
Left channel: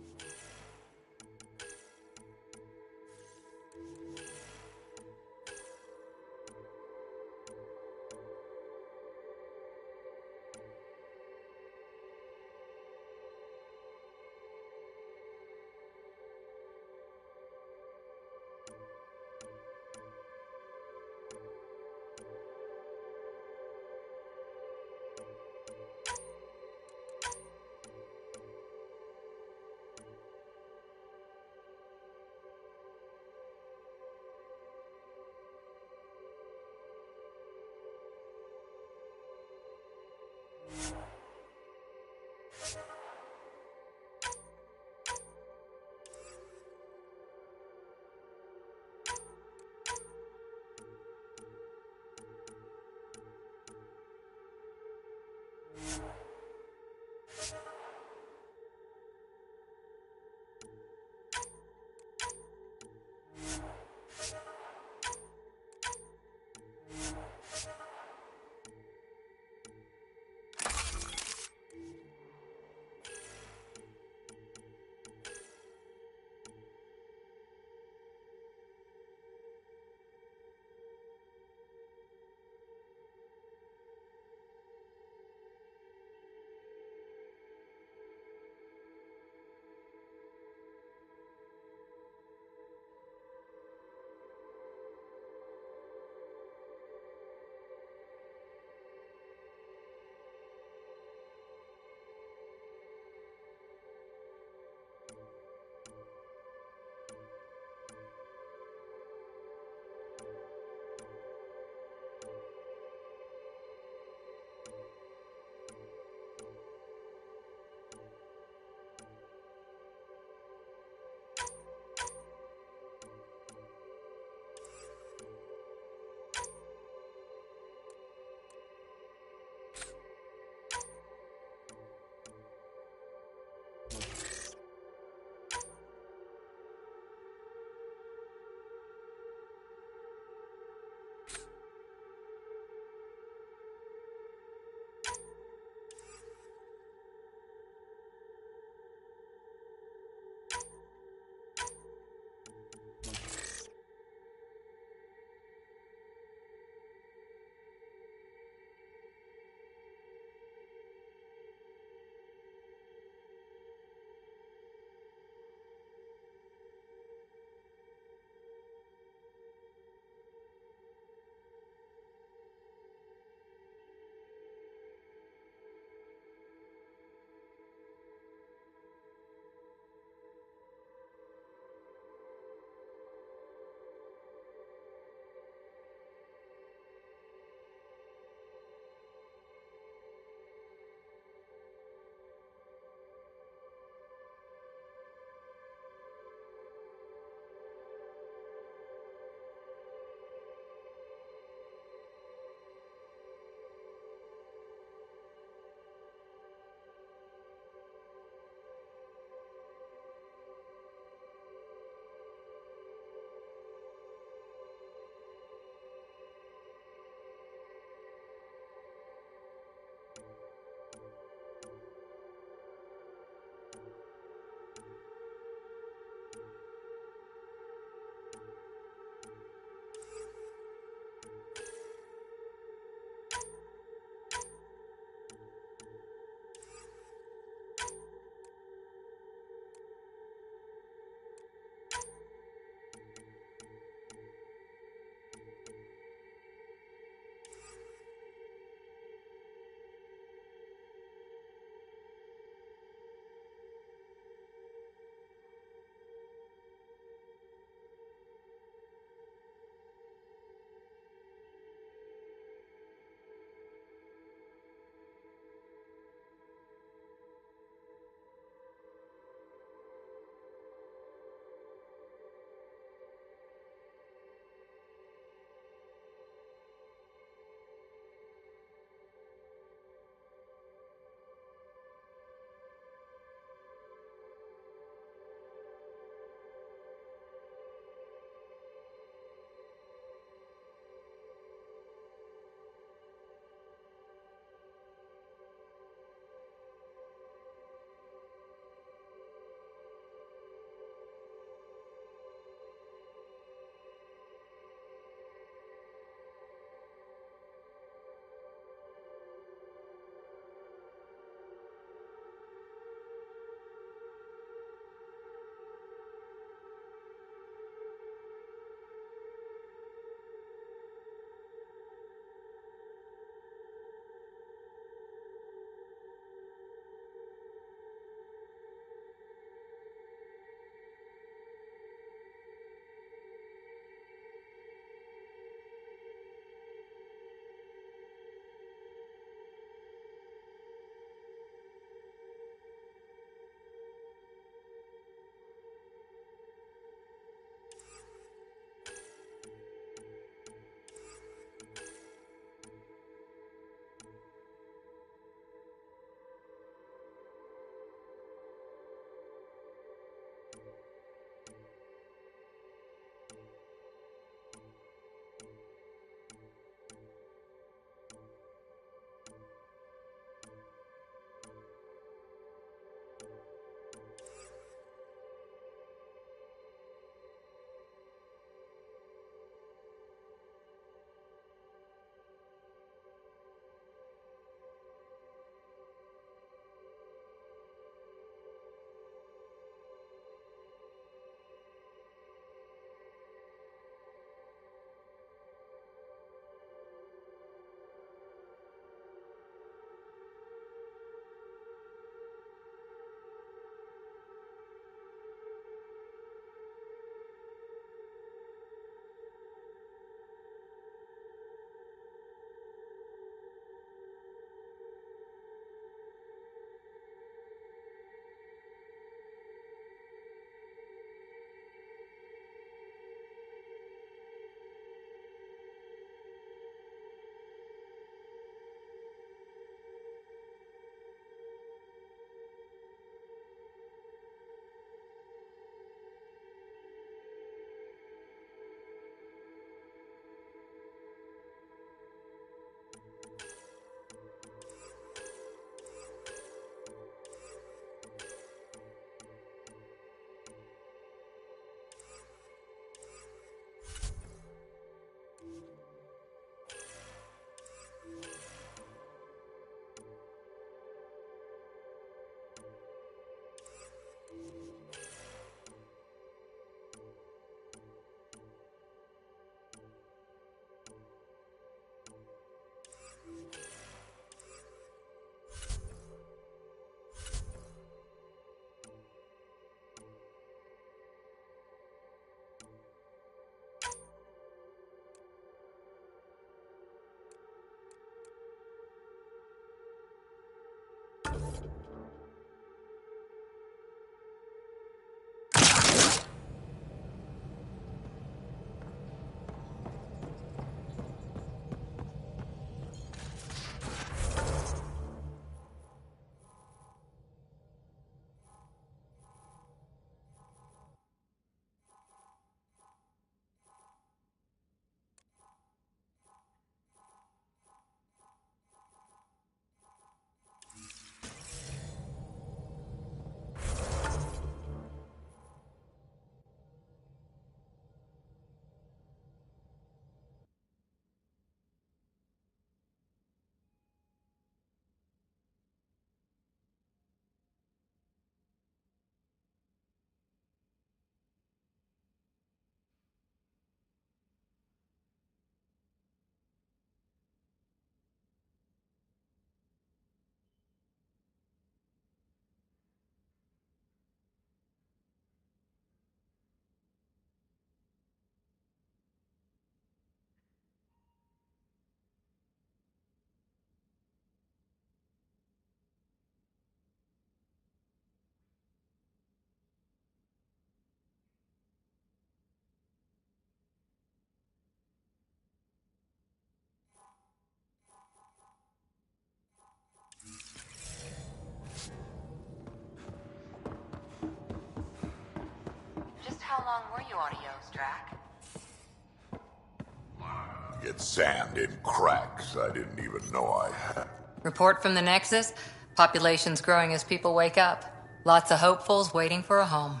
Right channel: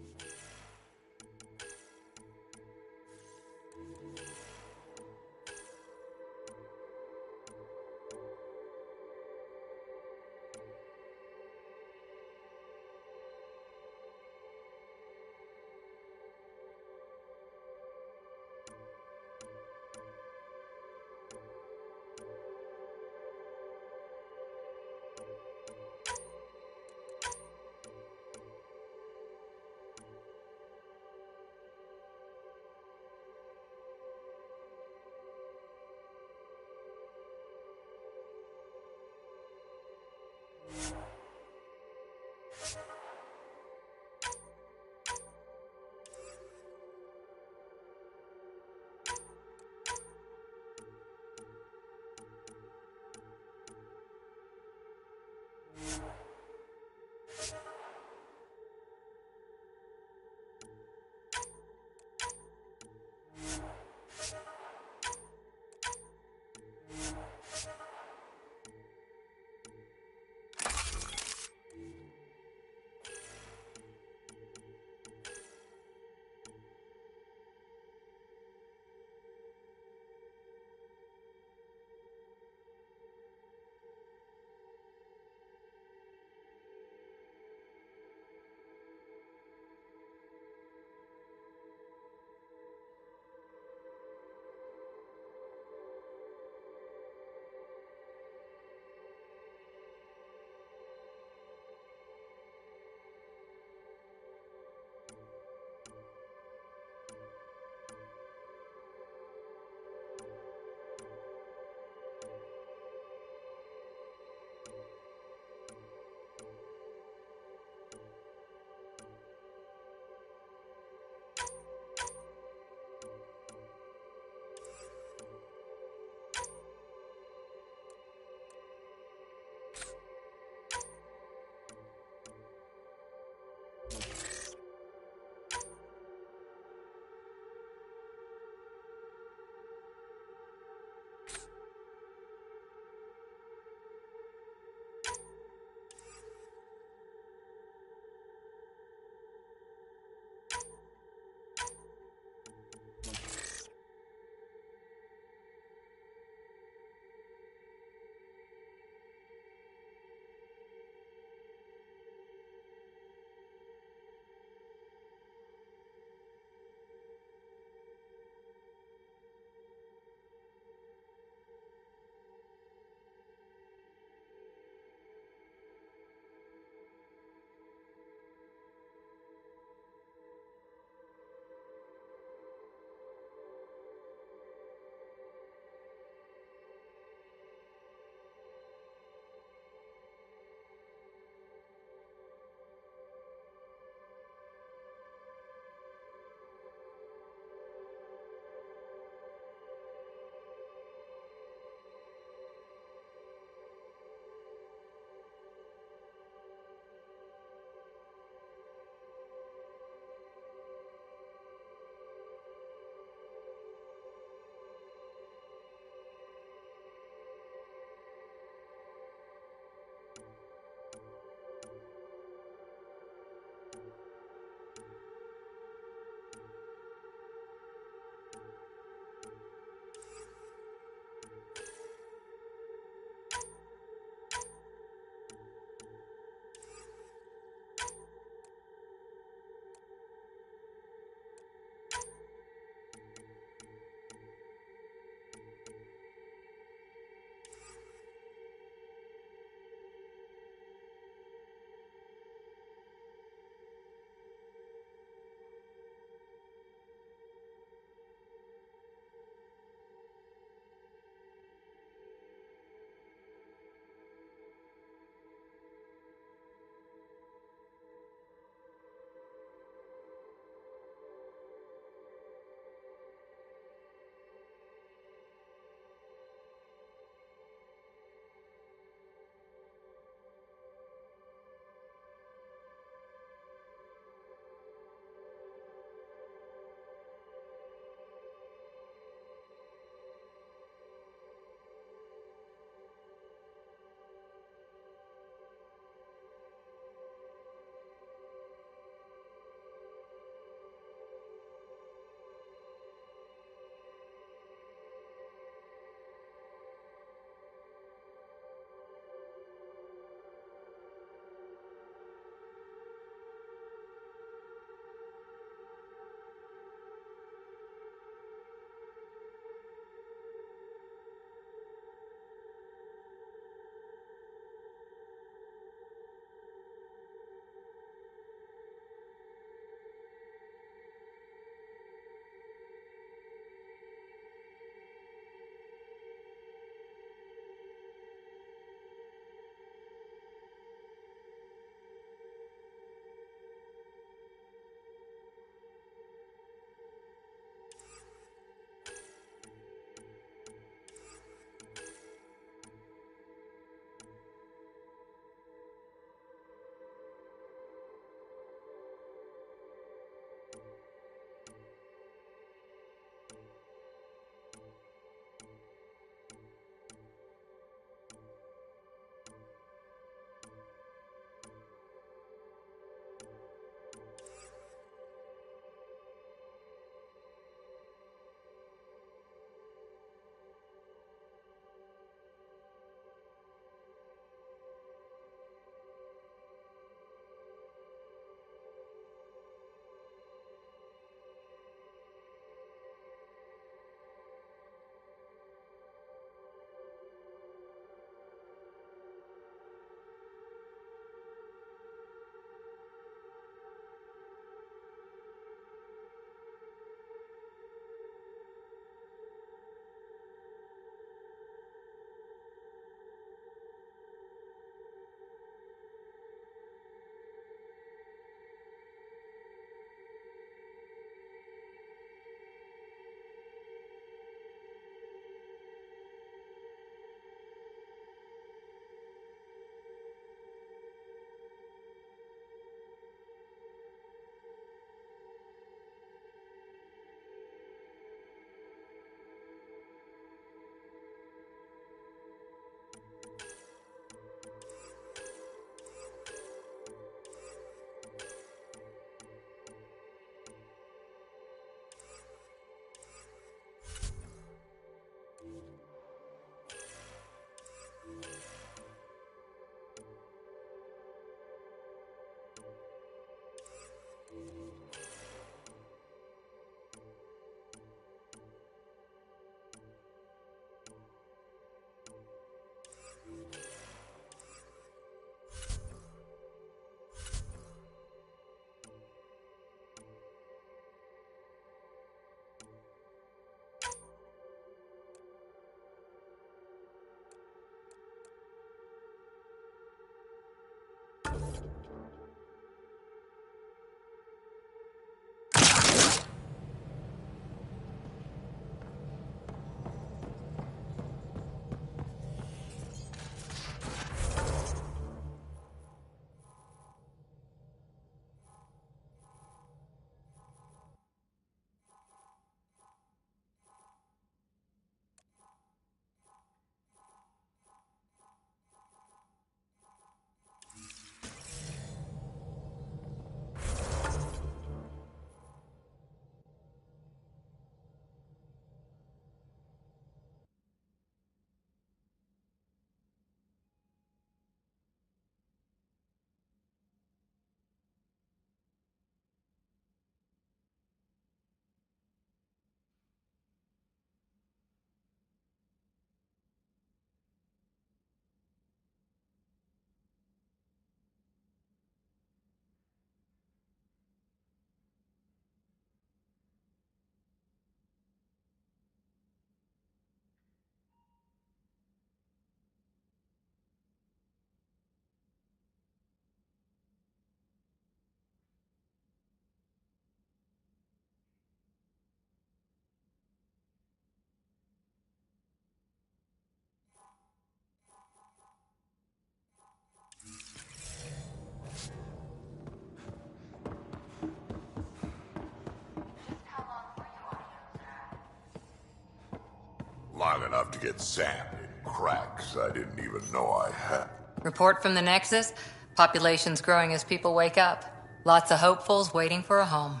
to get sand in cracks I didn't even know I had. Report from the Nexus. Population's growing as people wake up. Lots of hopefuls waiting for a home.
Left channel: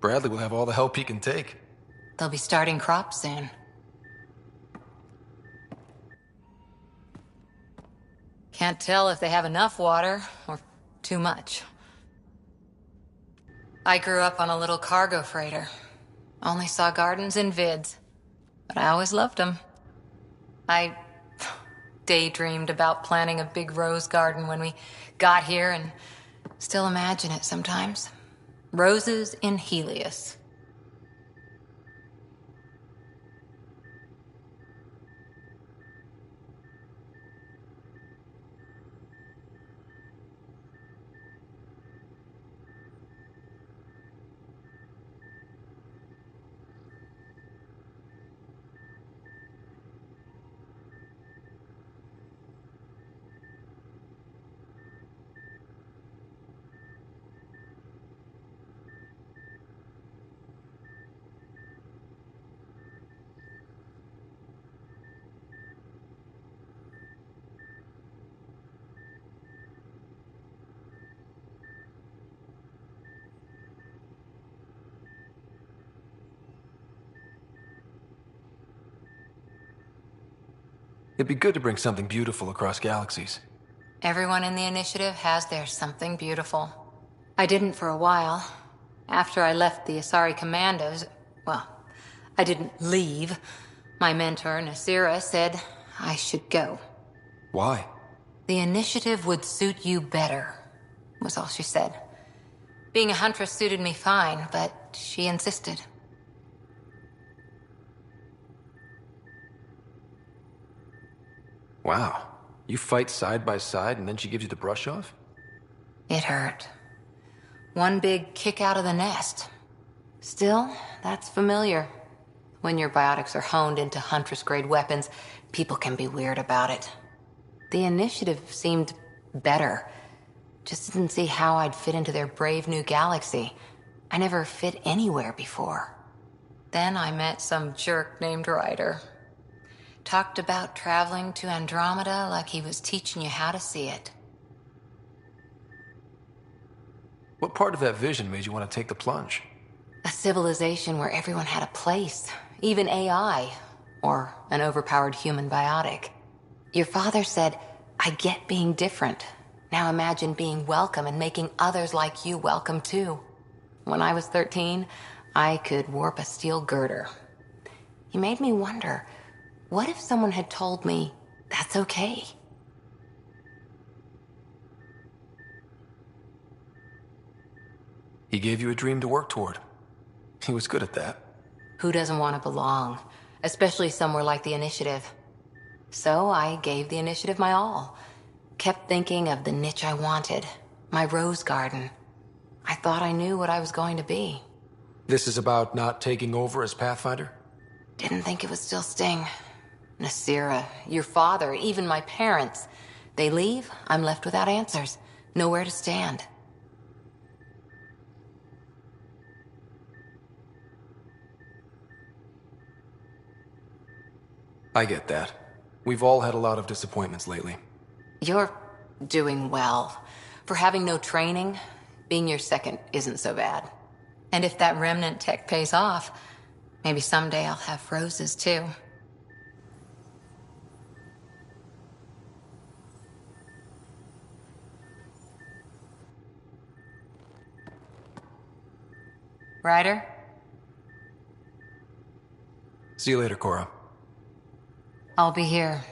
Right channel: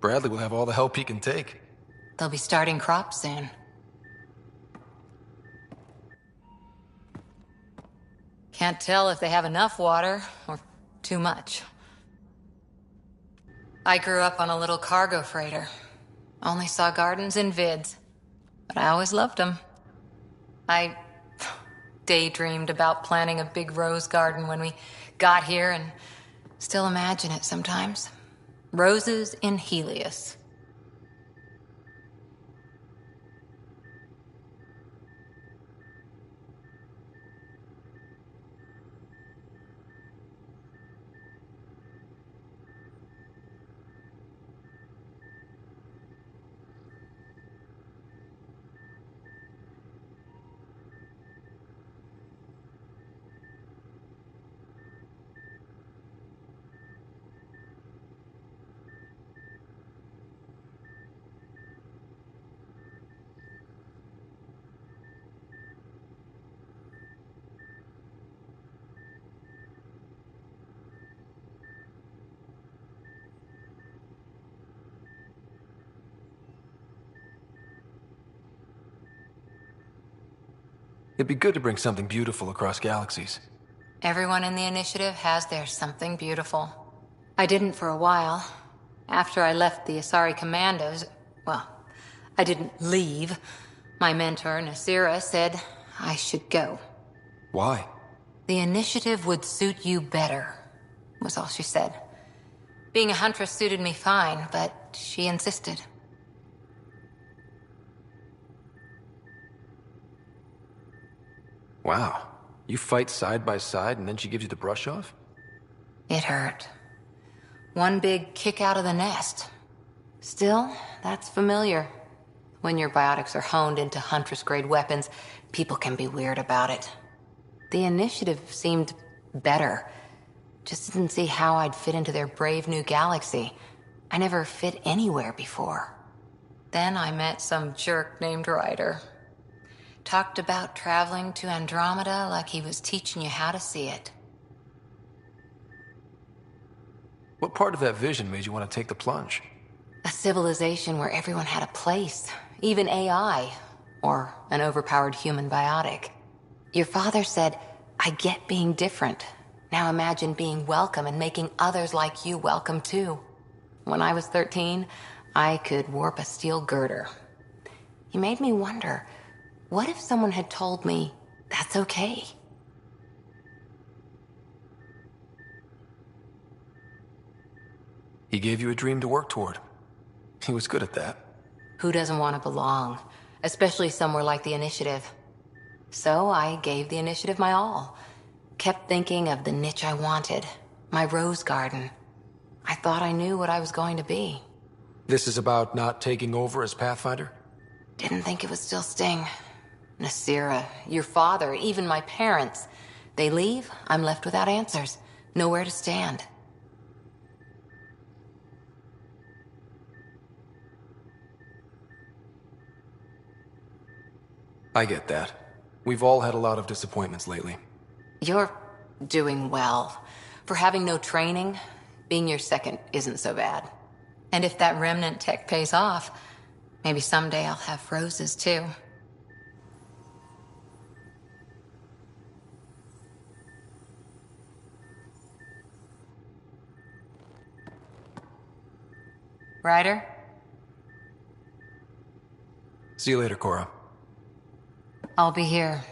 Bradley will have all the help he can take. They'll be starting crops soon. Can't tell if they have enough water or too much. I grew up on a little cargo freighter. Only saw gardens in vids, but I always loved them. I daydreamed about planting a big rose garden when we got here and still imagine it sometimes. Roses in Helios. It'd be good to bring something beautiful across galaxies. Everyone in the initiative has their something beautiful. I didn't for a while. After I left the Asari Commandos, well, I didn't leave. My mentor, Nasira, said I should go. Why? The initiative would suit you better, was all she said. Being a huntress suited me fine, but she insisted. Wow. You fight side by side and then she gives you the brush off? It hurt. One big kick out of the nest. Still, that's familiar. When your biotics are honed into Huntress-grade weapons, people can be weird about it. The initiative seemed better. Just didn't see how I'd fit into their brave new galaxy. I never fit anywhere before. Then I met some jerk named Ryder. Talked about traveling to Andromeda like he was teaching you how to see it. What part of that vision made you want to take the plunge? A civilization where everyone had a place, even AI, or an overpowered human biotic. Your father said, I get being different. Now imagine being welcome and making others like you welcome too. When I was 13, I could warp a steel girder. He made me wonder, what if someone had told me that's okay? He gave you a dream to work toward. He was good at that. Who doesn't want to belong? Especially somewhere like the Initiative. So I gave the Initiative my all. Kept thinking of the niche I wanted. My rose garden. I thought I knew what I was going to be. This is about not taking over as Pathfinder? Didn't think it would still sting. Nasira, your father, even my parents. They leave, I'm left without answers. Nowhere to stand. I get that. We've all had a lot of disappointments lately. You're doing well. For having no training, being your second isn't so bad. And if that remnant tech pays off, maybe someday I'll have roses too. Ryder? See you later, Cora. I'll be here.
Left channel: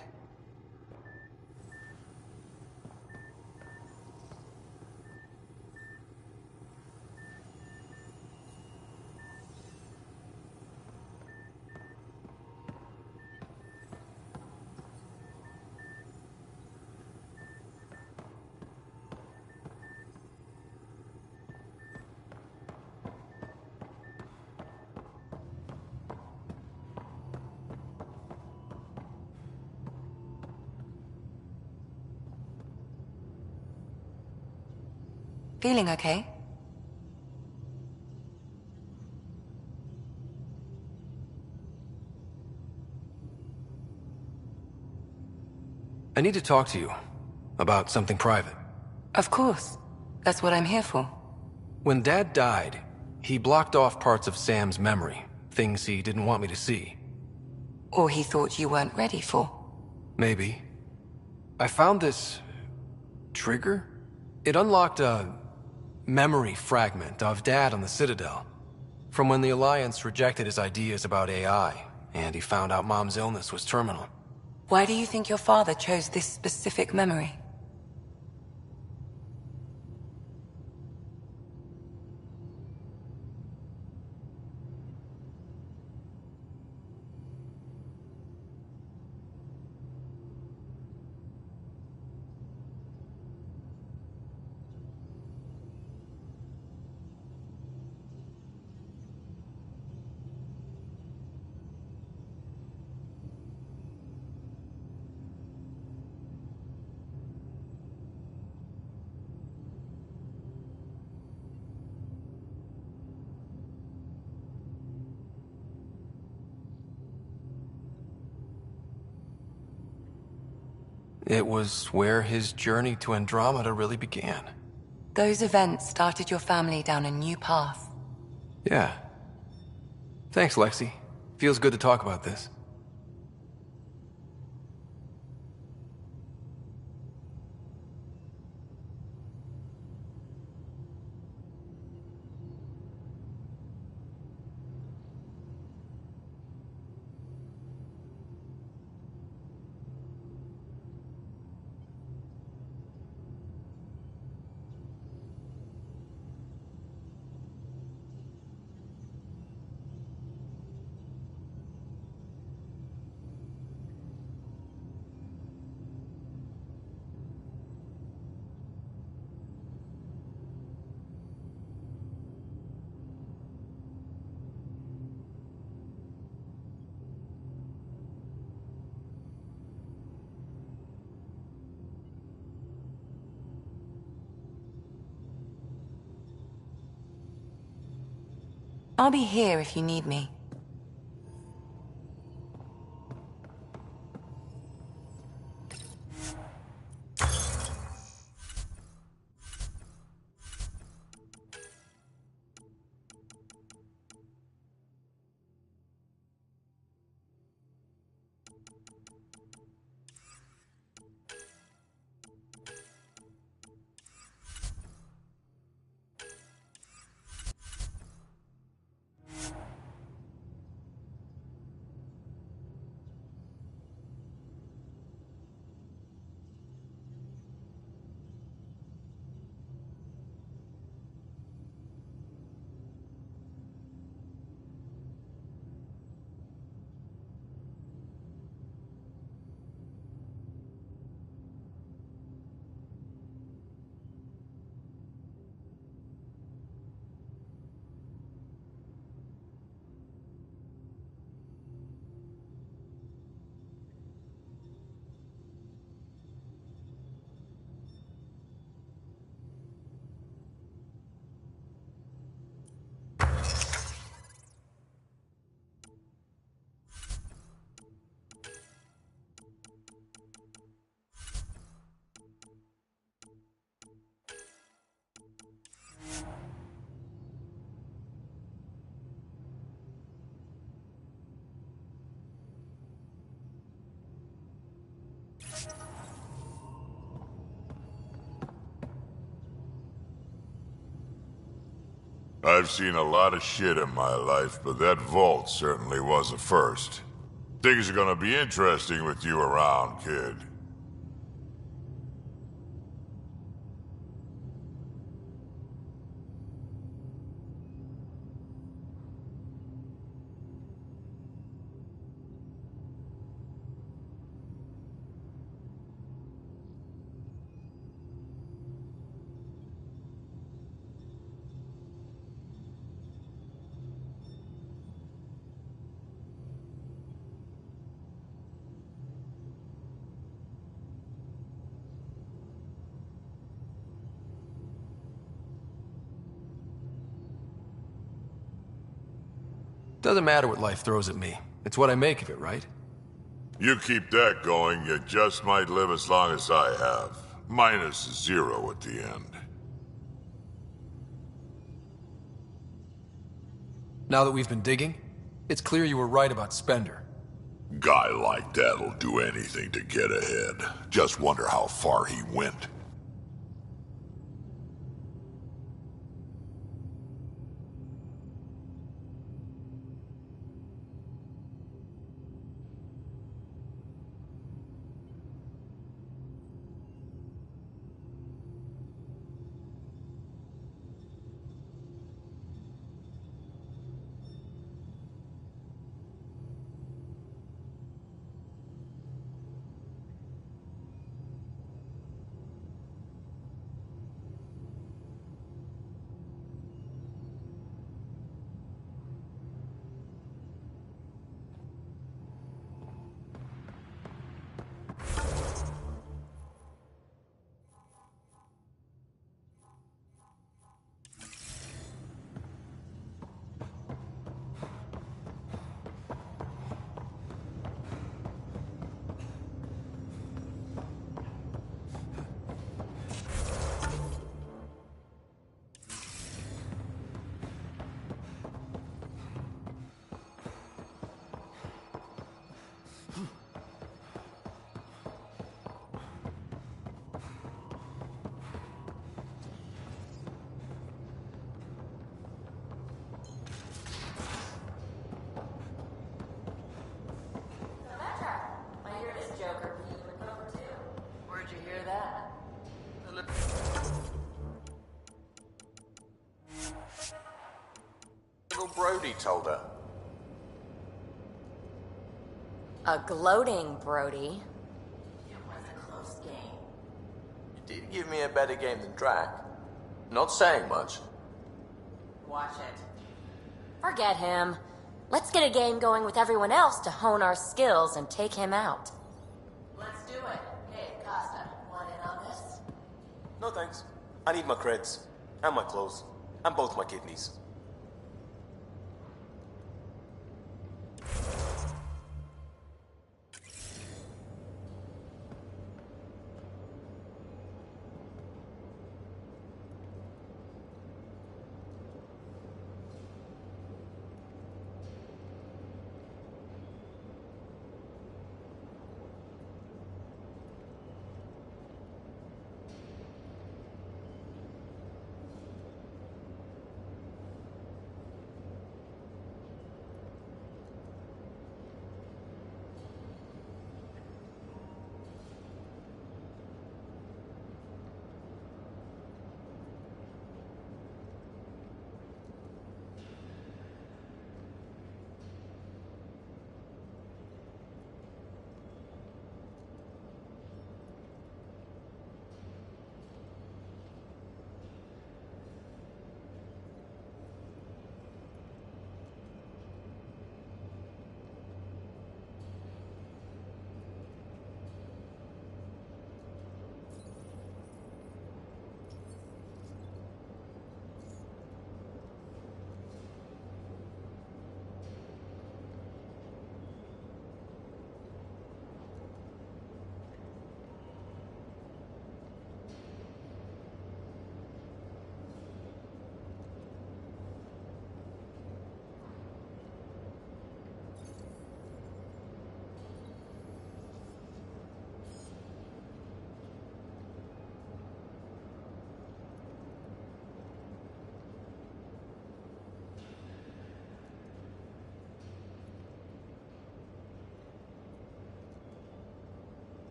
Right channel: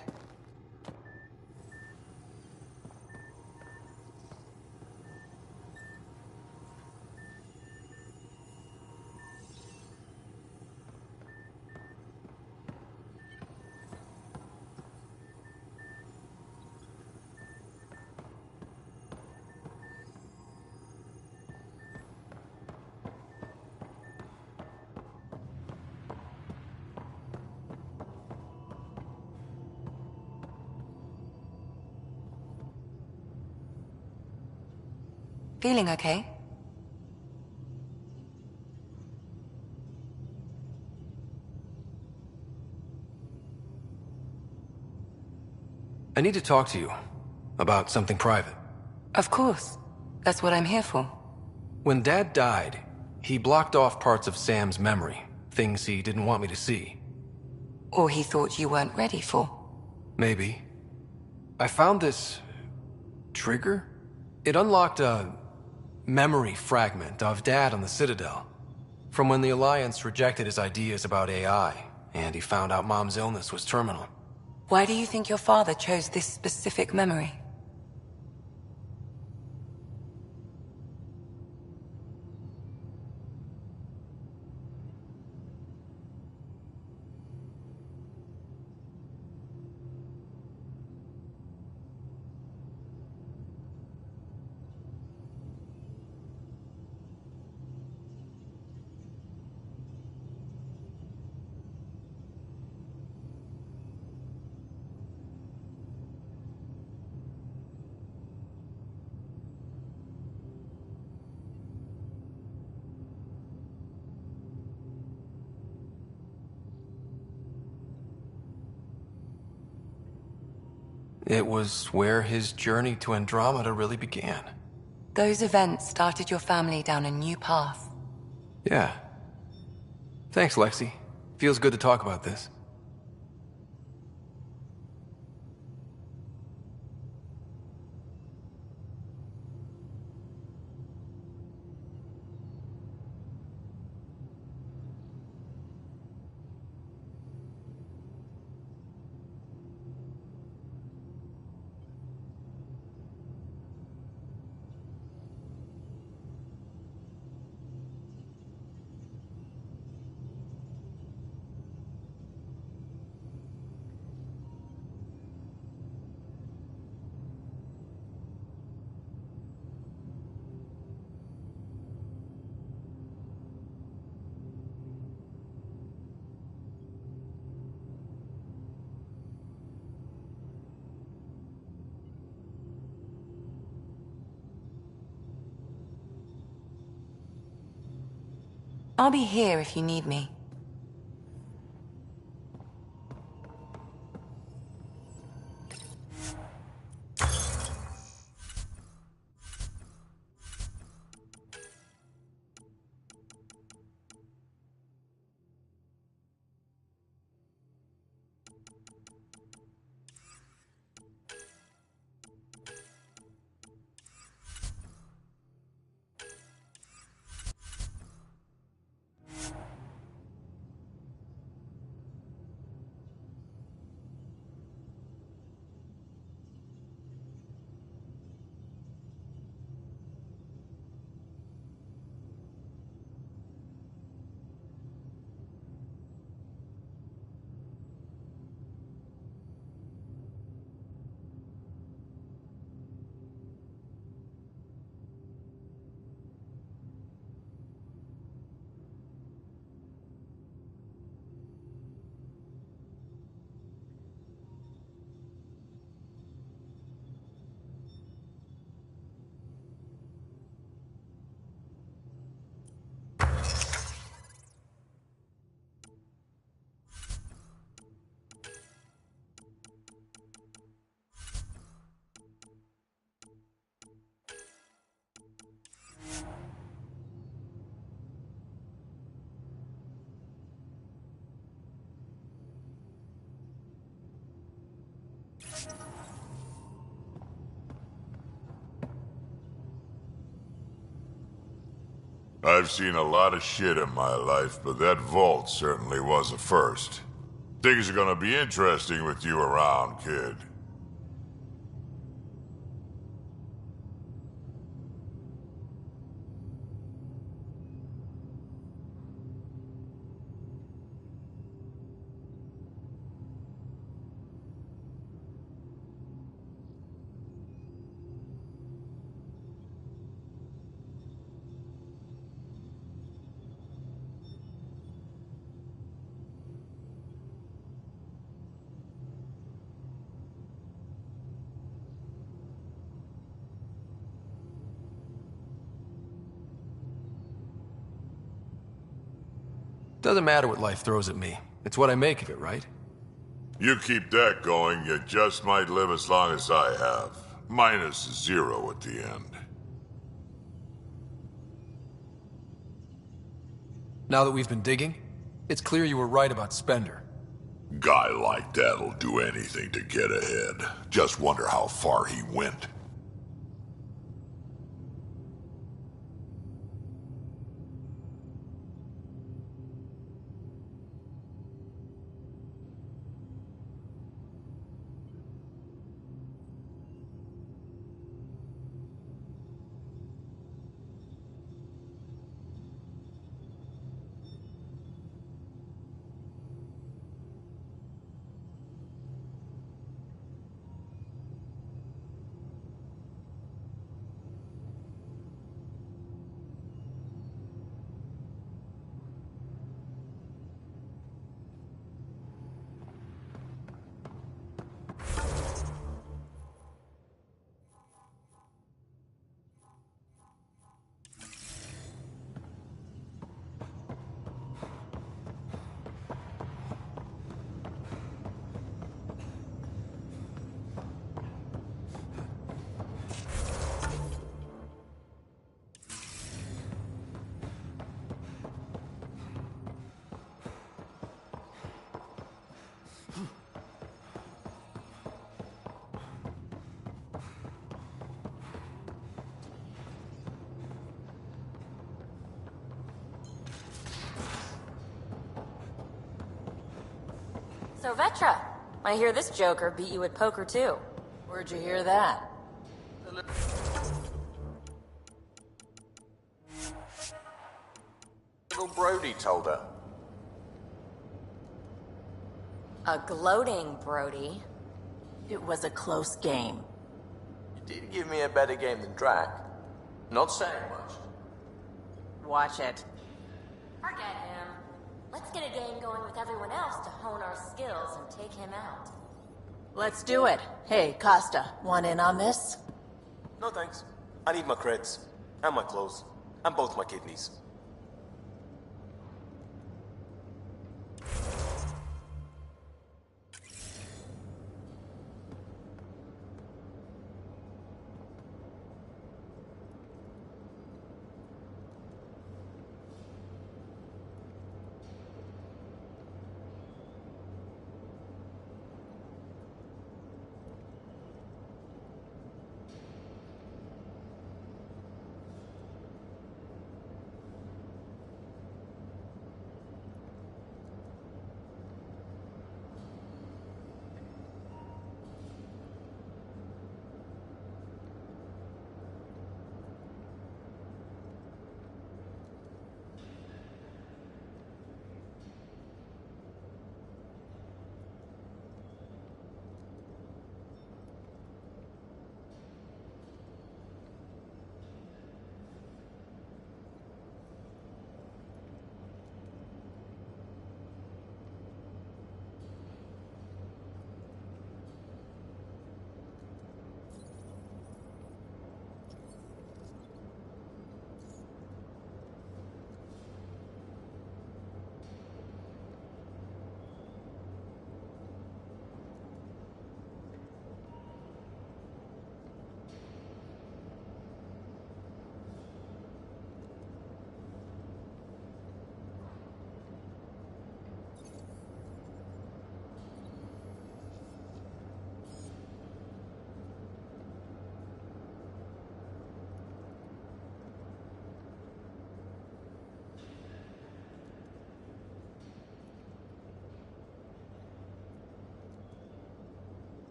Feeling okay? I need to talk to you about something private. Of course. That's what I'm here for. When Dad died, he blocked off parts of Sam's memory, things he didn't want me to see. Or he thought you weren't ready for. Maybe. I found this trigger. It unlocked a memory fragment of Dad on the Citadel, from when the Alliance rejected his ideas about AI, and he found out Mom's illness was terminal. Why do you think your father chose this specific memory? It was where his journey to Andromeda really began. Those events started your family down a new path. Yeah. Thanks, Lexi. Feels good to talk about this. I'll be here if you need me. I've seen a lot of shit in my life, but that vault certainly was a first. Things are gonna be interesting with you around, kid. Doesn't matter what life throws at me. It's what I make of it, right? You keep that going, you just might live as long as I have. Minus 0 at the end. Now that we've been digging, it's clear you were right about Spender. Guy like that'll do anything to get ahead. Just wonder how far he went. So, Vetra, I hear this joker beat you at poker, too. Where'd you hear that? Little Brody told her. A gloating Brody. It was a close game. You did give me a better game than Drac. Not saying much. Watch it. Forget him. Let's get a game going with everyone else to hone our skills and take him out. Let's do it. Hey, Costa, want in on this? No thanks. I need my creds. And my clothes. And both my kidneys.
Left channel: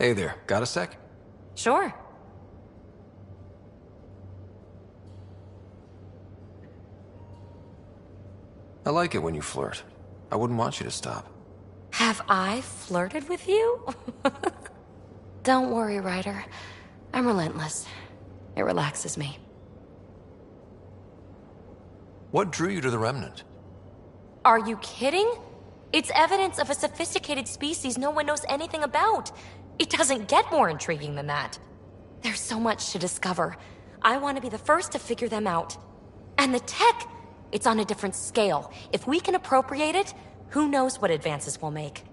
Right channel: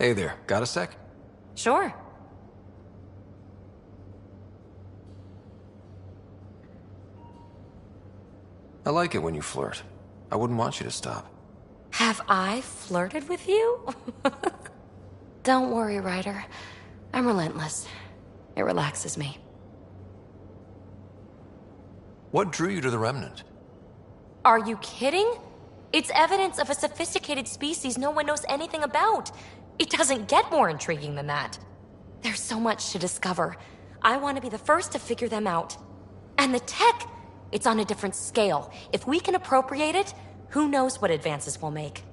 Hey there, got a sec? Sure. I like it when you flirt. I wouldn't want you to stop. Have I flirted with you? Don't worry, Ryder. I'm relentless. It relaxes me. What drew you to the Remnant? Are you kidding? It's evidence of a sophisticated species no one knows anything about. It doesn't get more intriguing than that. There's so much to discover. I want to be the first to figure them out. And the tech, it's on a different scale. If we can appropriate it, who knows what advances we'll make.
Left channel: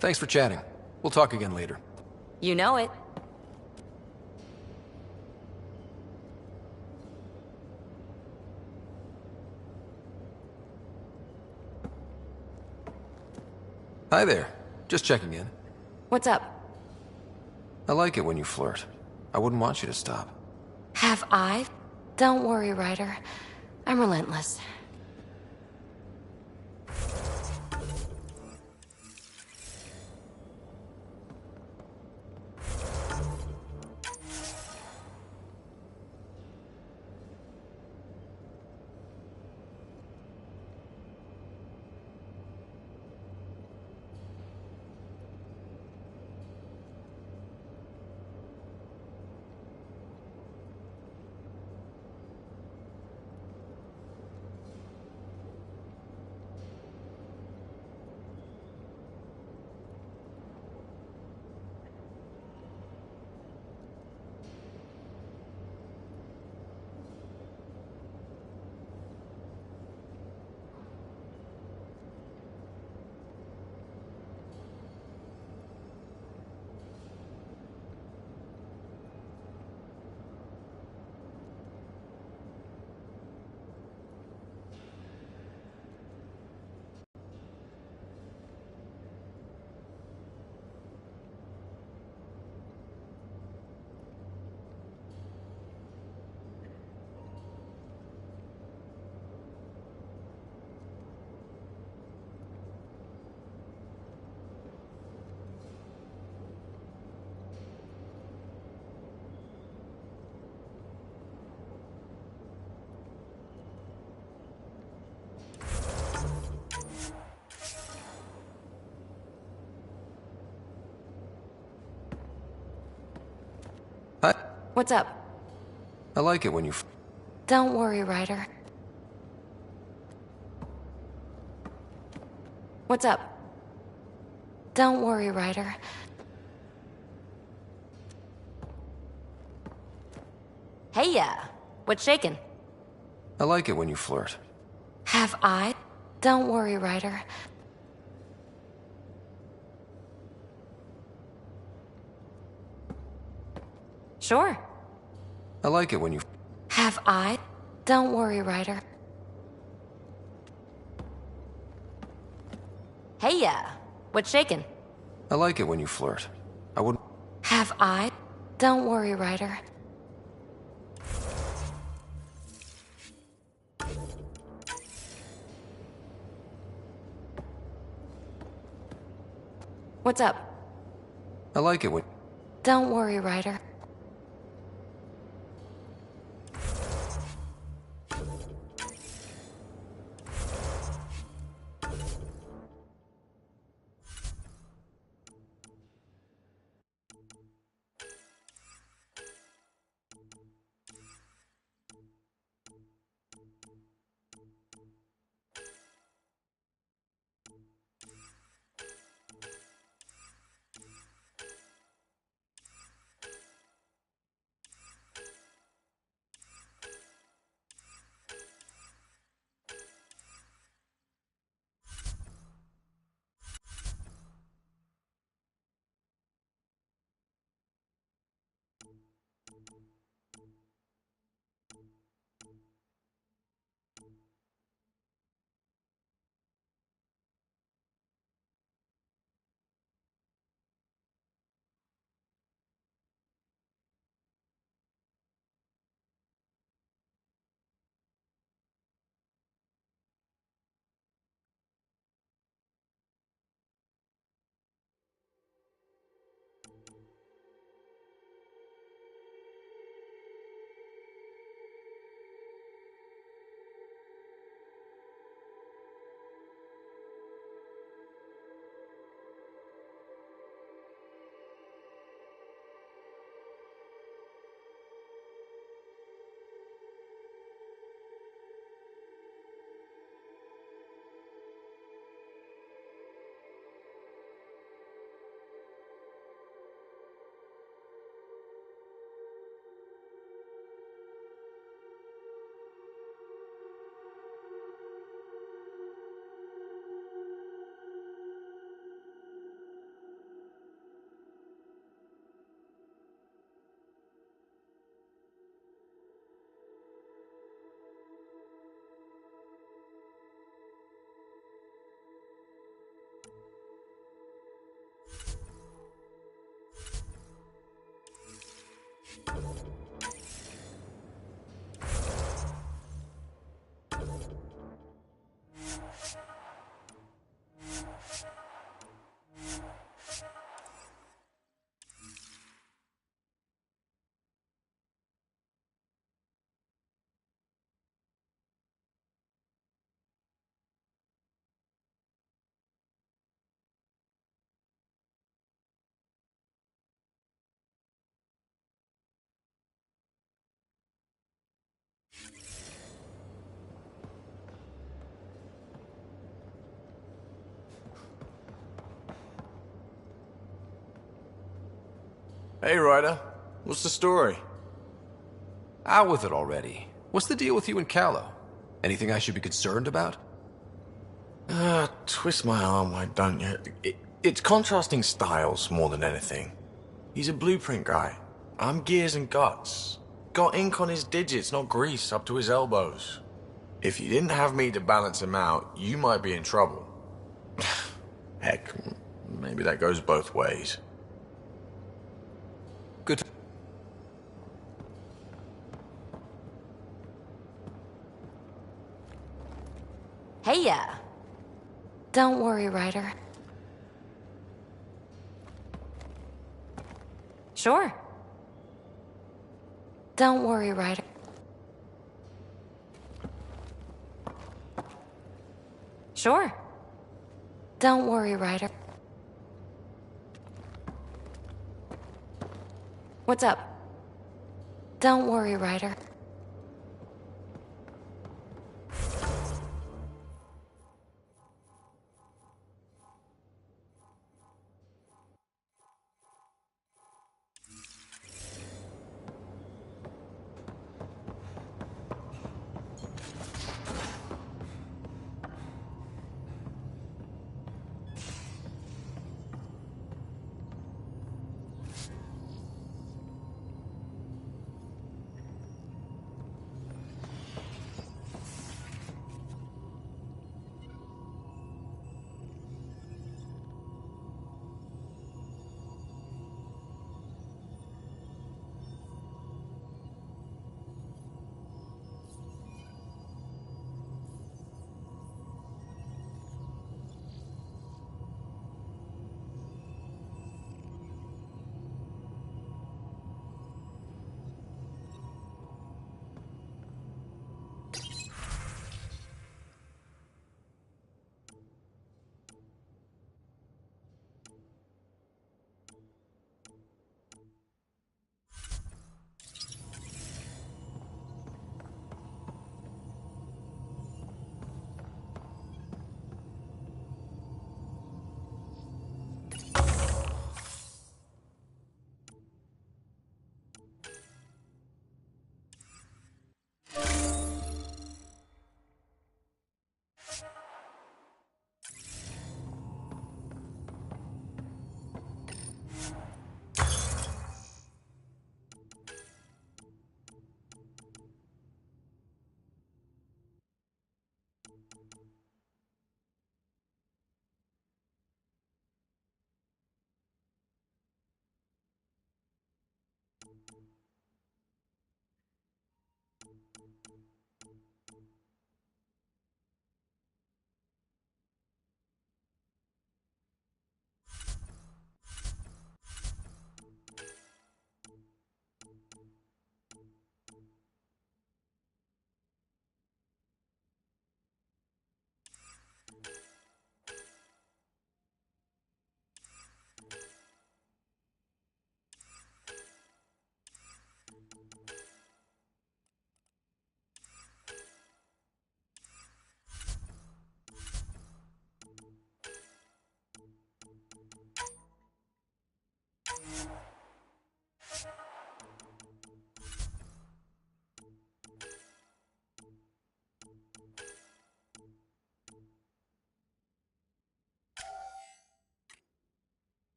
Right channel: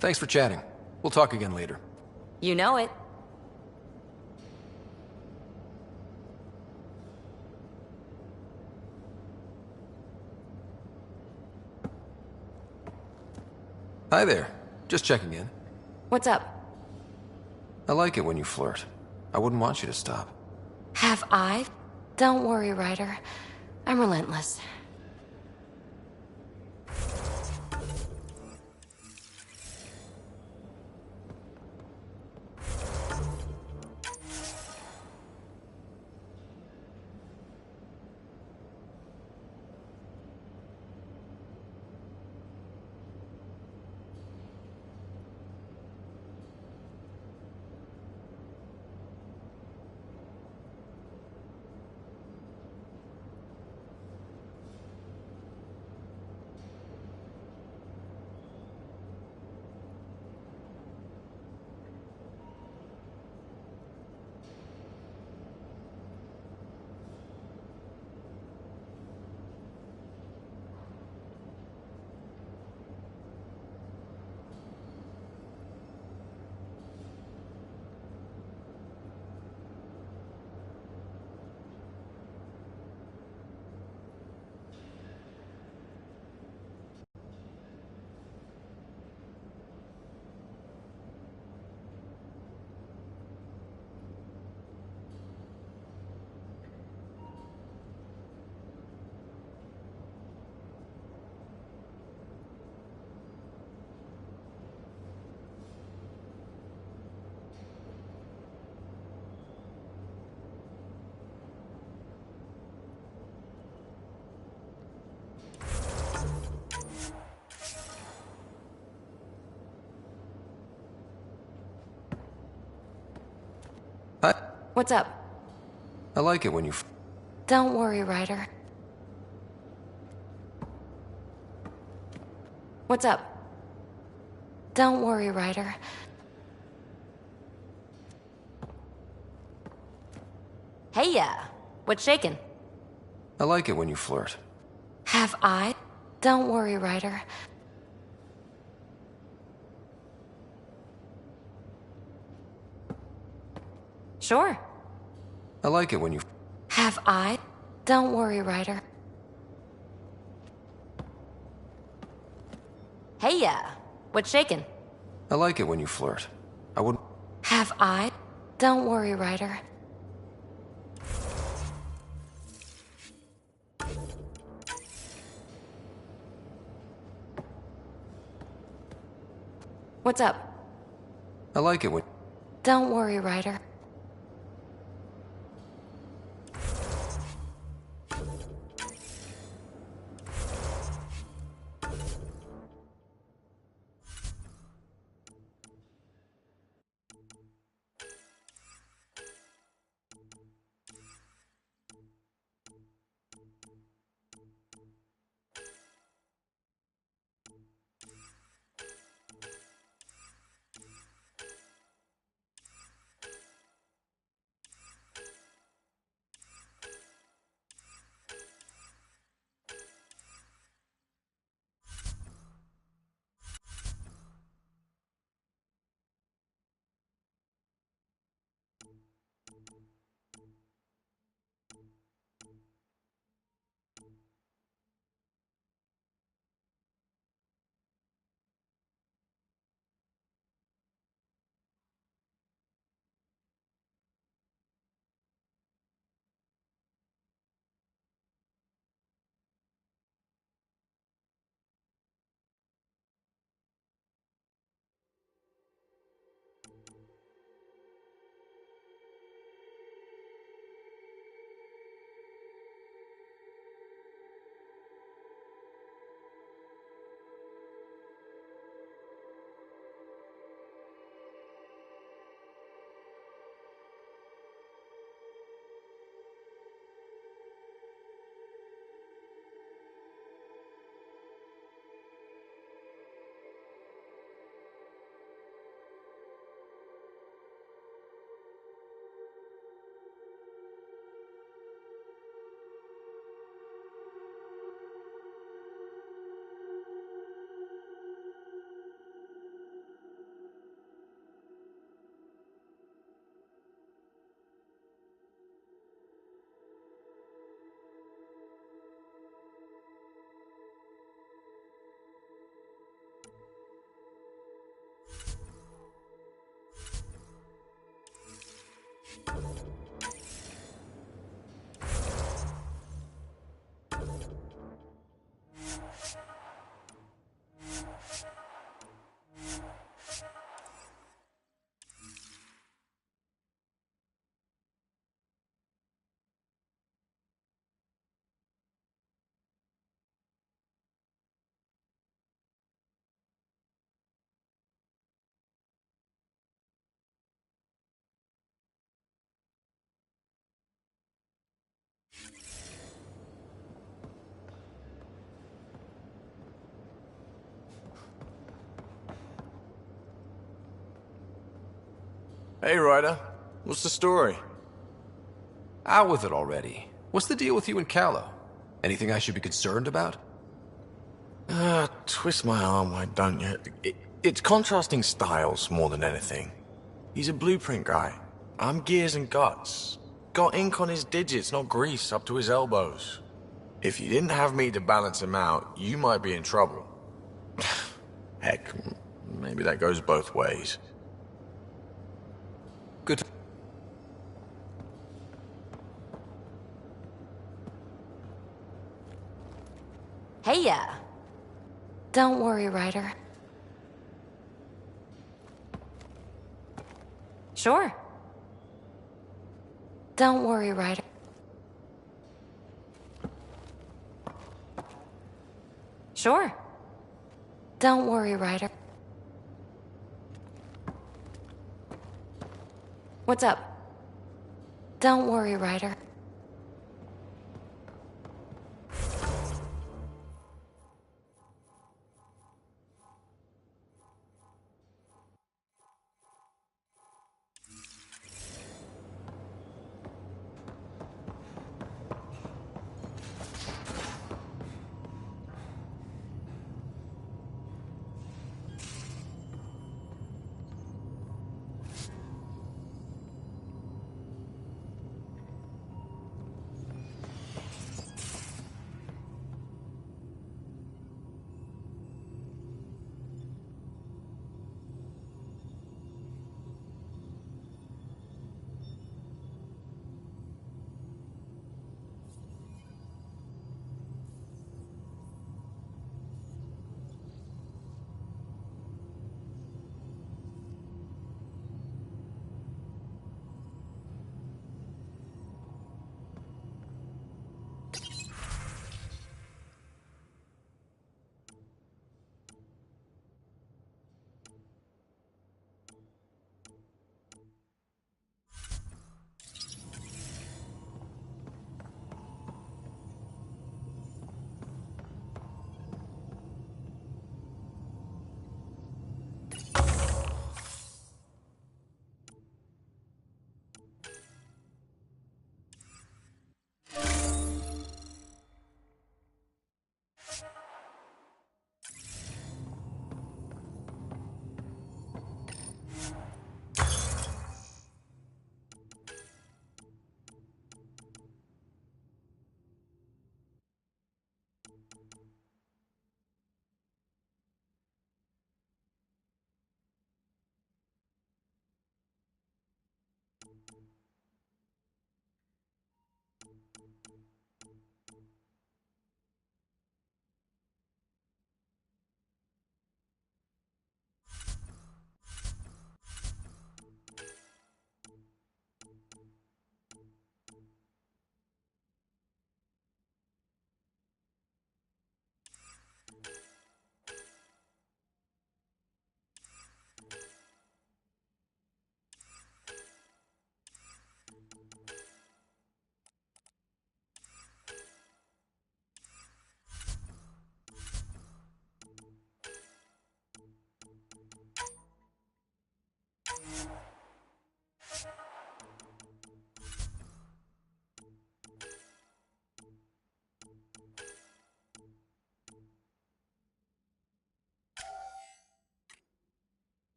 Thanks for chatting. We'll talk again later. You know it. Hi there. Just checking in. What's up? I like it when you flirt. I wouldn't want you to stop. Have I? Don't worry, Ryder. I'm relentless. Hi. What's up? I like it when you... Don't worry, Ryder. What's up? Don't worry, Ryder. Hey, yeah. What's shaking? I like it when you flirt. Have I? Don't worry, Ryder. Sure. I like it when you... Have I? Don't worry, Ryder. Hey, yeah. What's shaking? I like it when you flirt. I wouldn't... Have I? Don't worry, Ryder. What's up? I like it when... Don't worry, Ryder. Hey, Ryder. What's the story? Out with it already. What's the deal with you and Callow? Anything I should be concerned about? Twist my arm, why don't you? It's contrasting styles more than anything. He's a blueprint guy. I'm gears and guts. Got ink on his digits, not grease up to his elbows. If you didn't have me to balance him out, you might be in trouble. Heck, maybe that goes both ways. Good. Hey, yeah. Don't worry, Ryder. Sure. Don't worry, Ryder. Sure. Don't worry, Ryder. What's up? Don't worry, Ryder.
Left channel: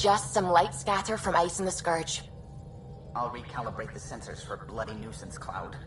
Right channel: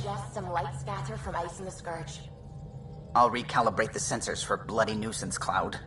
Just some light scatter from ice in the Scourge. I'll recalibrate the sensors for bloody nuisance cloud.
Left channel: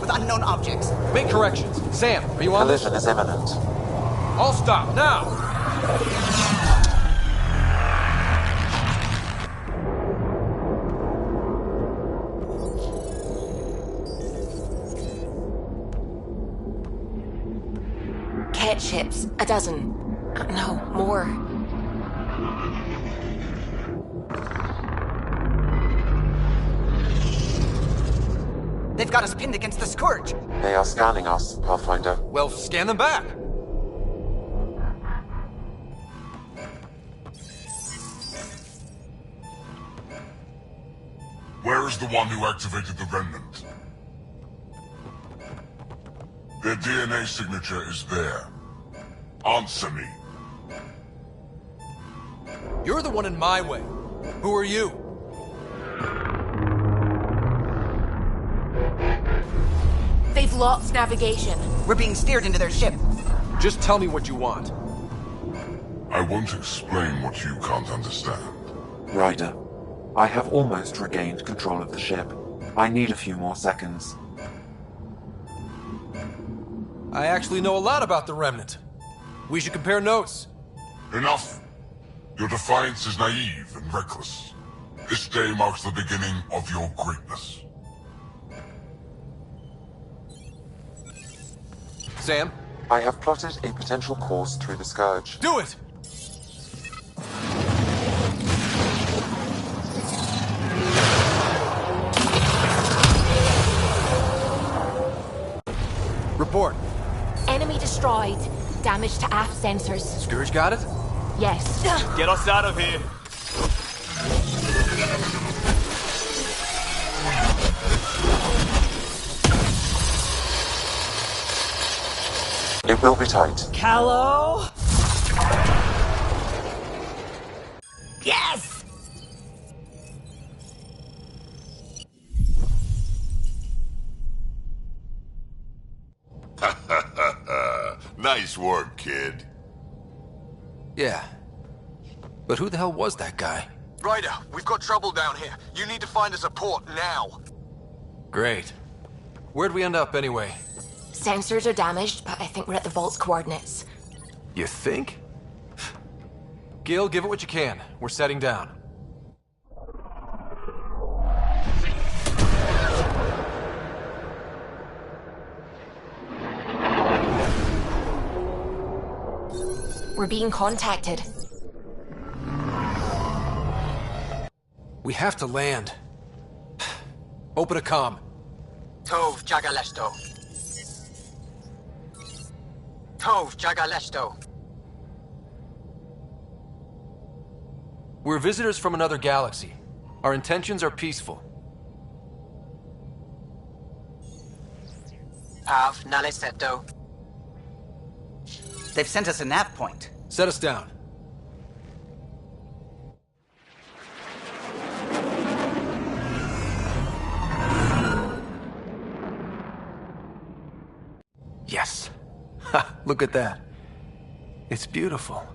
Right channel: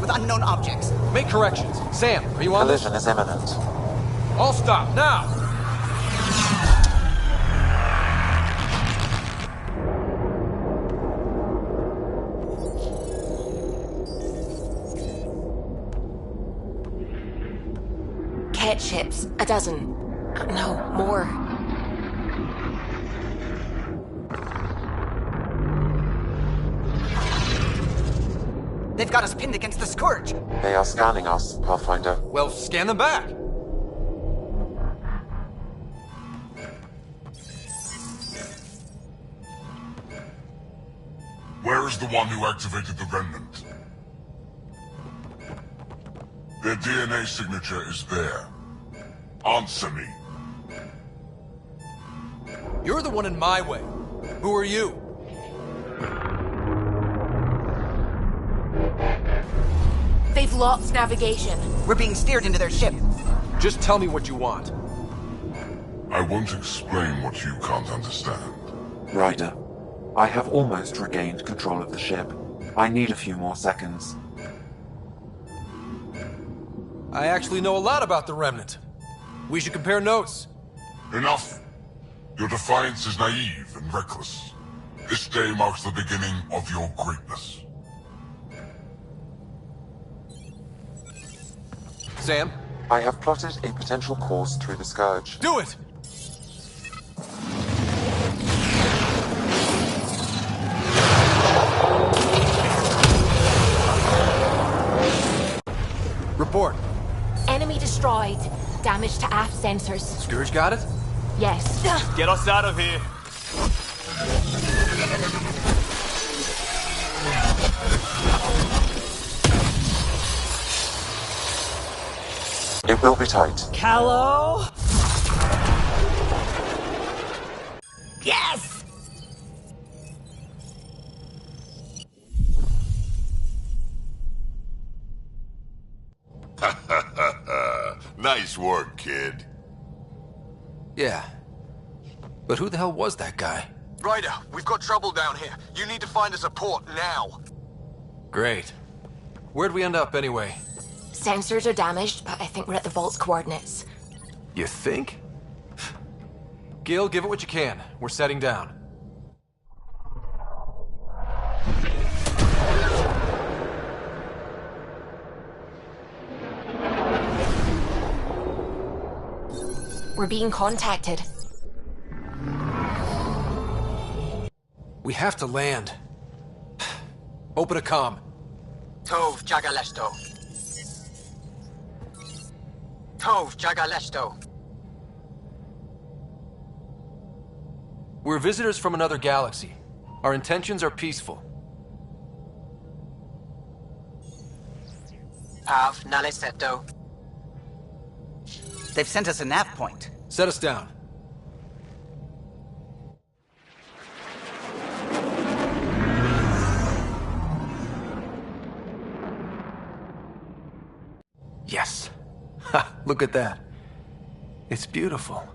with unknown objects. Make corrections. Sam, are you on this? Collision is imminent. All stop, now! Cat ships. A dozen. No, more. They've got us pinned against the Scourge. They are scanning us, Pathfinder. Well, scan them back. Where is the one who activated the Remnant? Their DNA signature is there. Answer me. You're the one in my way. Who are you? They've lost navigation. We're being steered into their ship. Just tell me what you want. I won't explain what you can't understand. Ryder, I have almost regained control of the ship. I need a few more seconds. I actually know a lot about the Remnant. We should compare notes. Enough! Your defiance is naive and reckless. This day marks the beginning of your greatness. Sam? I have plotted a potential course through the Scourge. Do it! Report. Enemy destroyed. Damage to aft sensors. Scourge got it? Yes. Get us out of here. It will be tight. Callow? Yes! Nice work, kid. Yeah. But who the hell was that guy? Ryder, we've got trouble down here. You need to find us a port now. Great. Where'd we end up anyway? Sensors are damaged, but I think we're at the vault's coordinates. You think? Gil, give it what you can. We're setting down. We're being contacted. We have to land. Open a comm. Tov Jagalesto. Tov Jagalesto. We're visitors from another galaxy. Our intentions are peaceful. Av Naleseto. They've sent us a nav point. Set us down. Yes. Ha! Look at that. It's beautiful.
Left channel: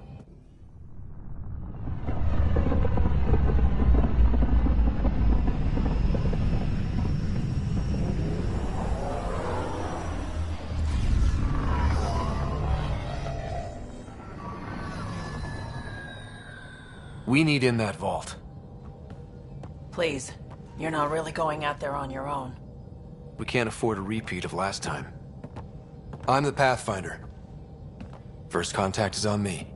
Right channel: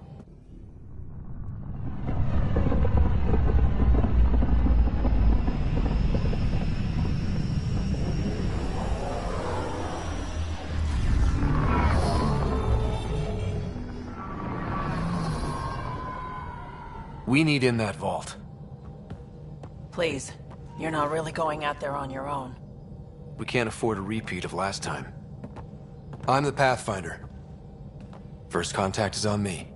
We need in that vault. Please, you're not really going out there on your own. We can't afford a repeat of last time. I'm the Pathfinder. First contact is on me.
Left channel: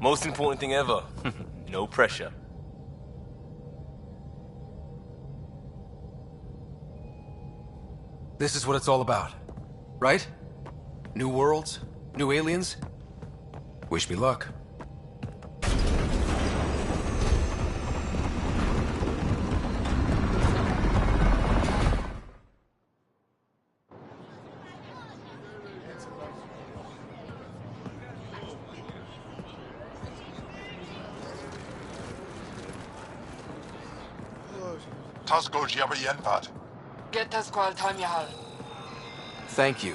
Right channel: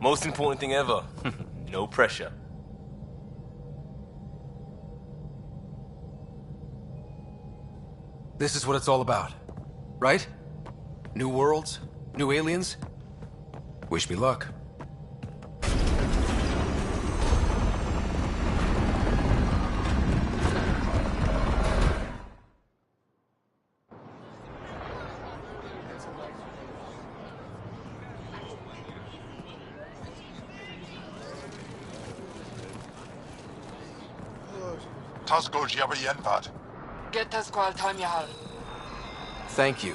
Most important thing ever. No pressure. This is what it's all about, right? New worlds? New aliens? Wish me luck. Tasco Jiabayenvat. Get us qual Tanyahal. Thank you.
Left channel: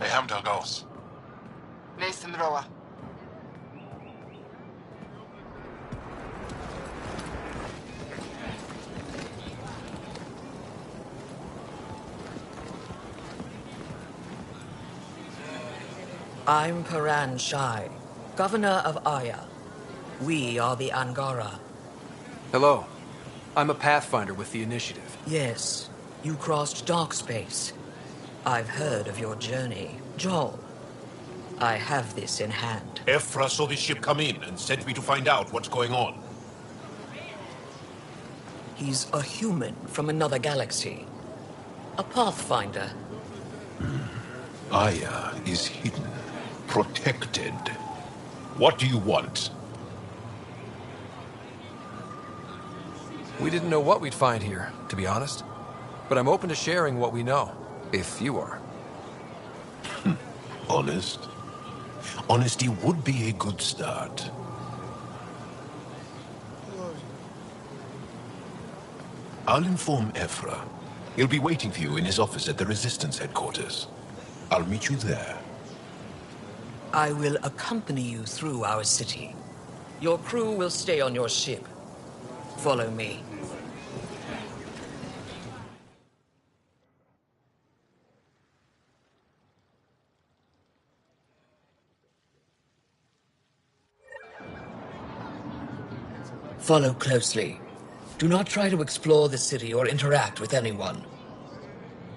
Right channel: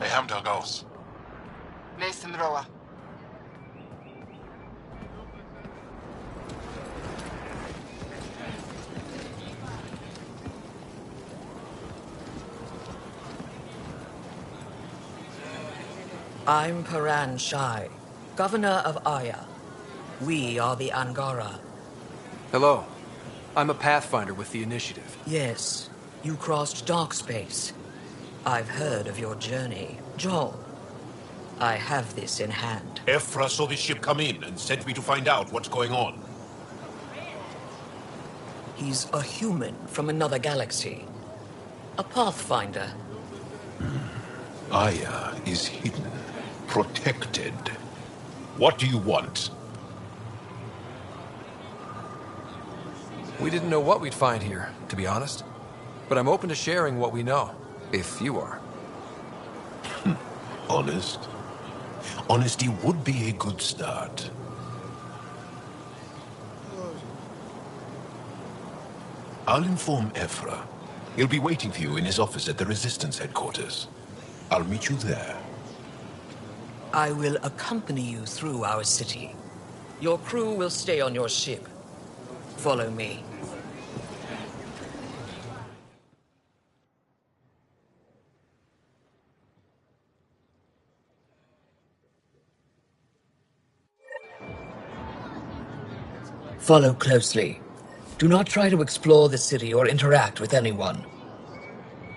Mehamda goes. Nathan Roa. I'm Paran Shai, Governor of Aya. We are the Angara. Hello. I'm a Pathfinder with the Initiative. Yes, you crossed dark space. I've heard of your journey, Joel. I have this in hand. Ephra saw this ship come in and sent me to find out what's going on. He's a human from another galaxy. A Pathfinder. Aya is hidden, protected. What do you want? We didn't know what we'd find here, to be honest. But I'm open to sharing what we know, if you are. Honest? Honesty would be a good start. I'll inform Ephra. He'll be waiting for you in his office at the Resistance headquarters. I'll meet you there. I will accompany you through our city. Your crew will stay on your ship. Follow me. Follow closely. Do not try to explore the city or interact with anyone.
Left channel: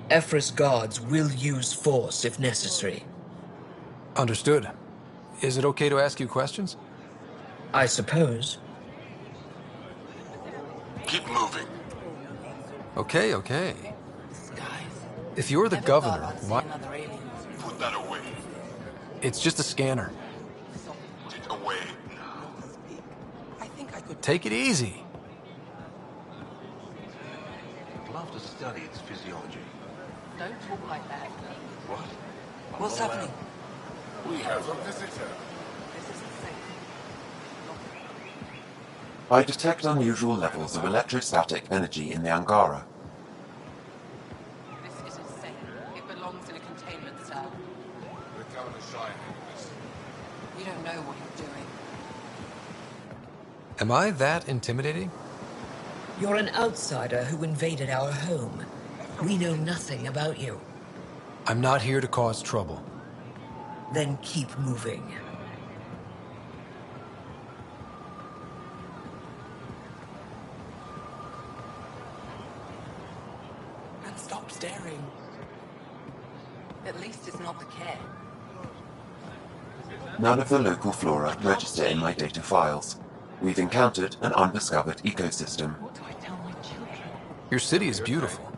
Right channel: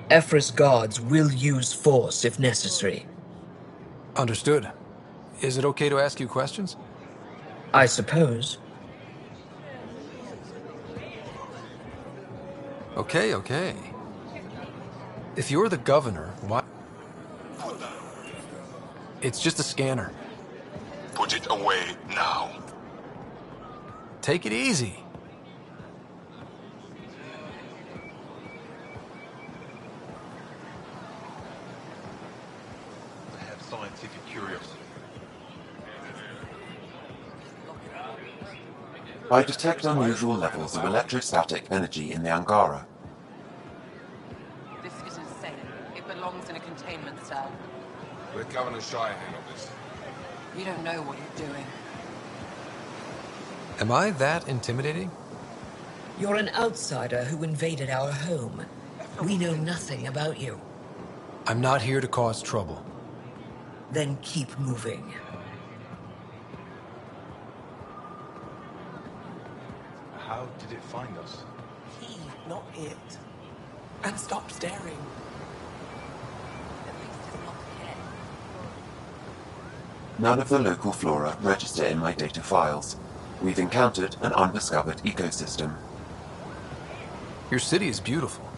Ephra's guards will use force if necessary. Understood. Is it okay to ask you questions? I suppose. Keep moving. Okay. If you're the governor, why... Put that away. It's just a scanner. Put it away now. Take it easy. What's happening? I detect unusual levels of electrostatic energy in the Angara. This is insane. It belongs in a containment cell. Let Governor Shire handle this. You don't know what you're doing. Am I that intimidating? You're an outsider who invaded our home. We know nothing about you. I'm not here to cause trouble. Then keep moving. How did it find us? Not it. And stop staring. At least it's not the cat. None of the local flora register in my data files. We've encountered an undiscovered ecosystem. Your city is beautiful.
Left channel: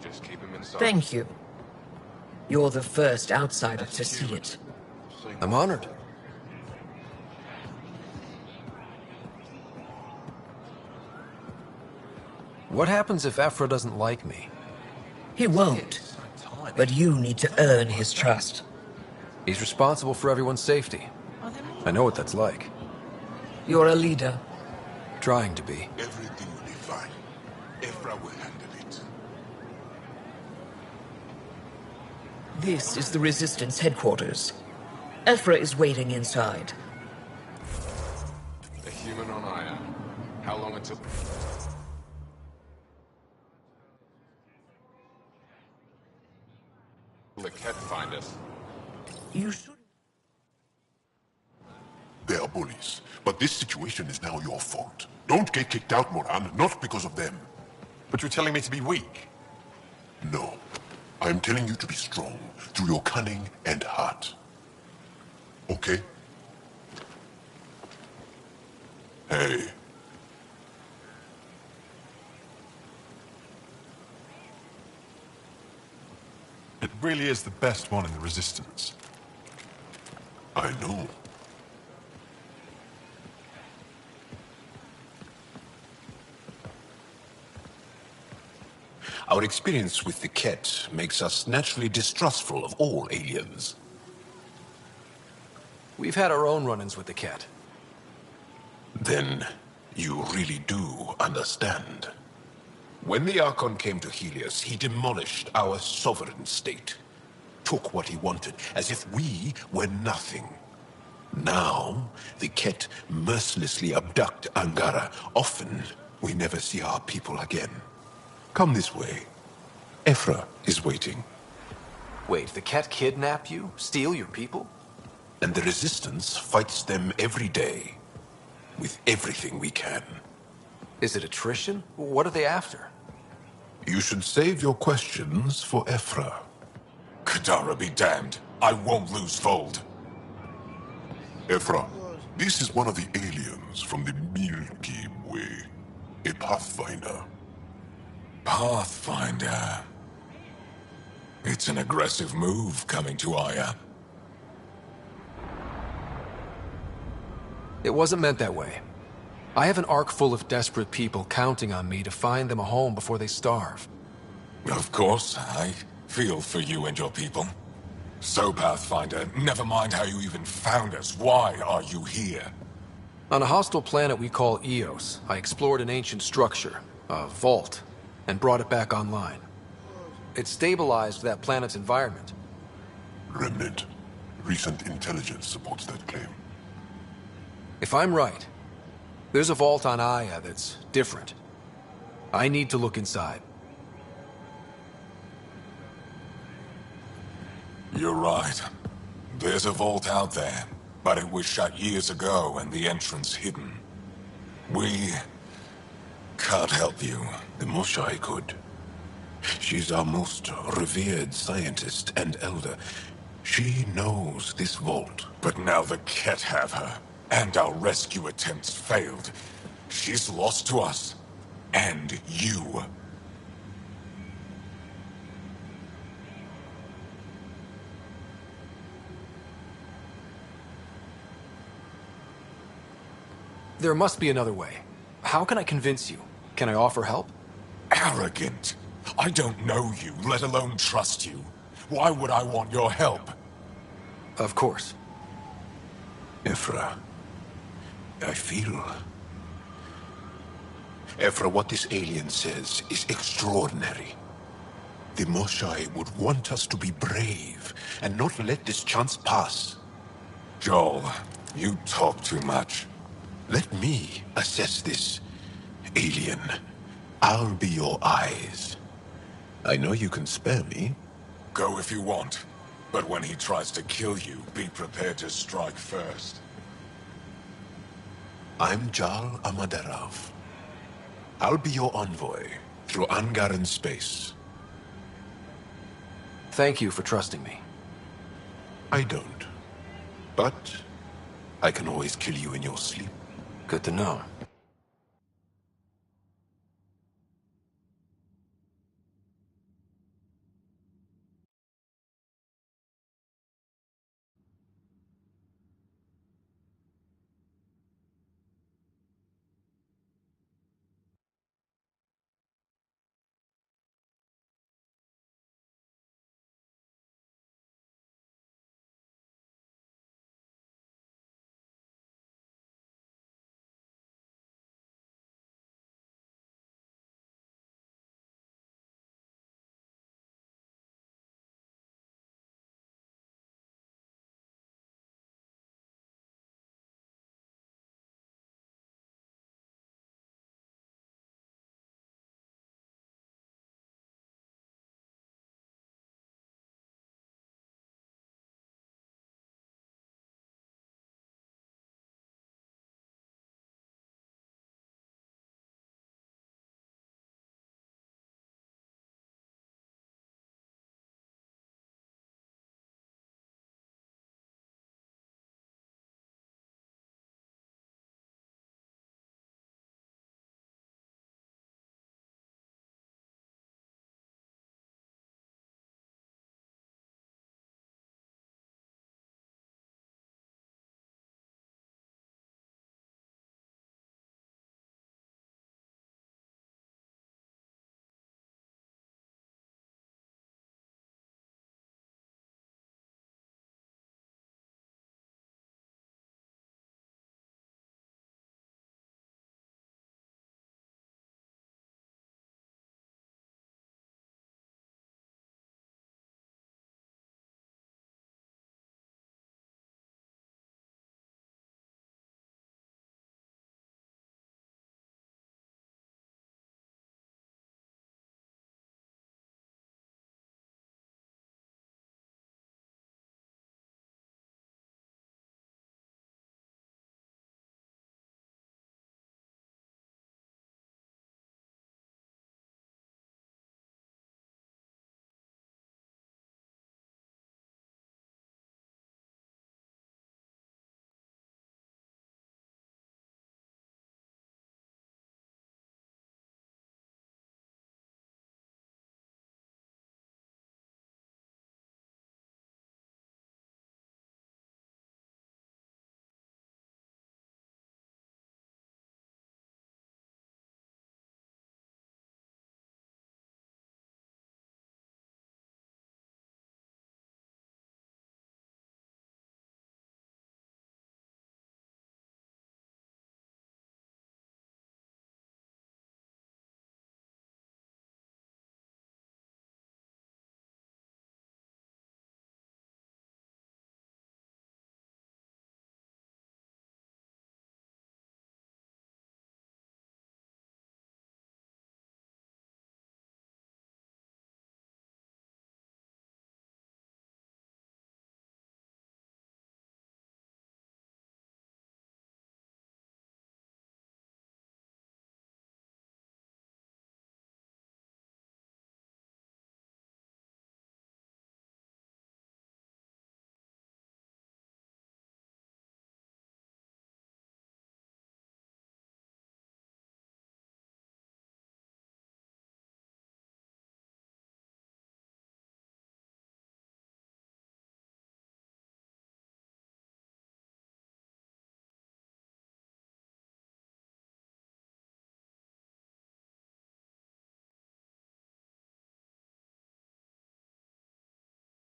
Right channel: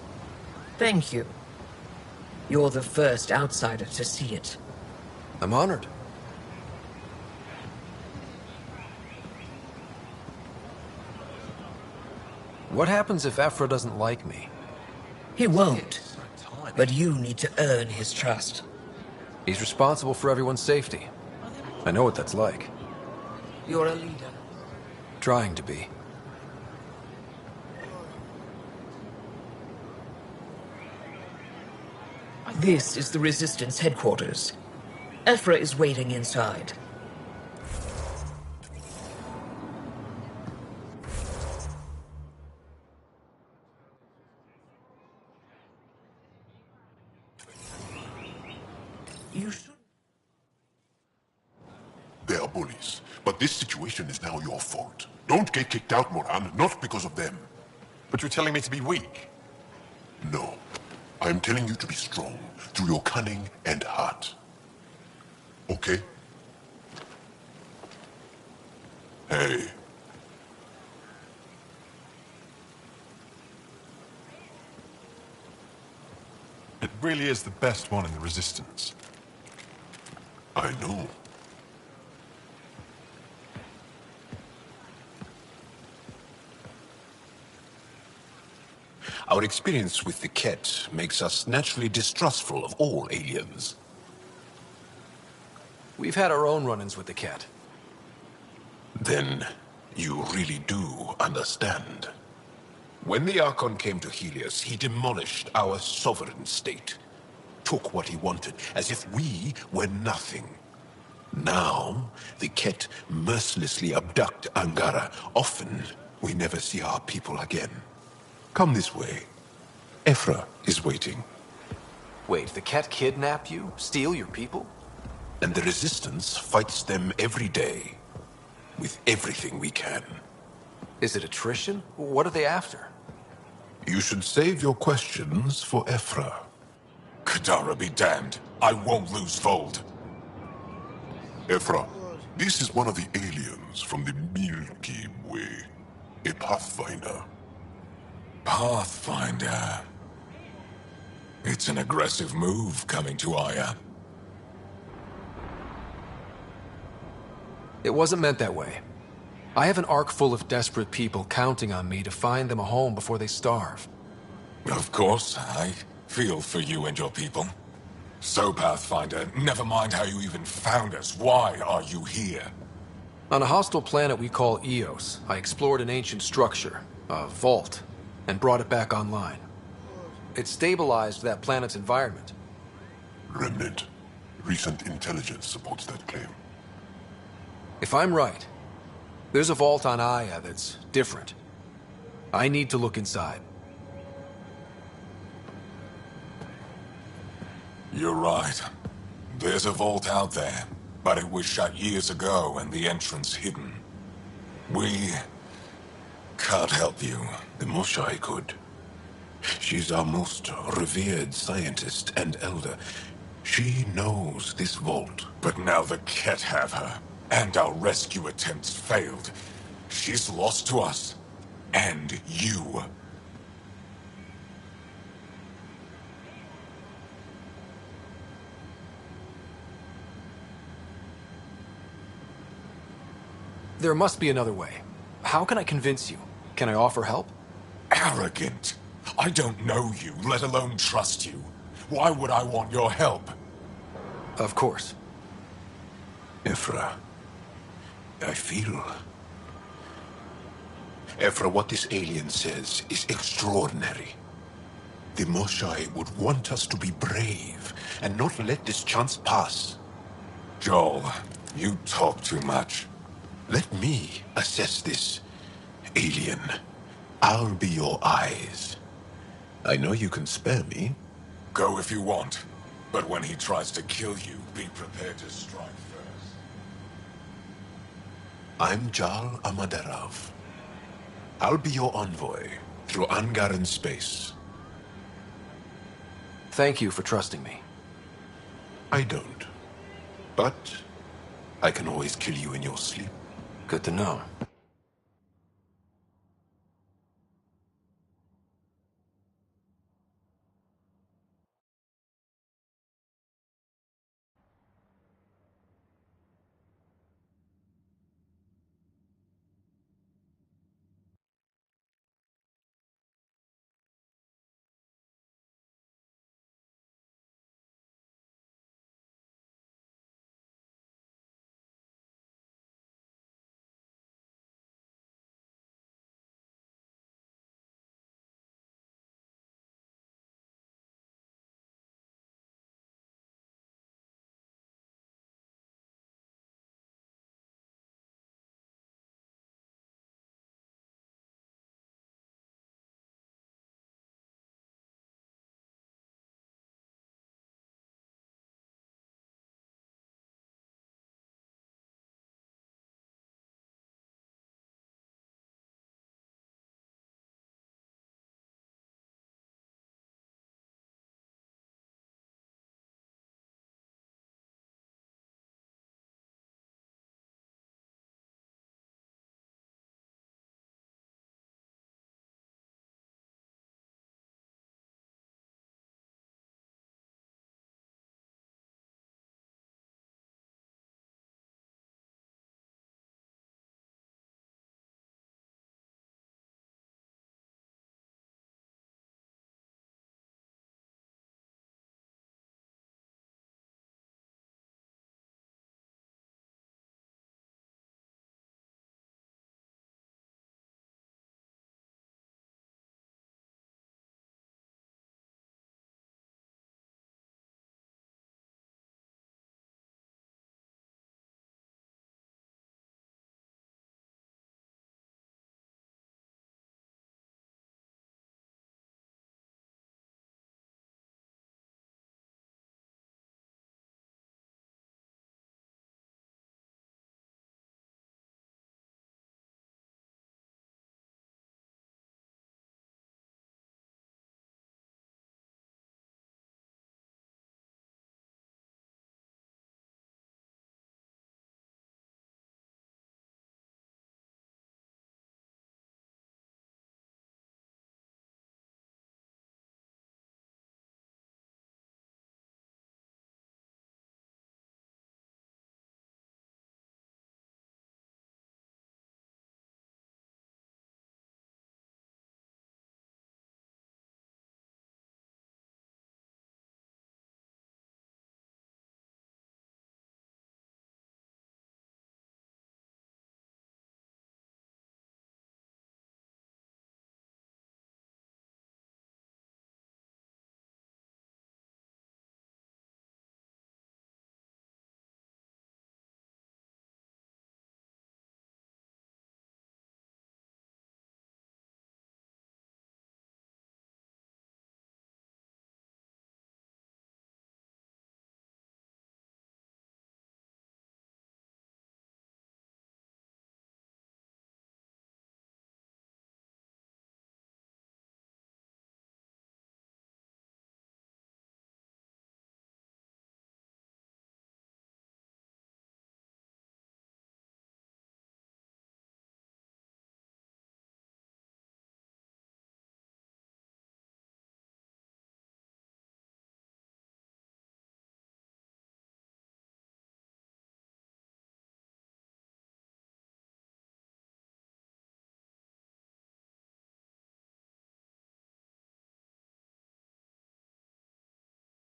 Thank you. You're the first outsider to see it. I'm honored. What happens if Ephra doesn't like me? He won't. But you need to earn his trust. He's responsible for everyone's safety. I know what that's like. You're a leader. Trying to be. This is the Resistance headquarters. Ephra is waiting inside. How long it took? The cat find us. You should... They are bullies, but this situation is now your fault. Don't get kicked out, Moran, not because of them. But you're telling me to be weak? No. I'm telling you to be strong, through your cunning and heart. Okay? Hey. It really is the best one in the Resistance. I know. Our experience with the Ket makes us naturally distrustful of all aliens. We've had our own run-ins with the cat. Then you really do understand. When the Archon came to Helios, he demolished our sovereign state. Took what he wanted, as if we were nothing. Now, the Ket mercilessly abduct Angara. Often, we never see our people again. Come this way. Ephra is waiting. Wait, the cat kidnapped you? Steal your people? And the Resistance fights them every day. With everything we can. Is it attrition? What are they after? You should save your questions for Ephra. Kadara be damned. I won't lose Vold. Ephra, this is one of the aliens from the Milky Way. A Pathfinder. Pathfinder. It's an aggressive move coming to Aya. It wasn't meant that way. I have an ark full of desperate people counting on me to find them a home before they starve. Of course, I feel for you and your people. So, Pathfinder, never mind how you even found us. Why are you here? On a hostile planet we call Eos, I explored an ancient structure, a vault, and brought it back online. It stabilized that planet's environment. Remnant. Recent intelligence supports that claim. If I'm right, there's a vault on Aya that's different. I need to look inside. You're right. There's a vault out there, but it was shut years ago and the entrance hidden. We can't help you. The Moshai could. She's our most revered scientist and elder. She knows this vault. But now the Ket have her, and our rescue attempts failed. She's lost to us, and you. There must be another way. How can I convince you? Can I offer help? Arrogant. I don't know you, let alone trust you. Why would I want your help? Of course. Ephra, I feel... Ephra, what this alien says is extraordinary. The Moshai would want us to be brave and not let this chance pass. Joel, you talk too much. Let me assess this, alien. I'll be your eyes. I know you can spare me. Go if you want. But when he tries to kill you, be prepared to strike first. I'm Jal Amaderov. I'll be your envoy through Angaran space. Thank you for trusting me. I don't. But I can always kill you in your sleep. Good to know.